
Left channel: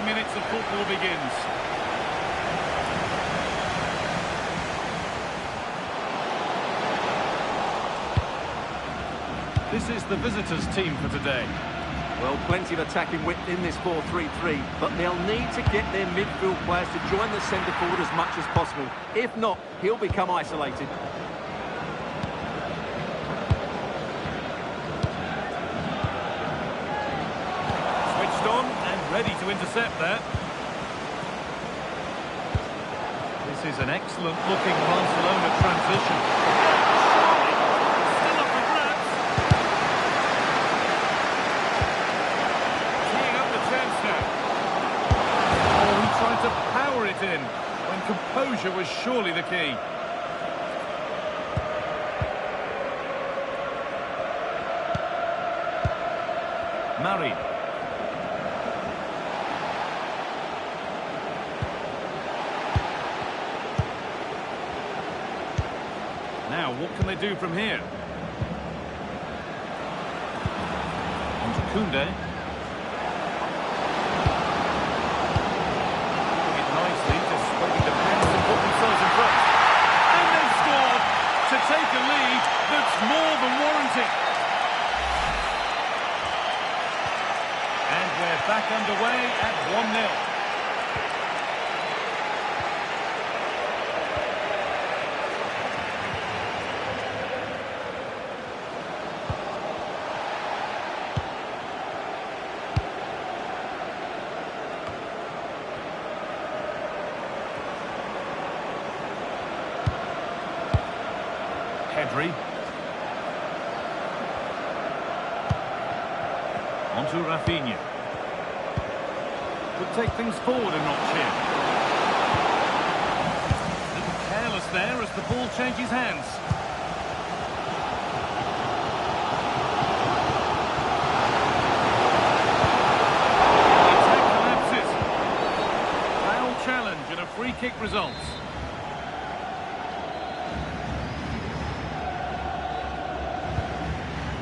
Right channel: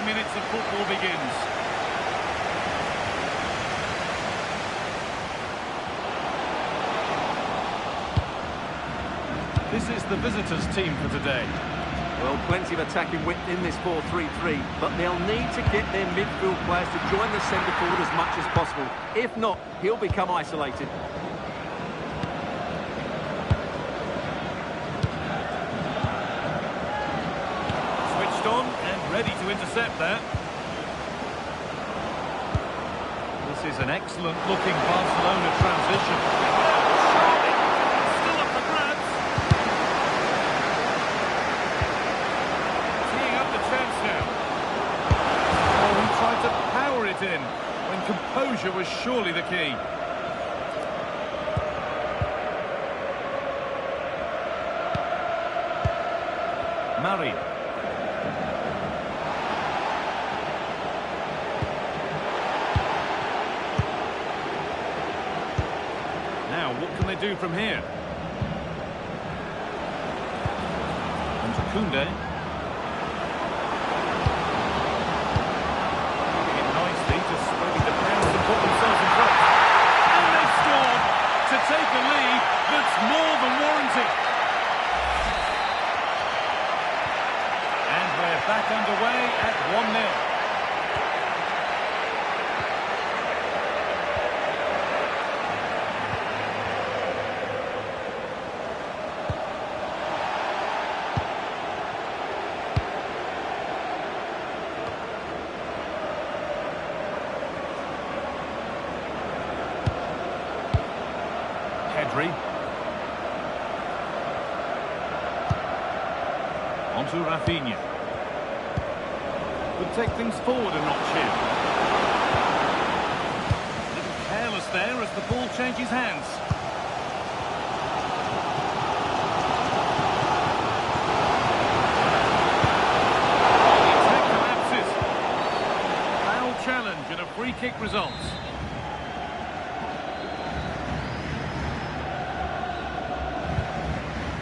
Minutes of football begins. This is the visitors' team for today. Well, plenty of attacking width in this 4-3-3, but they'll need to get their midfield players to join the centre forward as much as possible. If not, he'll become isolated. Switched on and ready to intercept that. This is an excellent looking Barcelona transition. Surely, still up for grabs. Teeing up the chance now. Oh, he tried to power it in when composure was surely the key. Murray. Now, what can they do from here? On to Koundé. Leaving it nicely, just waiting to pounce and put themselves in front. And they've scored to take a lead that's more than warranted. And we're back underway at 1-0. Pedri. On to Rafinha. Could take things forward a notch here. A little careless there as the ball changes hands. The attack collapses. Foul challenge and a free kick results.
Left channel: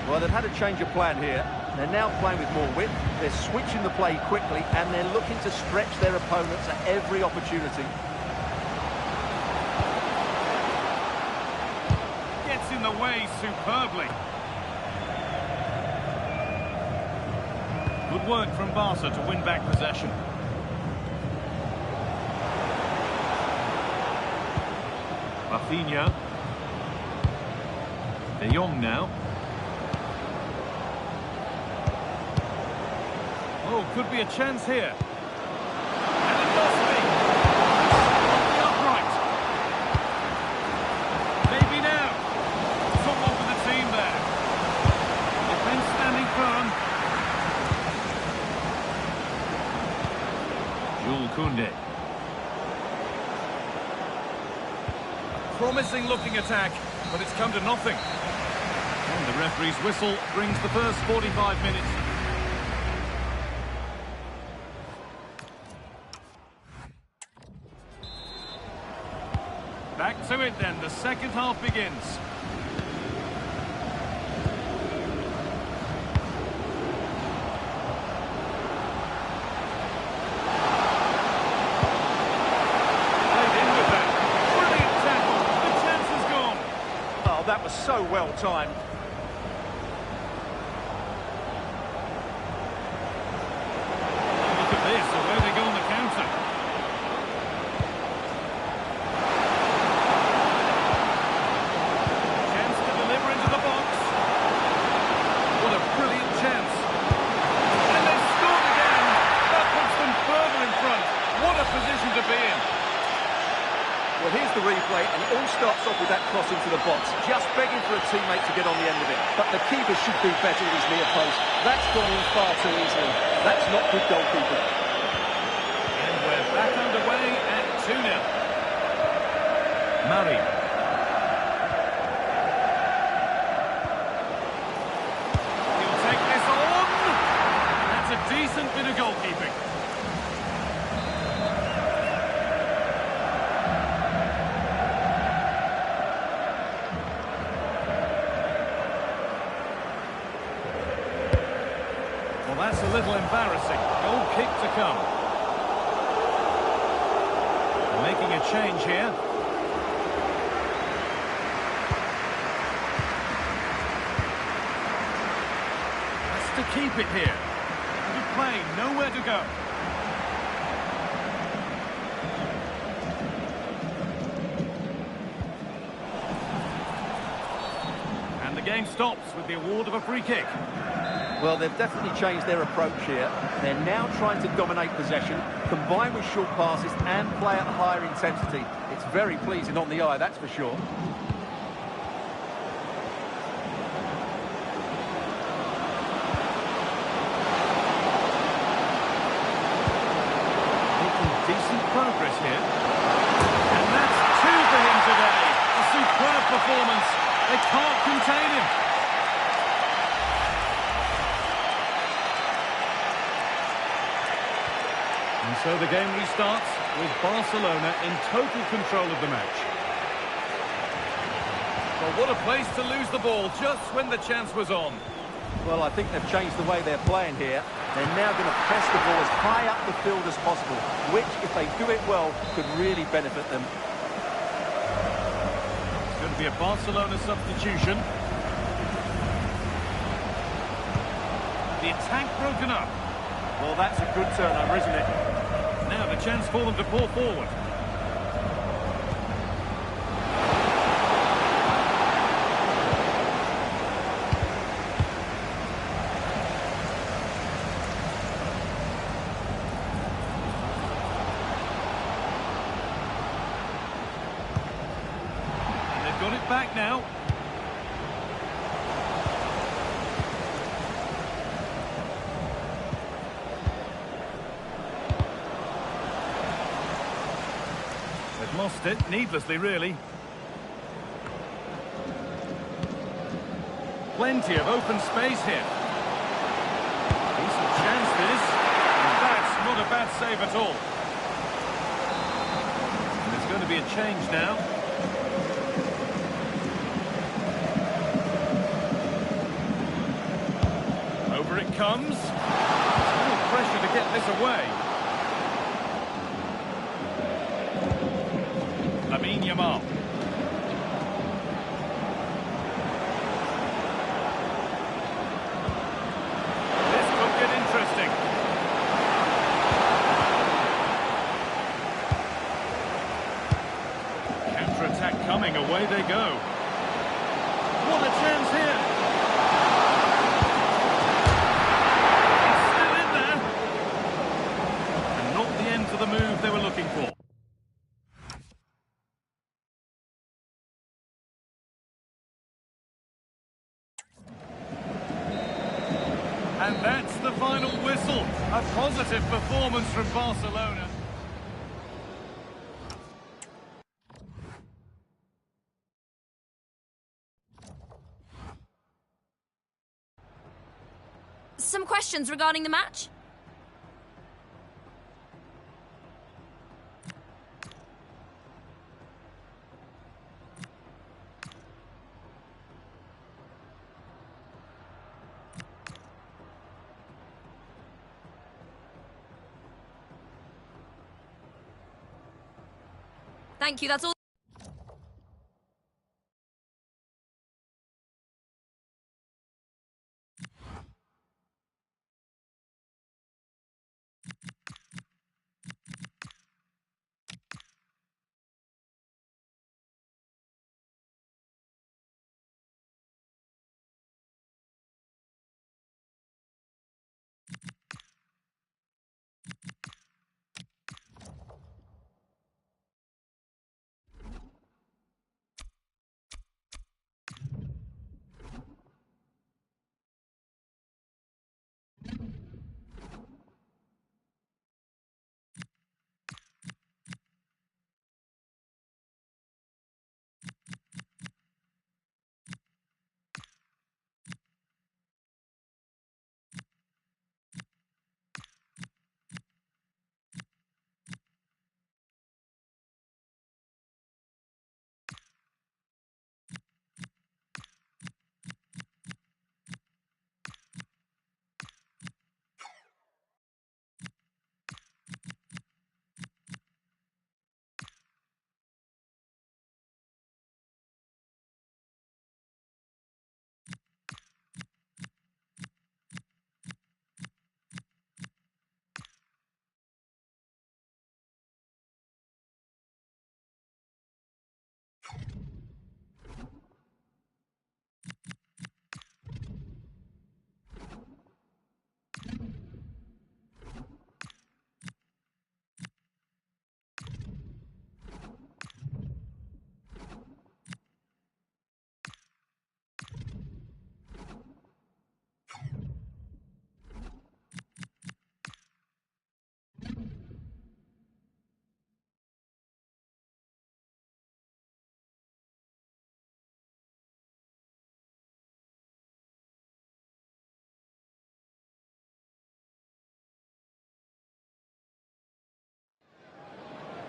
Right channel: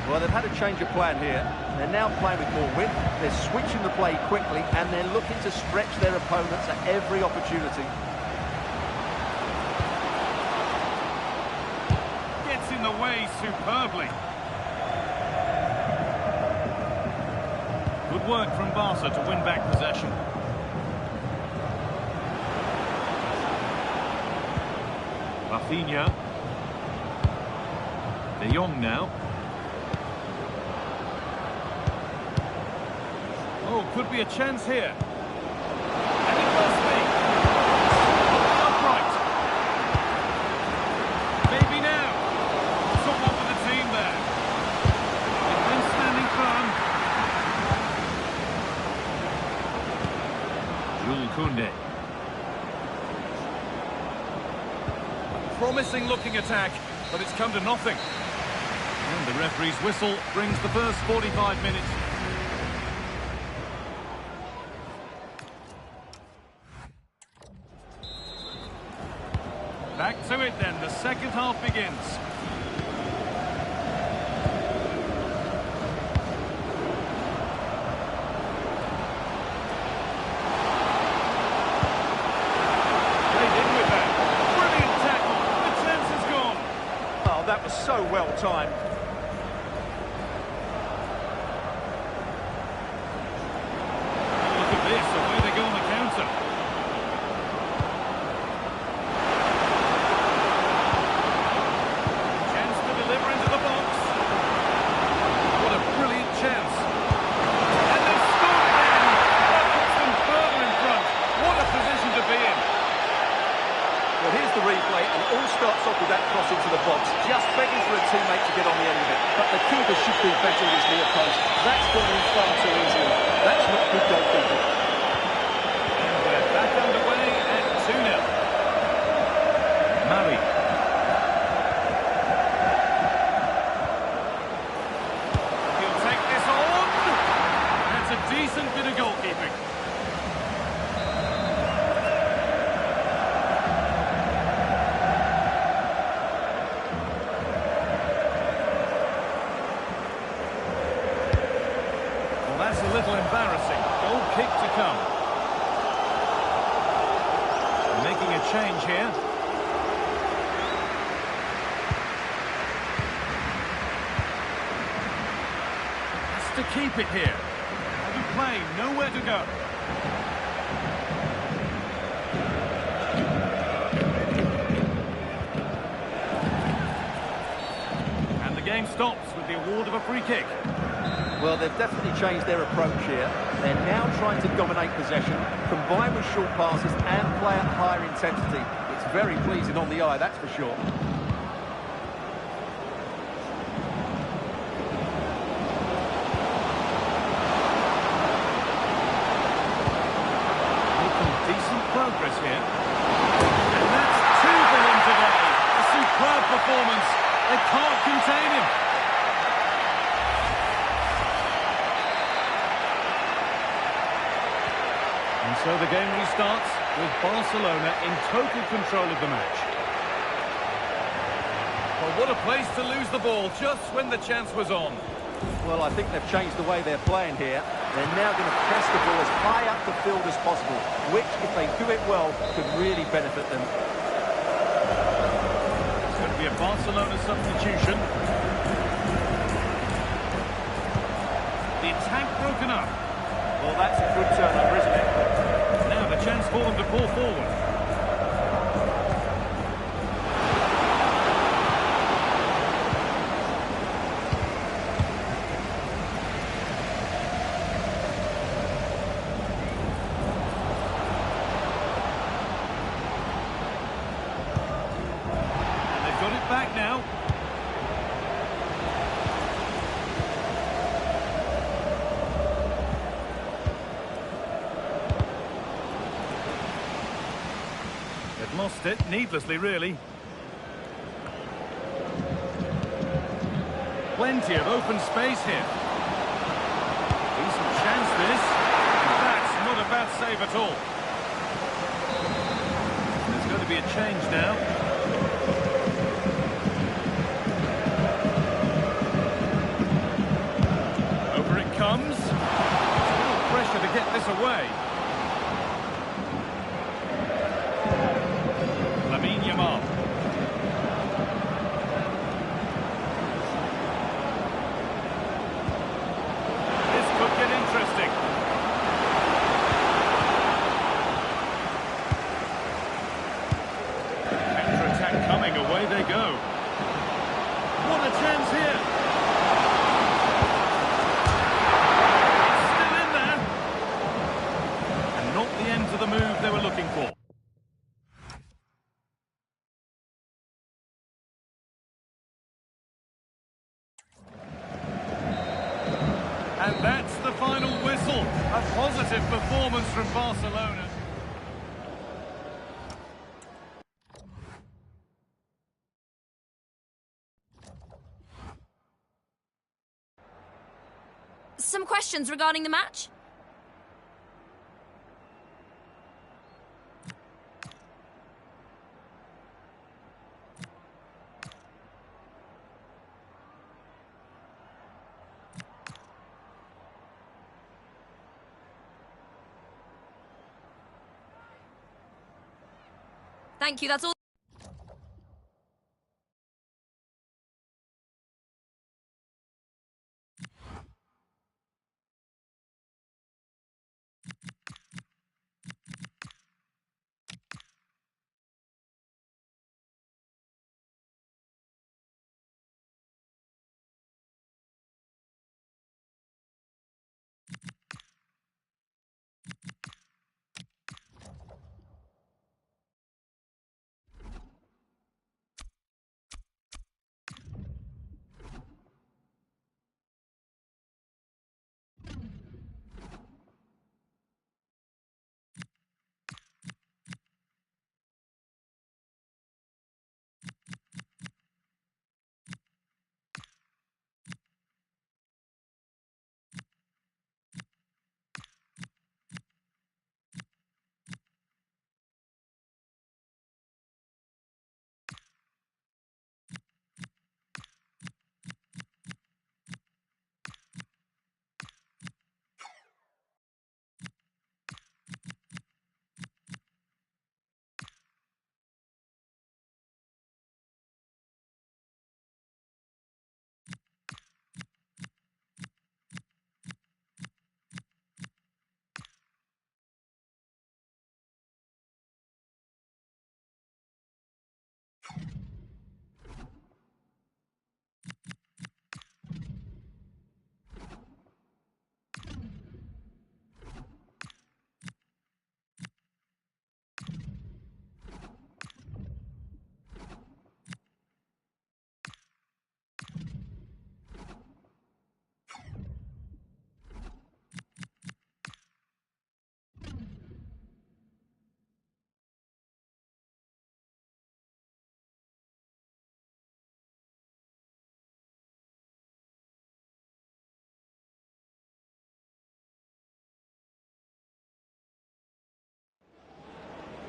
Well, they've had a change of plan here. They're now playing with more width, they're switching the play quickly, and they're looking to stretch their opponents at every opportunity. Gets in the way superbly. Good work from Barca to win back possession. Rafinha. De Jong now. Oh, could be a chance here. And it must be. Off the upright. Maybe now. Someone for the team there. Defence standing firm. Jules Koundé. A promising looking attack, but it's come to nothing. And the referee's whistle brings the first 45 minutes. Back to it then, the second half begins. Played in with that. Brilliant tackle, the chance is gone. Oh, that was so well timed. Oh, look at this, away they go on the counter. Chance to deliver into the box. What a brilliant chance. And they've scored again. That puts them further in front. What a position to be in. Well, here's the replay, and it all starts off with that cross into the box, just begging for a teammate to get on the end of it. But the keeper should do better with his near post. That's gone in far too easily. That's not good goalkeeping. And we're back underway at 2-0. Murray. He'll take this on. That's a decent bit of goalkeeping. Well, that's a little embarrassing. Goal kick to come. They're making a change here. Has to keep it here. Out of play, nowhere to go. And the game stops with the award of a free kick. Well, they've definitely changed their approach here. They're now trying to dominate possession, combine with short passes and play at higher intensity. It's very pleasing on the eye, that's for sure. Making decent progress here. And that's two for him today. A superb performance. They can't contain him. And so the game restarts with Barcelona in total control of the match. Well, what a place to lose the ball just when the chance was on. Well, I think they've changed the way they're playing here. They're now going to press the ball as high up the field as possible, which, if they do it well, could really benefit them. It's going to be a Barcelona substitution. The attack broken up. Well, that's a good turnover, isn't it? Now the chance for them to pull forward. And they've got it back now. They've lost it, needlessly, really. Plenty of open space here. Decent chance, this. And that's not a bad save at all. And there's going to be a change now. Over it comes. There's a little pressure to get this away. Yamal. This could get interesting. Counter-attack coming, away they go. What a chance here. It's still in there. And not the end to the move they were looking for. And that's the final whistle. A positive performance from Barcelona. Some questions regarding the match? Thank you, that's all.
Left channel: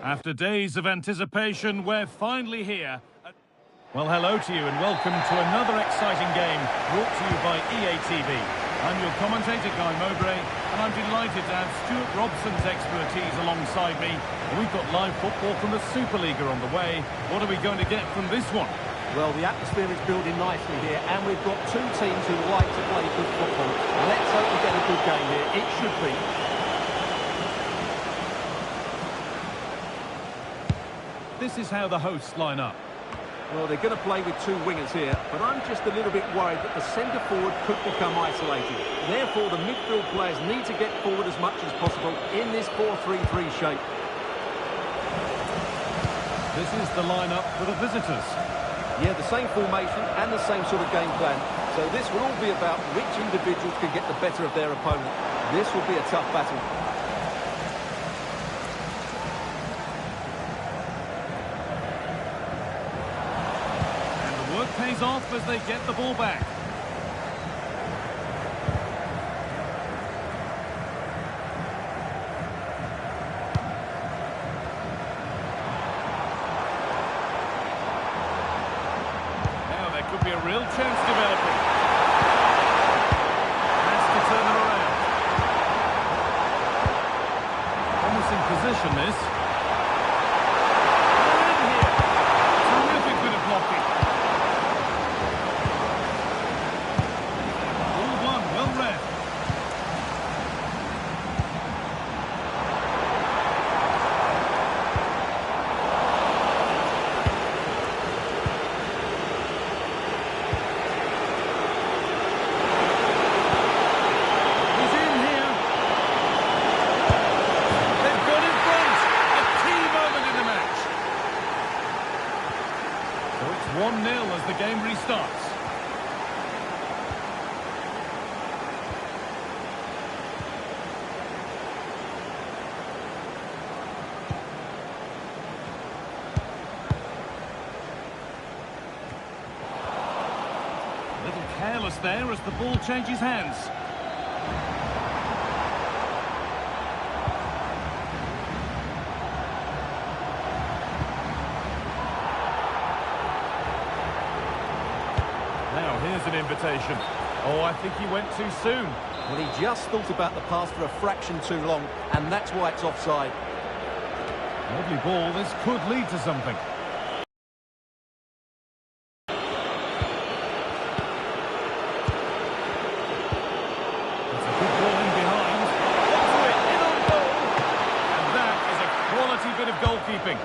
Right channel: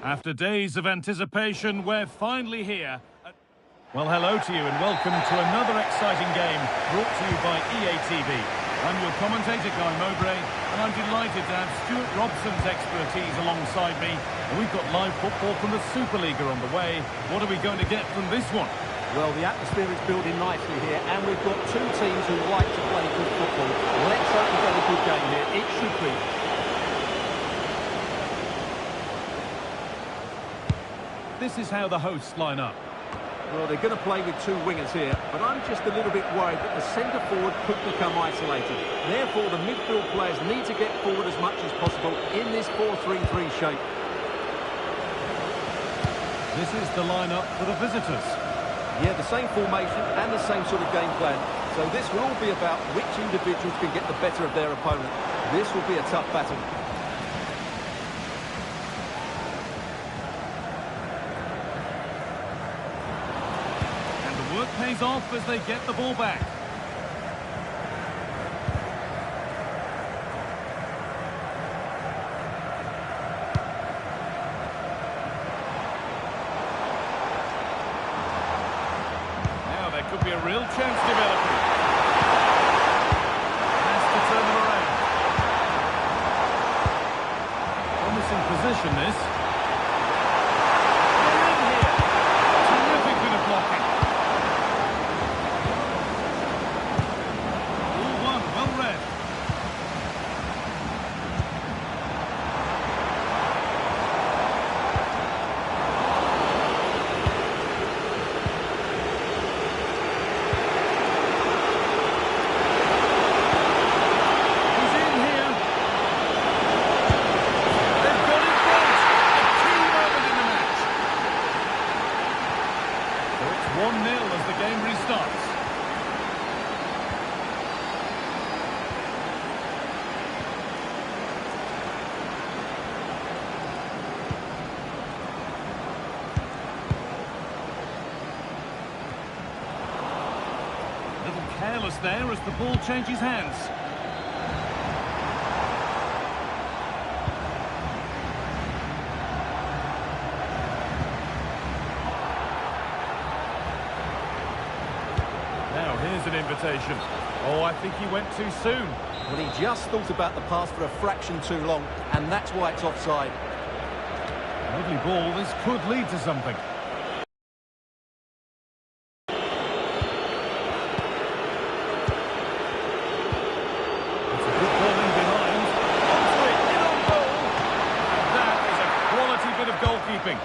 After days of anticipation, we're finally here. Well, hello to you and welcome to another exciting game brought to you by EA TV. I'm your commentator, Guy Mowbray, and I'm delighted to have Stuart Robson's expertise alongside me. And we've got live football from the Superliga on the way. What are we going to get from this one? Well, the atmosphere is building nicely here, and we've got two teams who like to play good football. Let's hope we get a good game here. It should be. This is how the hosts line up. Well, they're going to play with two wingers here, but I'm just a little bit worried that the centre-forward could become isolated. Therefore, the midfield players need to get forward as much as possible in this 4-3-3 shape. This is the lineup for the visitors. Yeah, the same formation and the same sort of game plan. So this will all be about which individuals can get the better of their opponent. This will be a tough battle. And the work pays off as they get the ball back. Could be a real chance developing. Has to turn them around. Promising position, this. They're in here. Terrific bit of blocking. All one, well read. So it's 1-0 as the game restarts. A little careless there as the ball changes hands. Now, here's an invitation. Oh, I think he went too soon. Well, he just thought about the pass for a fraction too long, and that's why it's offside. Lovely ball. This could lead to something. It's a good ball in behind. Onto it, in on goal. And that is a quality bit of goalkeeping.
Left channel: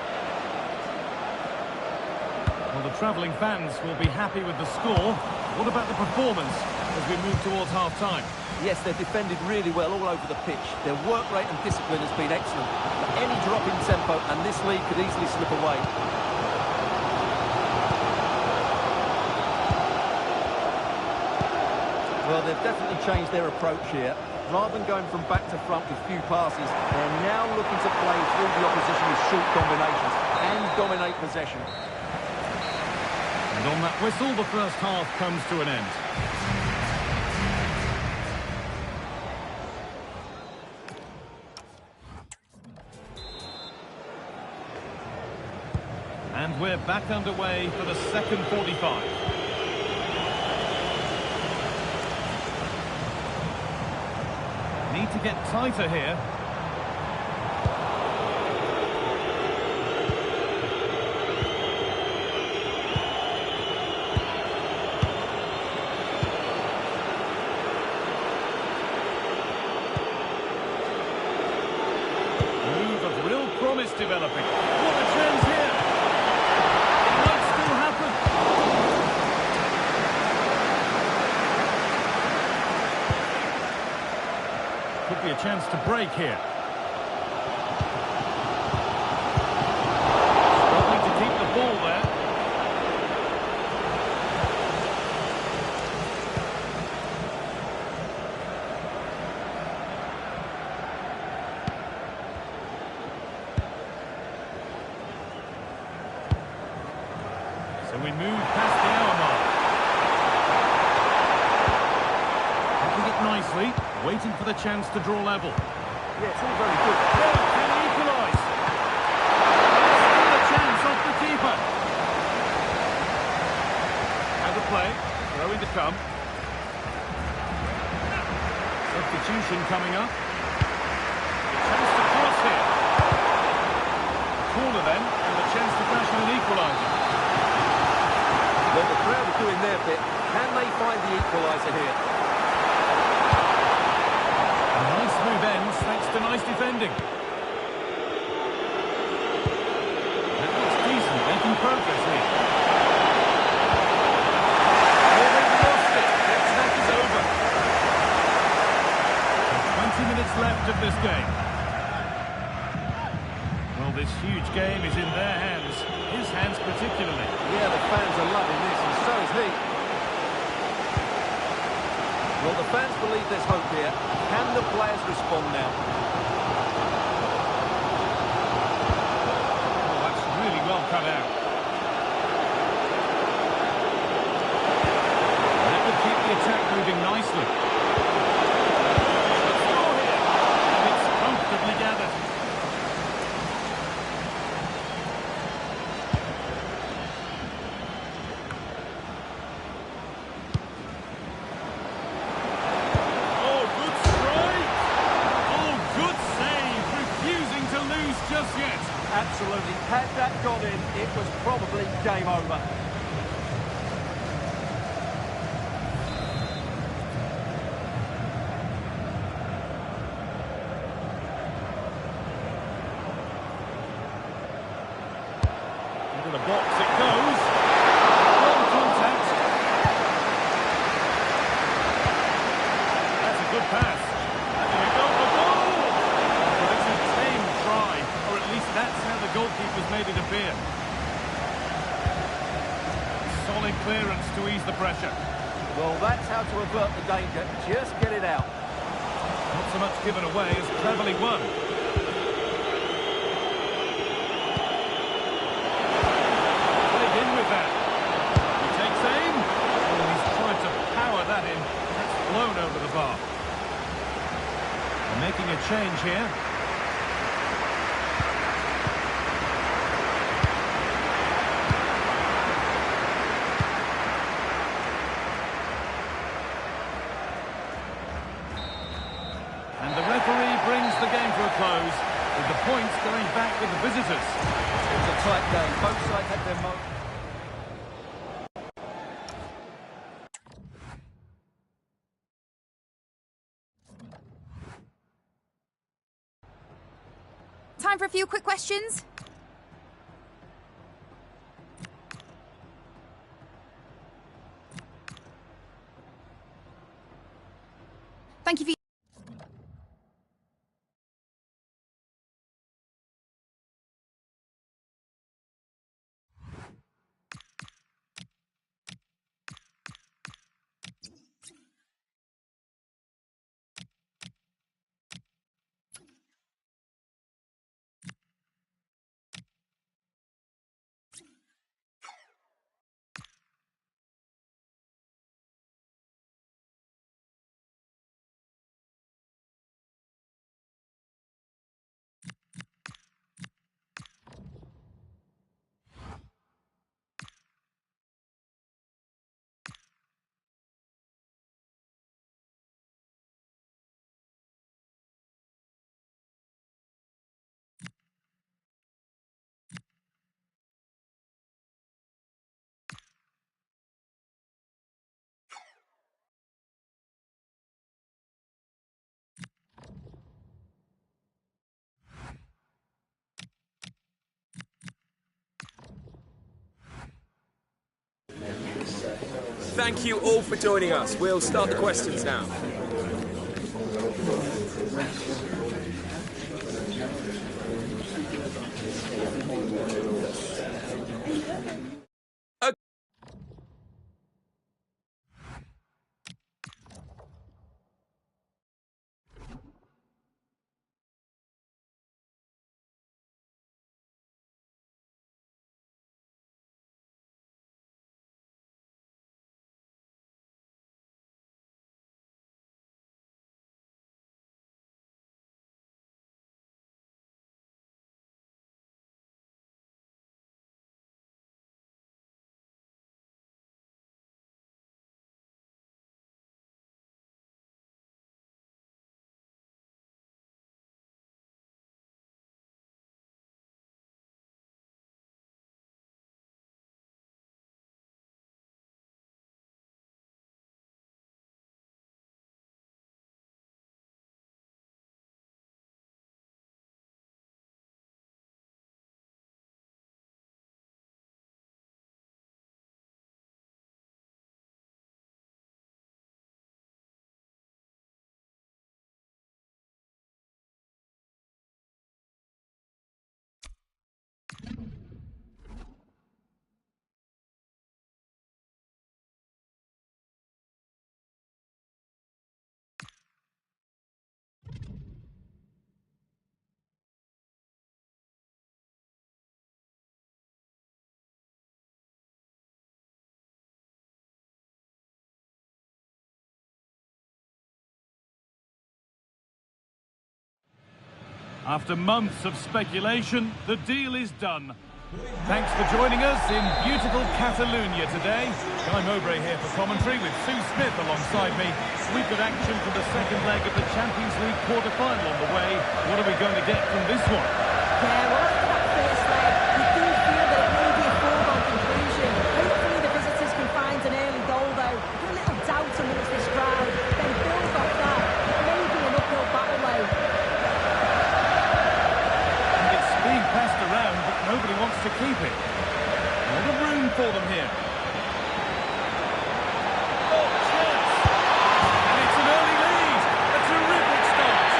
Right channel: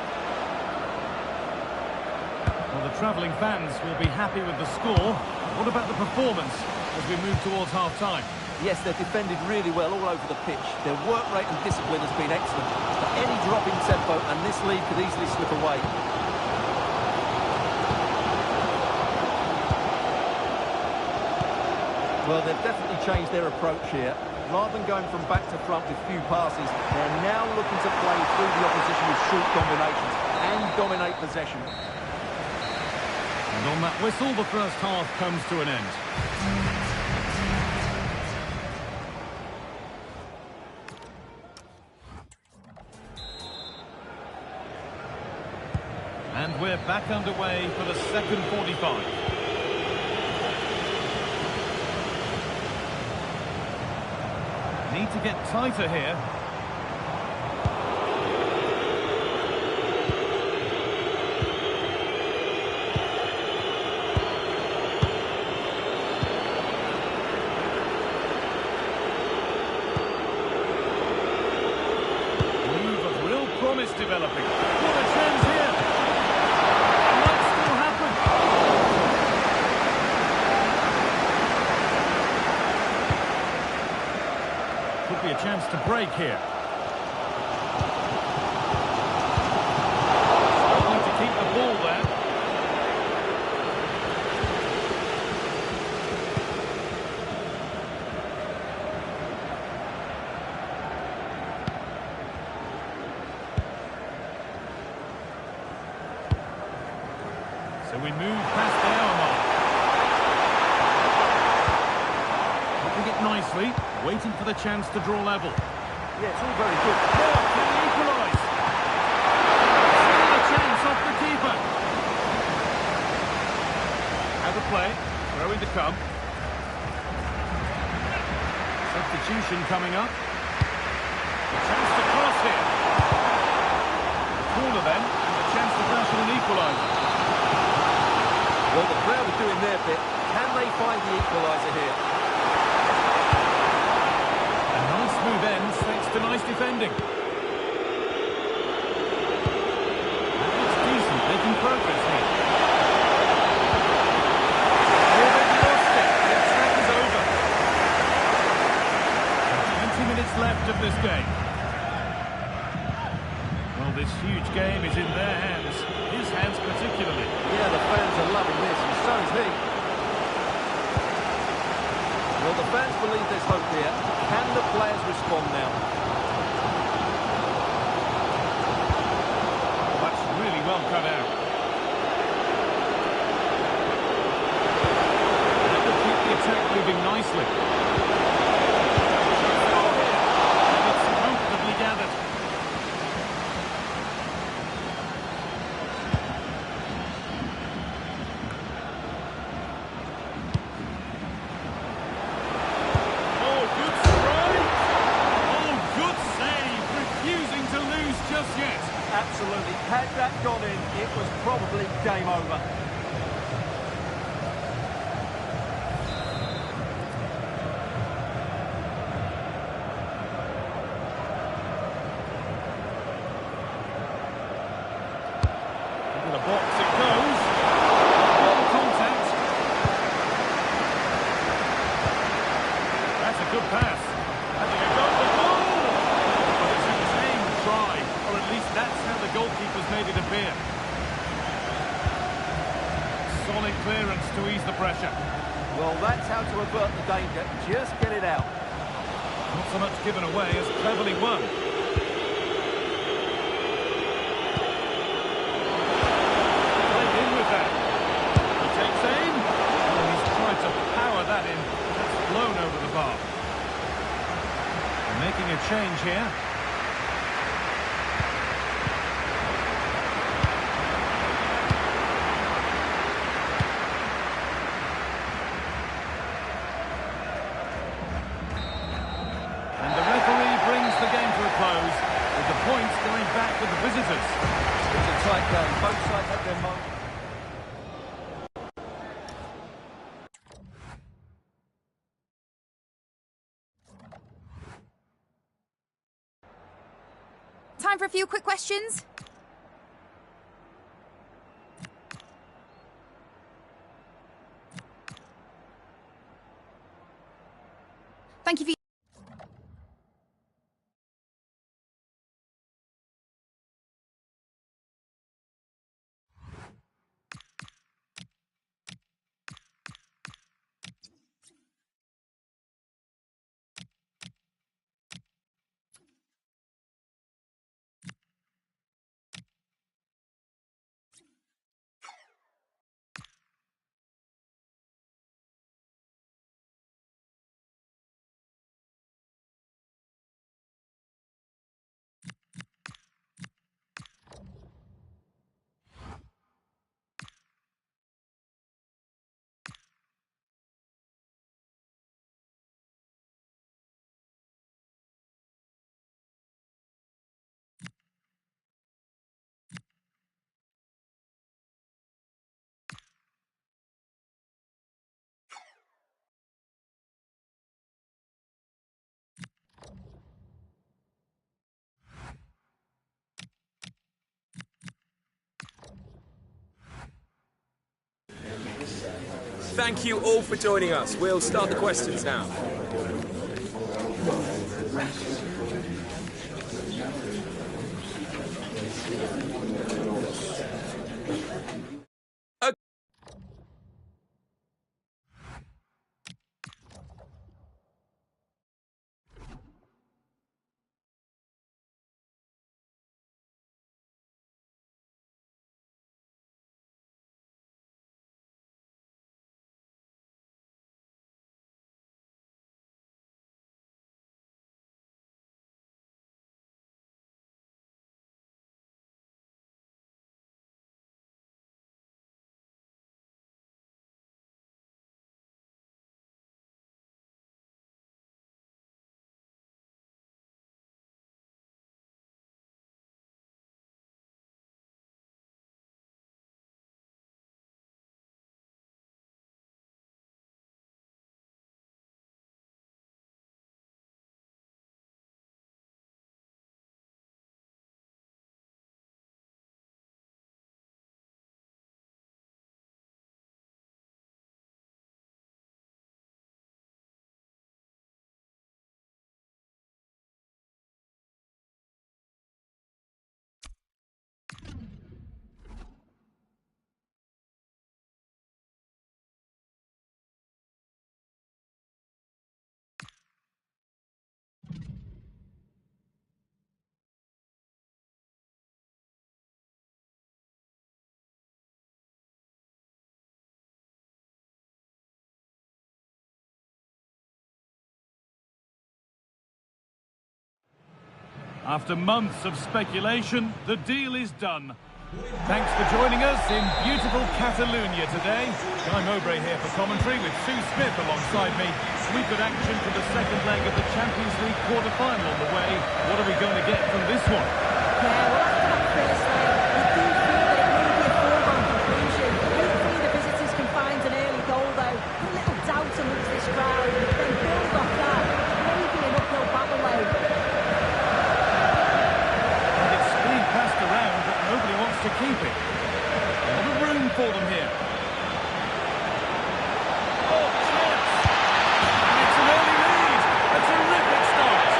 Well, the travelling fans will be happy with the score. What about the performance as we move towards half-time? Yes, they've defended really well all over the pitch. Their work rate and discipline has been excellent. But any drop in tempo and this lead could easily slip away. Well, they've definitely changed their approach here. Rather than going from back to front with few passes, they're now looking to play through the opposition with short combinations and dominate possession. And on that whistle, the first half comes to an end. And we're back underway for the second 45. Need to get tighter here. Promise developing. What a chance here. It might still happen. Could be a chance to break here. Struggling to keep the ball there. So we move past the hour mark. Holding it nicely, waiting for the chance to draw level. Yeah, it's all very good. Now, can he equalise? chance off the keeper. Out of play. Throw in to come. Substitution coming up. The chance to cross here. A corner then, and the chance to crash in an equaliser. Well, the crowd are doing their bit. Can they find the equaliser here? A nice move ends thanks to nice defending. That looks decent, making progress here. Oh, they've lost it. The attack is over. And 20 minutes left of this game. Well, this huge game is in their hands. His hands particularly. Yeah, the fans are loving this, and so is he. Well, the fans believe there's hope here. Can the players respond now? Oh, that's really well cut out. That will keep the attack moving nicely. Score here. And it's comfortably gathered. Just yet. Absolutely. Had that gone in, it was probably game over. Into the box it goes. One contact. That's a good pass. Having a go for goal. But it's a tame try, or at least that's how the goalkeeper's made it appear. Solid clearance to ease the pressure. Well, that's how to avert the danger. Just get it out. Not so much given away as cleverly won. Played in with that. He takes aim. Well, he's tried to power that in. That's blown over the bar. They're making a change here. And the referee brings the game to a close, with the points going back with the visitors. It was a tight game. Both sides had their moments. Time for a few quick questions. Thank you for Thank you all for joining us. We'll start the questions now. After months of speculation, the deal is done. Thanks for joining us in beautiful Catalonia today. Guy Mowbray here for commentary with Sue Smith alongside me. We've got action for the second leg of the Champions League quarter-final on the way. What are we going to get from this one? Yeah, well, after that first leg, you do feel that it may be a foregone conclusion. Hopefully the visitors can find an early goal, though. Put a little doubt amongst this crowd, then build off that. It may be an uphill battle, though. Being passed around, but nobody wants to keep it. A lot of room for them here. Oh, chance! And it's an early lead. A terrific start.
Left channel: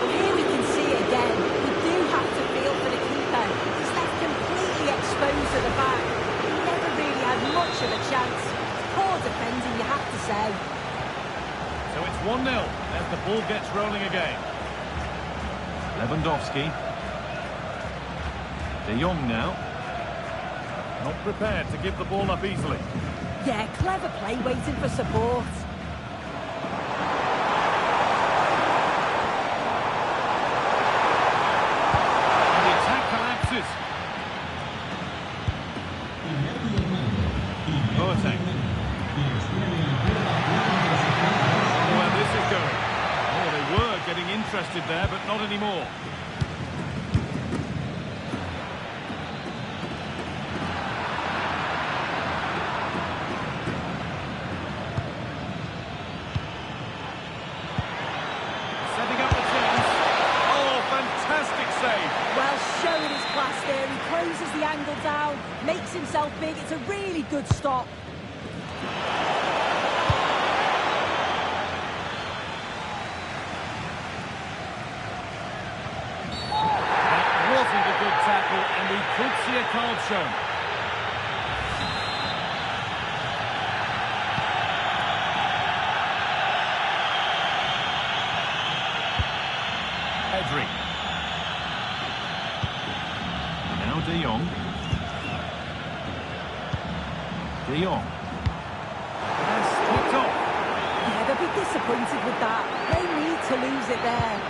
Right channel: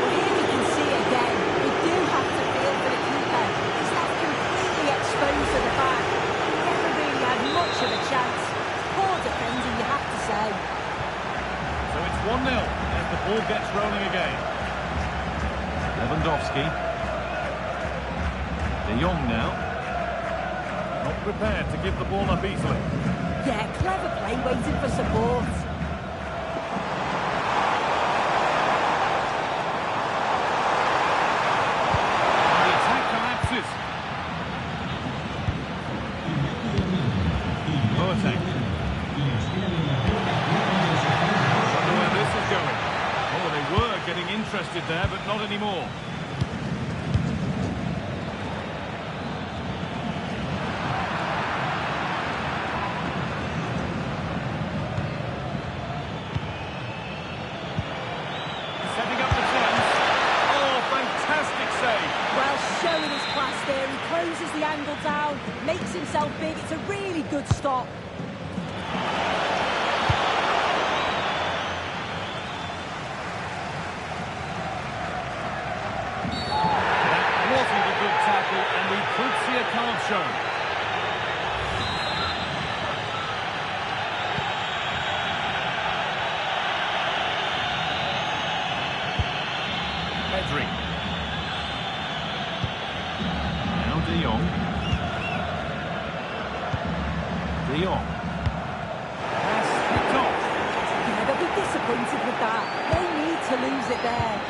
Well, here we can see it again. You do have to feel for the keeper. He's left completely exposed to the back. He never really had much of a chance. Poor defending, you have to say. So it's 1-0 as the ball gets rolling again. Lewandowski. De Jong now. Not prepared to give the ball up easily. Yeah, clever play waiting for support. And the attack collapses. Boateng. Where this is going. Oh, they were getting interested there, but not anymore. Setting up the chance. Oh, fantastic save. Well, showing his class there. He closes the angle down, makes himself big. It's a really good stop. Wasn't a good tackle, and we could see a card shown. Pedri. Now De Jong. De Jong. Pass picked off. Yeah, they'll be disappointed with that. No need to lose it there.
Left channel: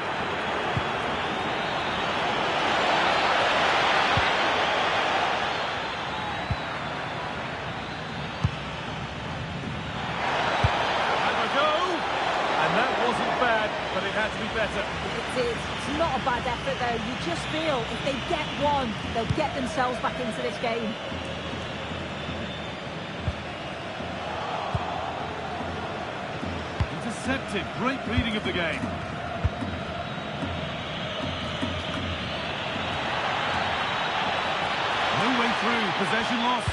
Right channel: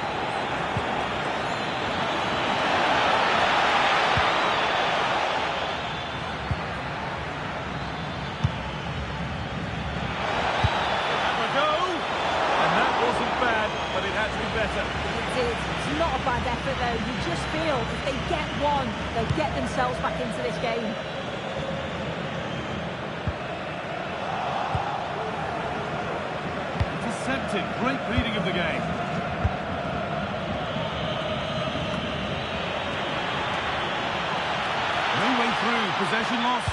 Wasn't bad, but it had to be better. It did. It's not a bad effort, though. You just feel if they get one, they'll get themselves back into this game. Intercepted. Great reading of the game. No way through. Possession lost.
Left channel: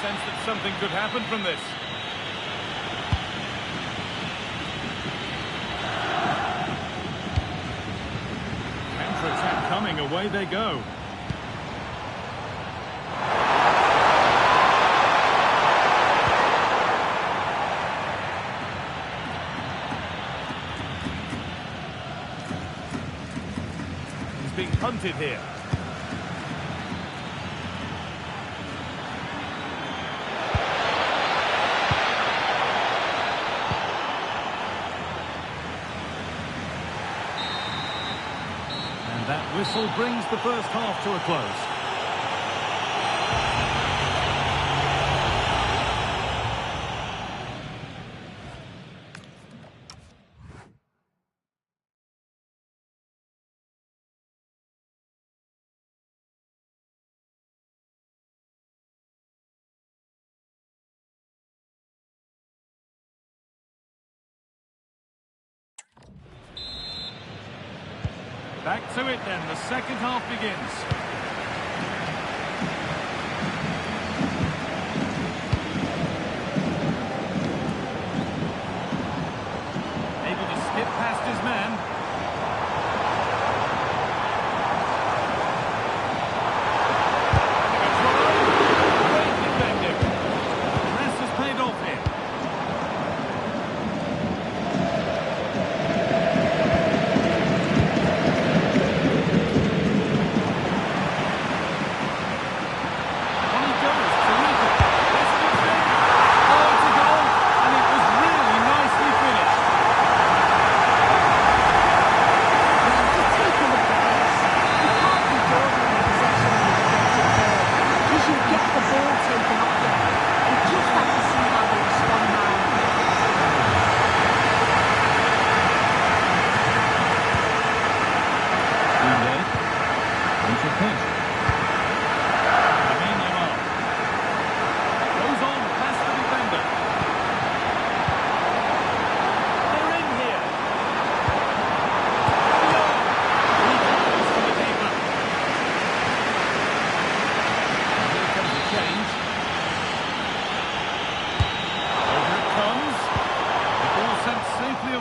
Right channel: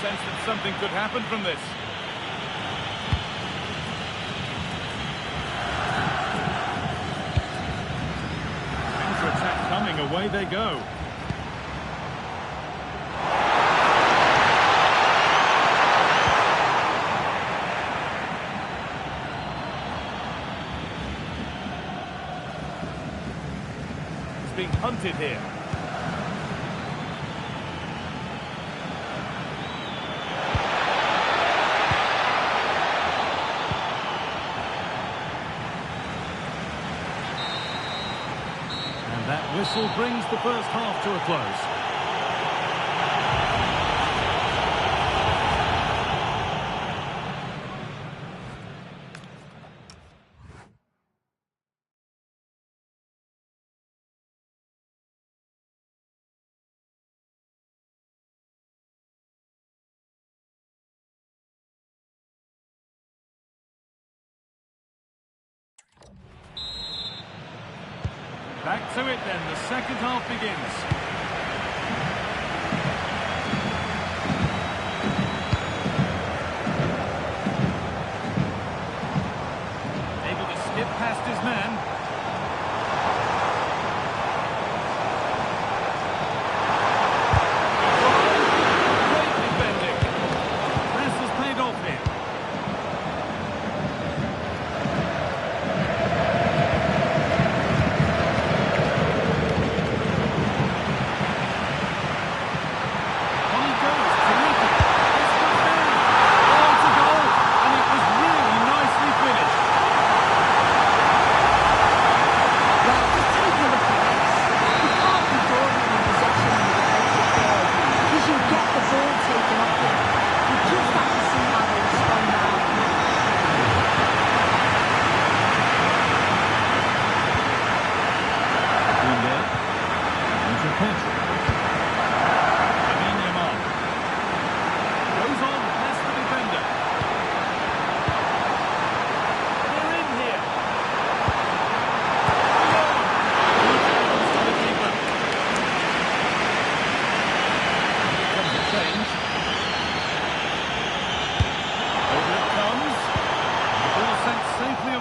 Sense that something could happen from this. Counter-attack coming, away they go. He's being hunted here. And that whistle brings the first half to a close. Back to it then, the second half begins. Able to skip past his man. Having a try. Great defending. The press has paid off here.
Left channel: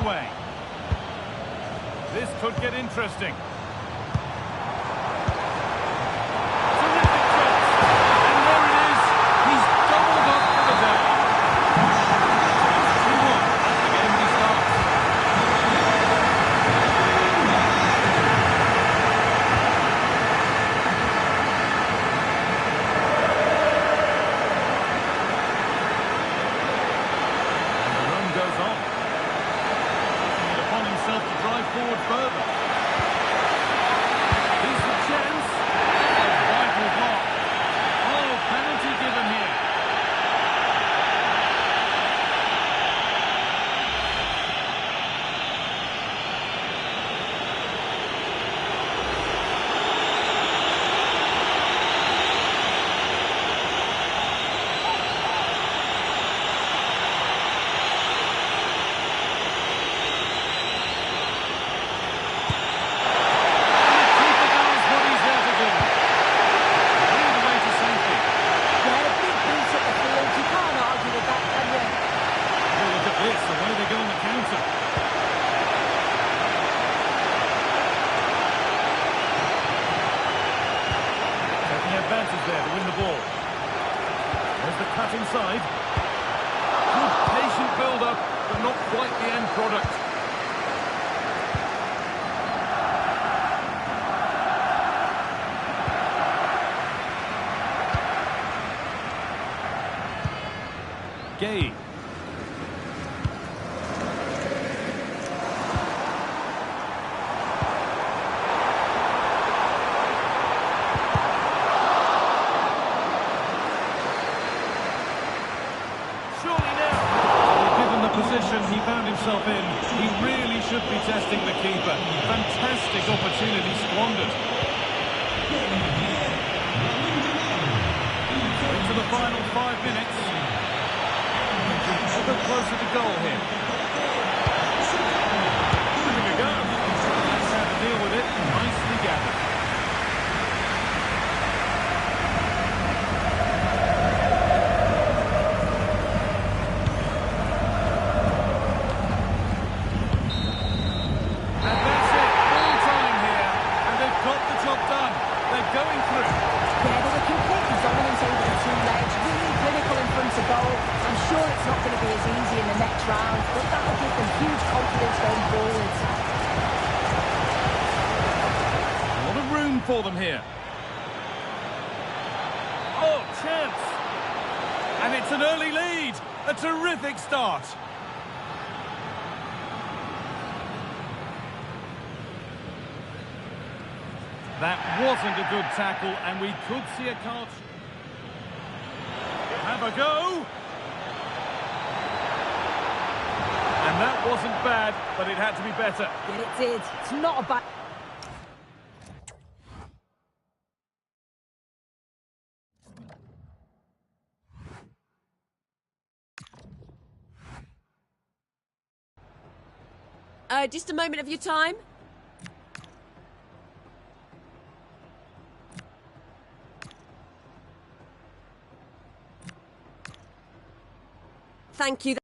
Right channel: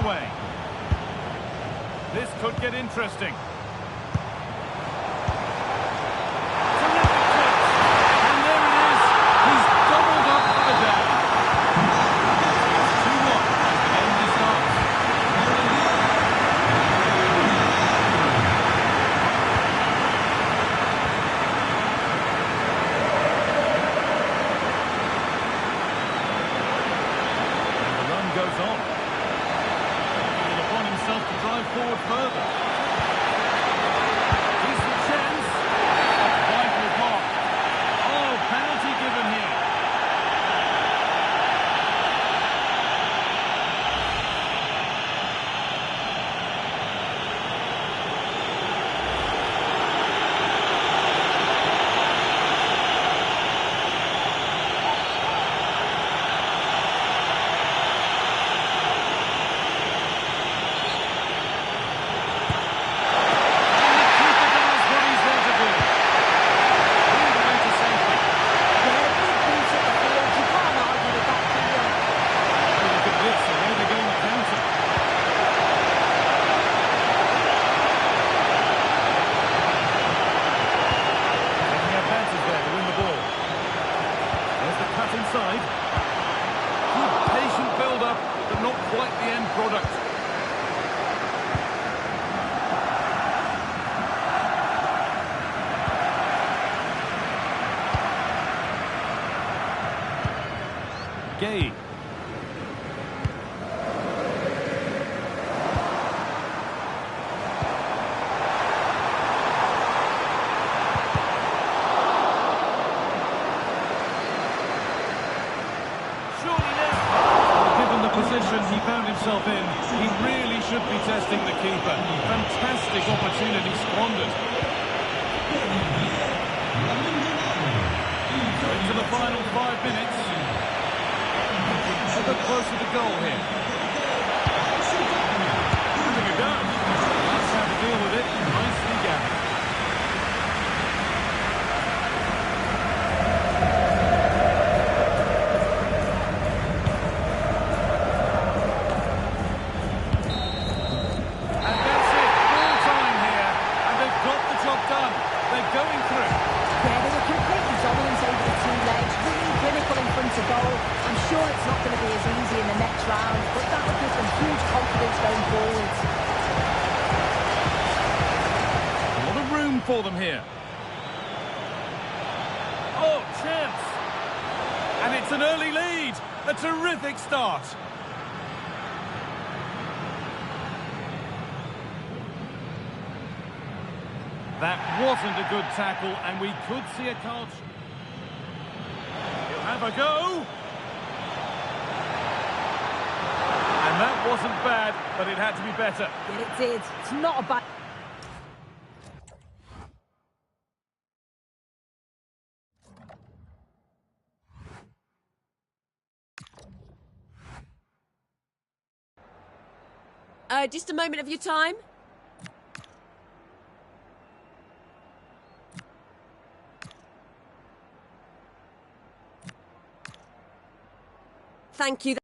away. This could get interesting. Terrific chance. And there it is. He's doubled up for the day. So it's 2-1 as the game restarts. And the run goes on. Taking it upon himself to drive forward further. Decent chance. A vital block. Oh, penalty given here. And the keeper does what he's there to do. Cleared away to safety. Yeah, a big boost at the field. You can't argue with that, can you? Oh, look at this, the way they go on the counter. Taking advantage there to win the ball. There's the cut inside. Good patient build-up, but not quite the end product. Gay. Surely now. Well, given the position he found himself in, he really should be testing the keeper. Fantastic opportunity squandered. So into the final 5 minutes. Ever closer to goal here. Having a go. That's how to deal with it. Nicely gathered. And that's it. Full time here. And they've got the job done. They're going through. Yeah, they were completely dominant over the two legs, really clinical in front of goal. I'm sure it's not going to be as easy in the next round, but that'll give them huge confidence going forwards. A lot of room for them here. Oh, chance! And it's an early lead. A terrific start. That wasn't a good tackle, and we could see a card. He'll have a go. And that wasn't bad, but it had to be better. Yeah, it did. It's not a bad... Just a moment of your time. Thank you.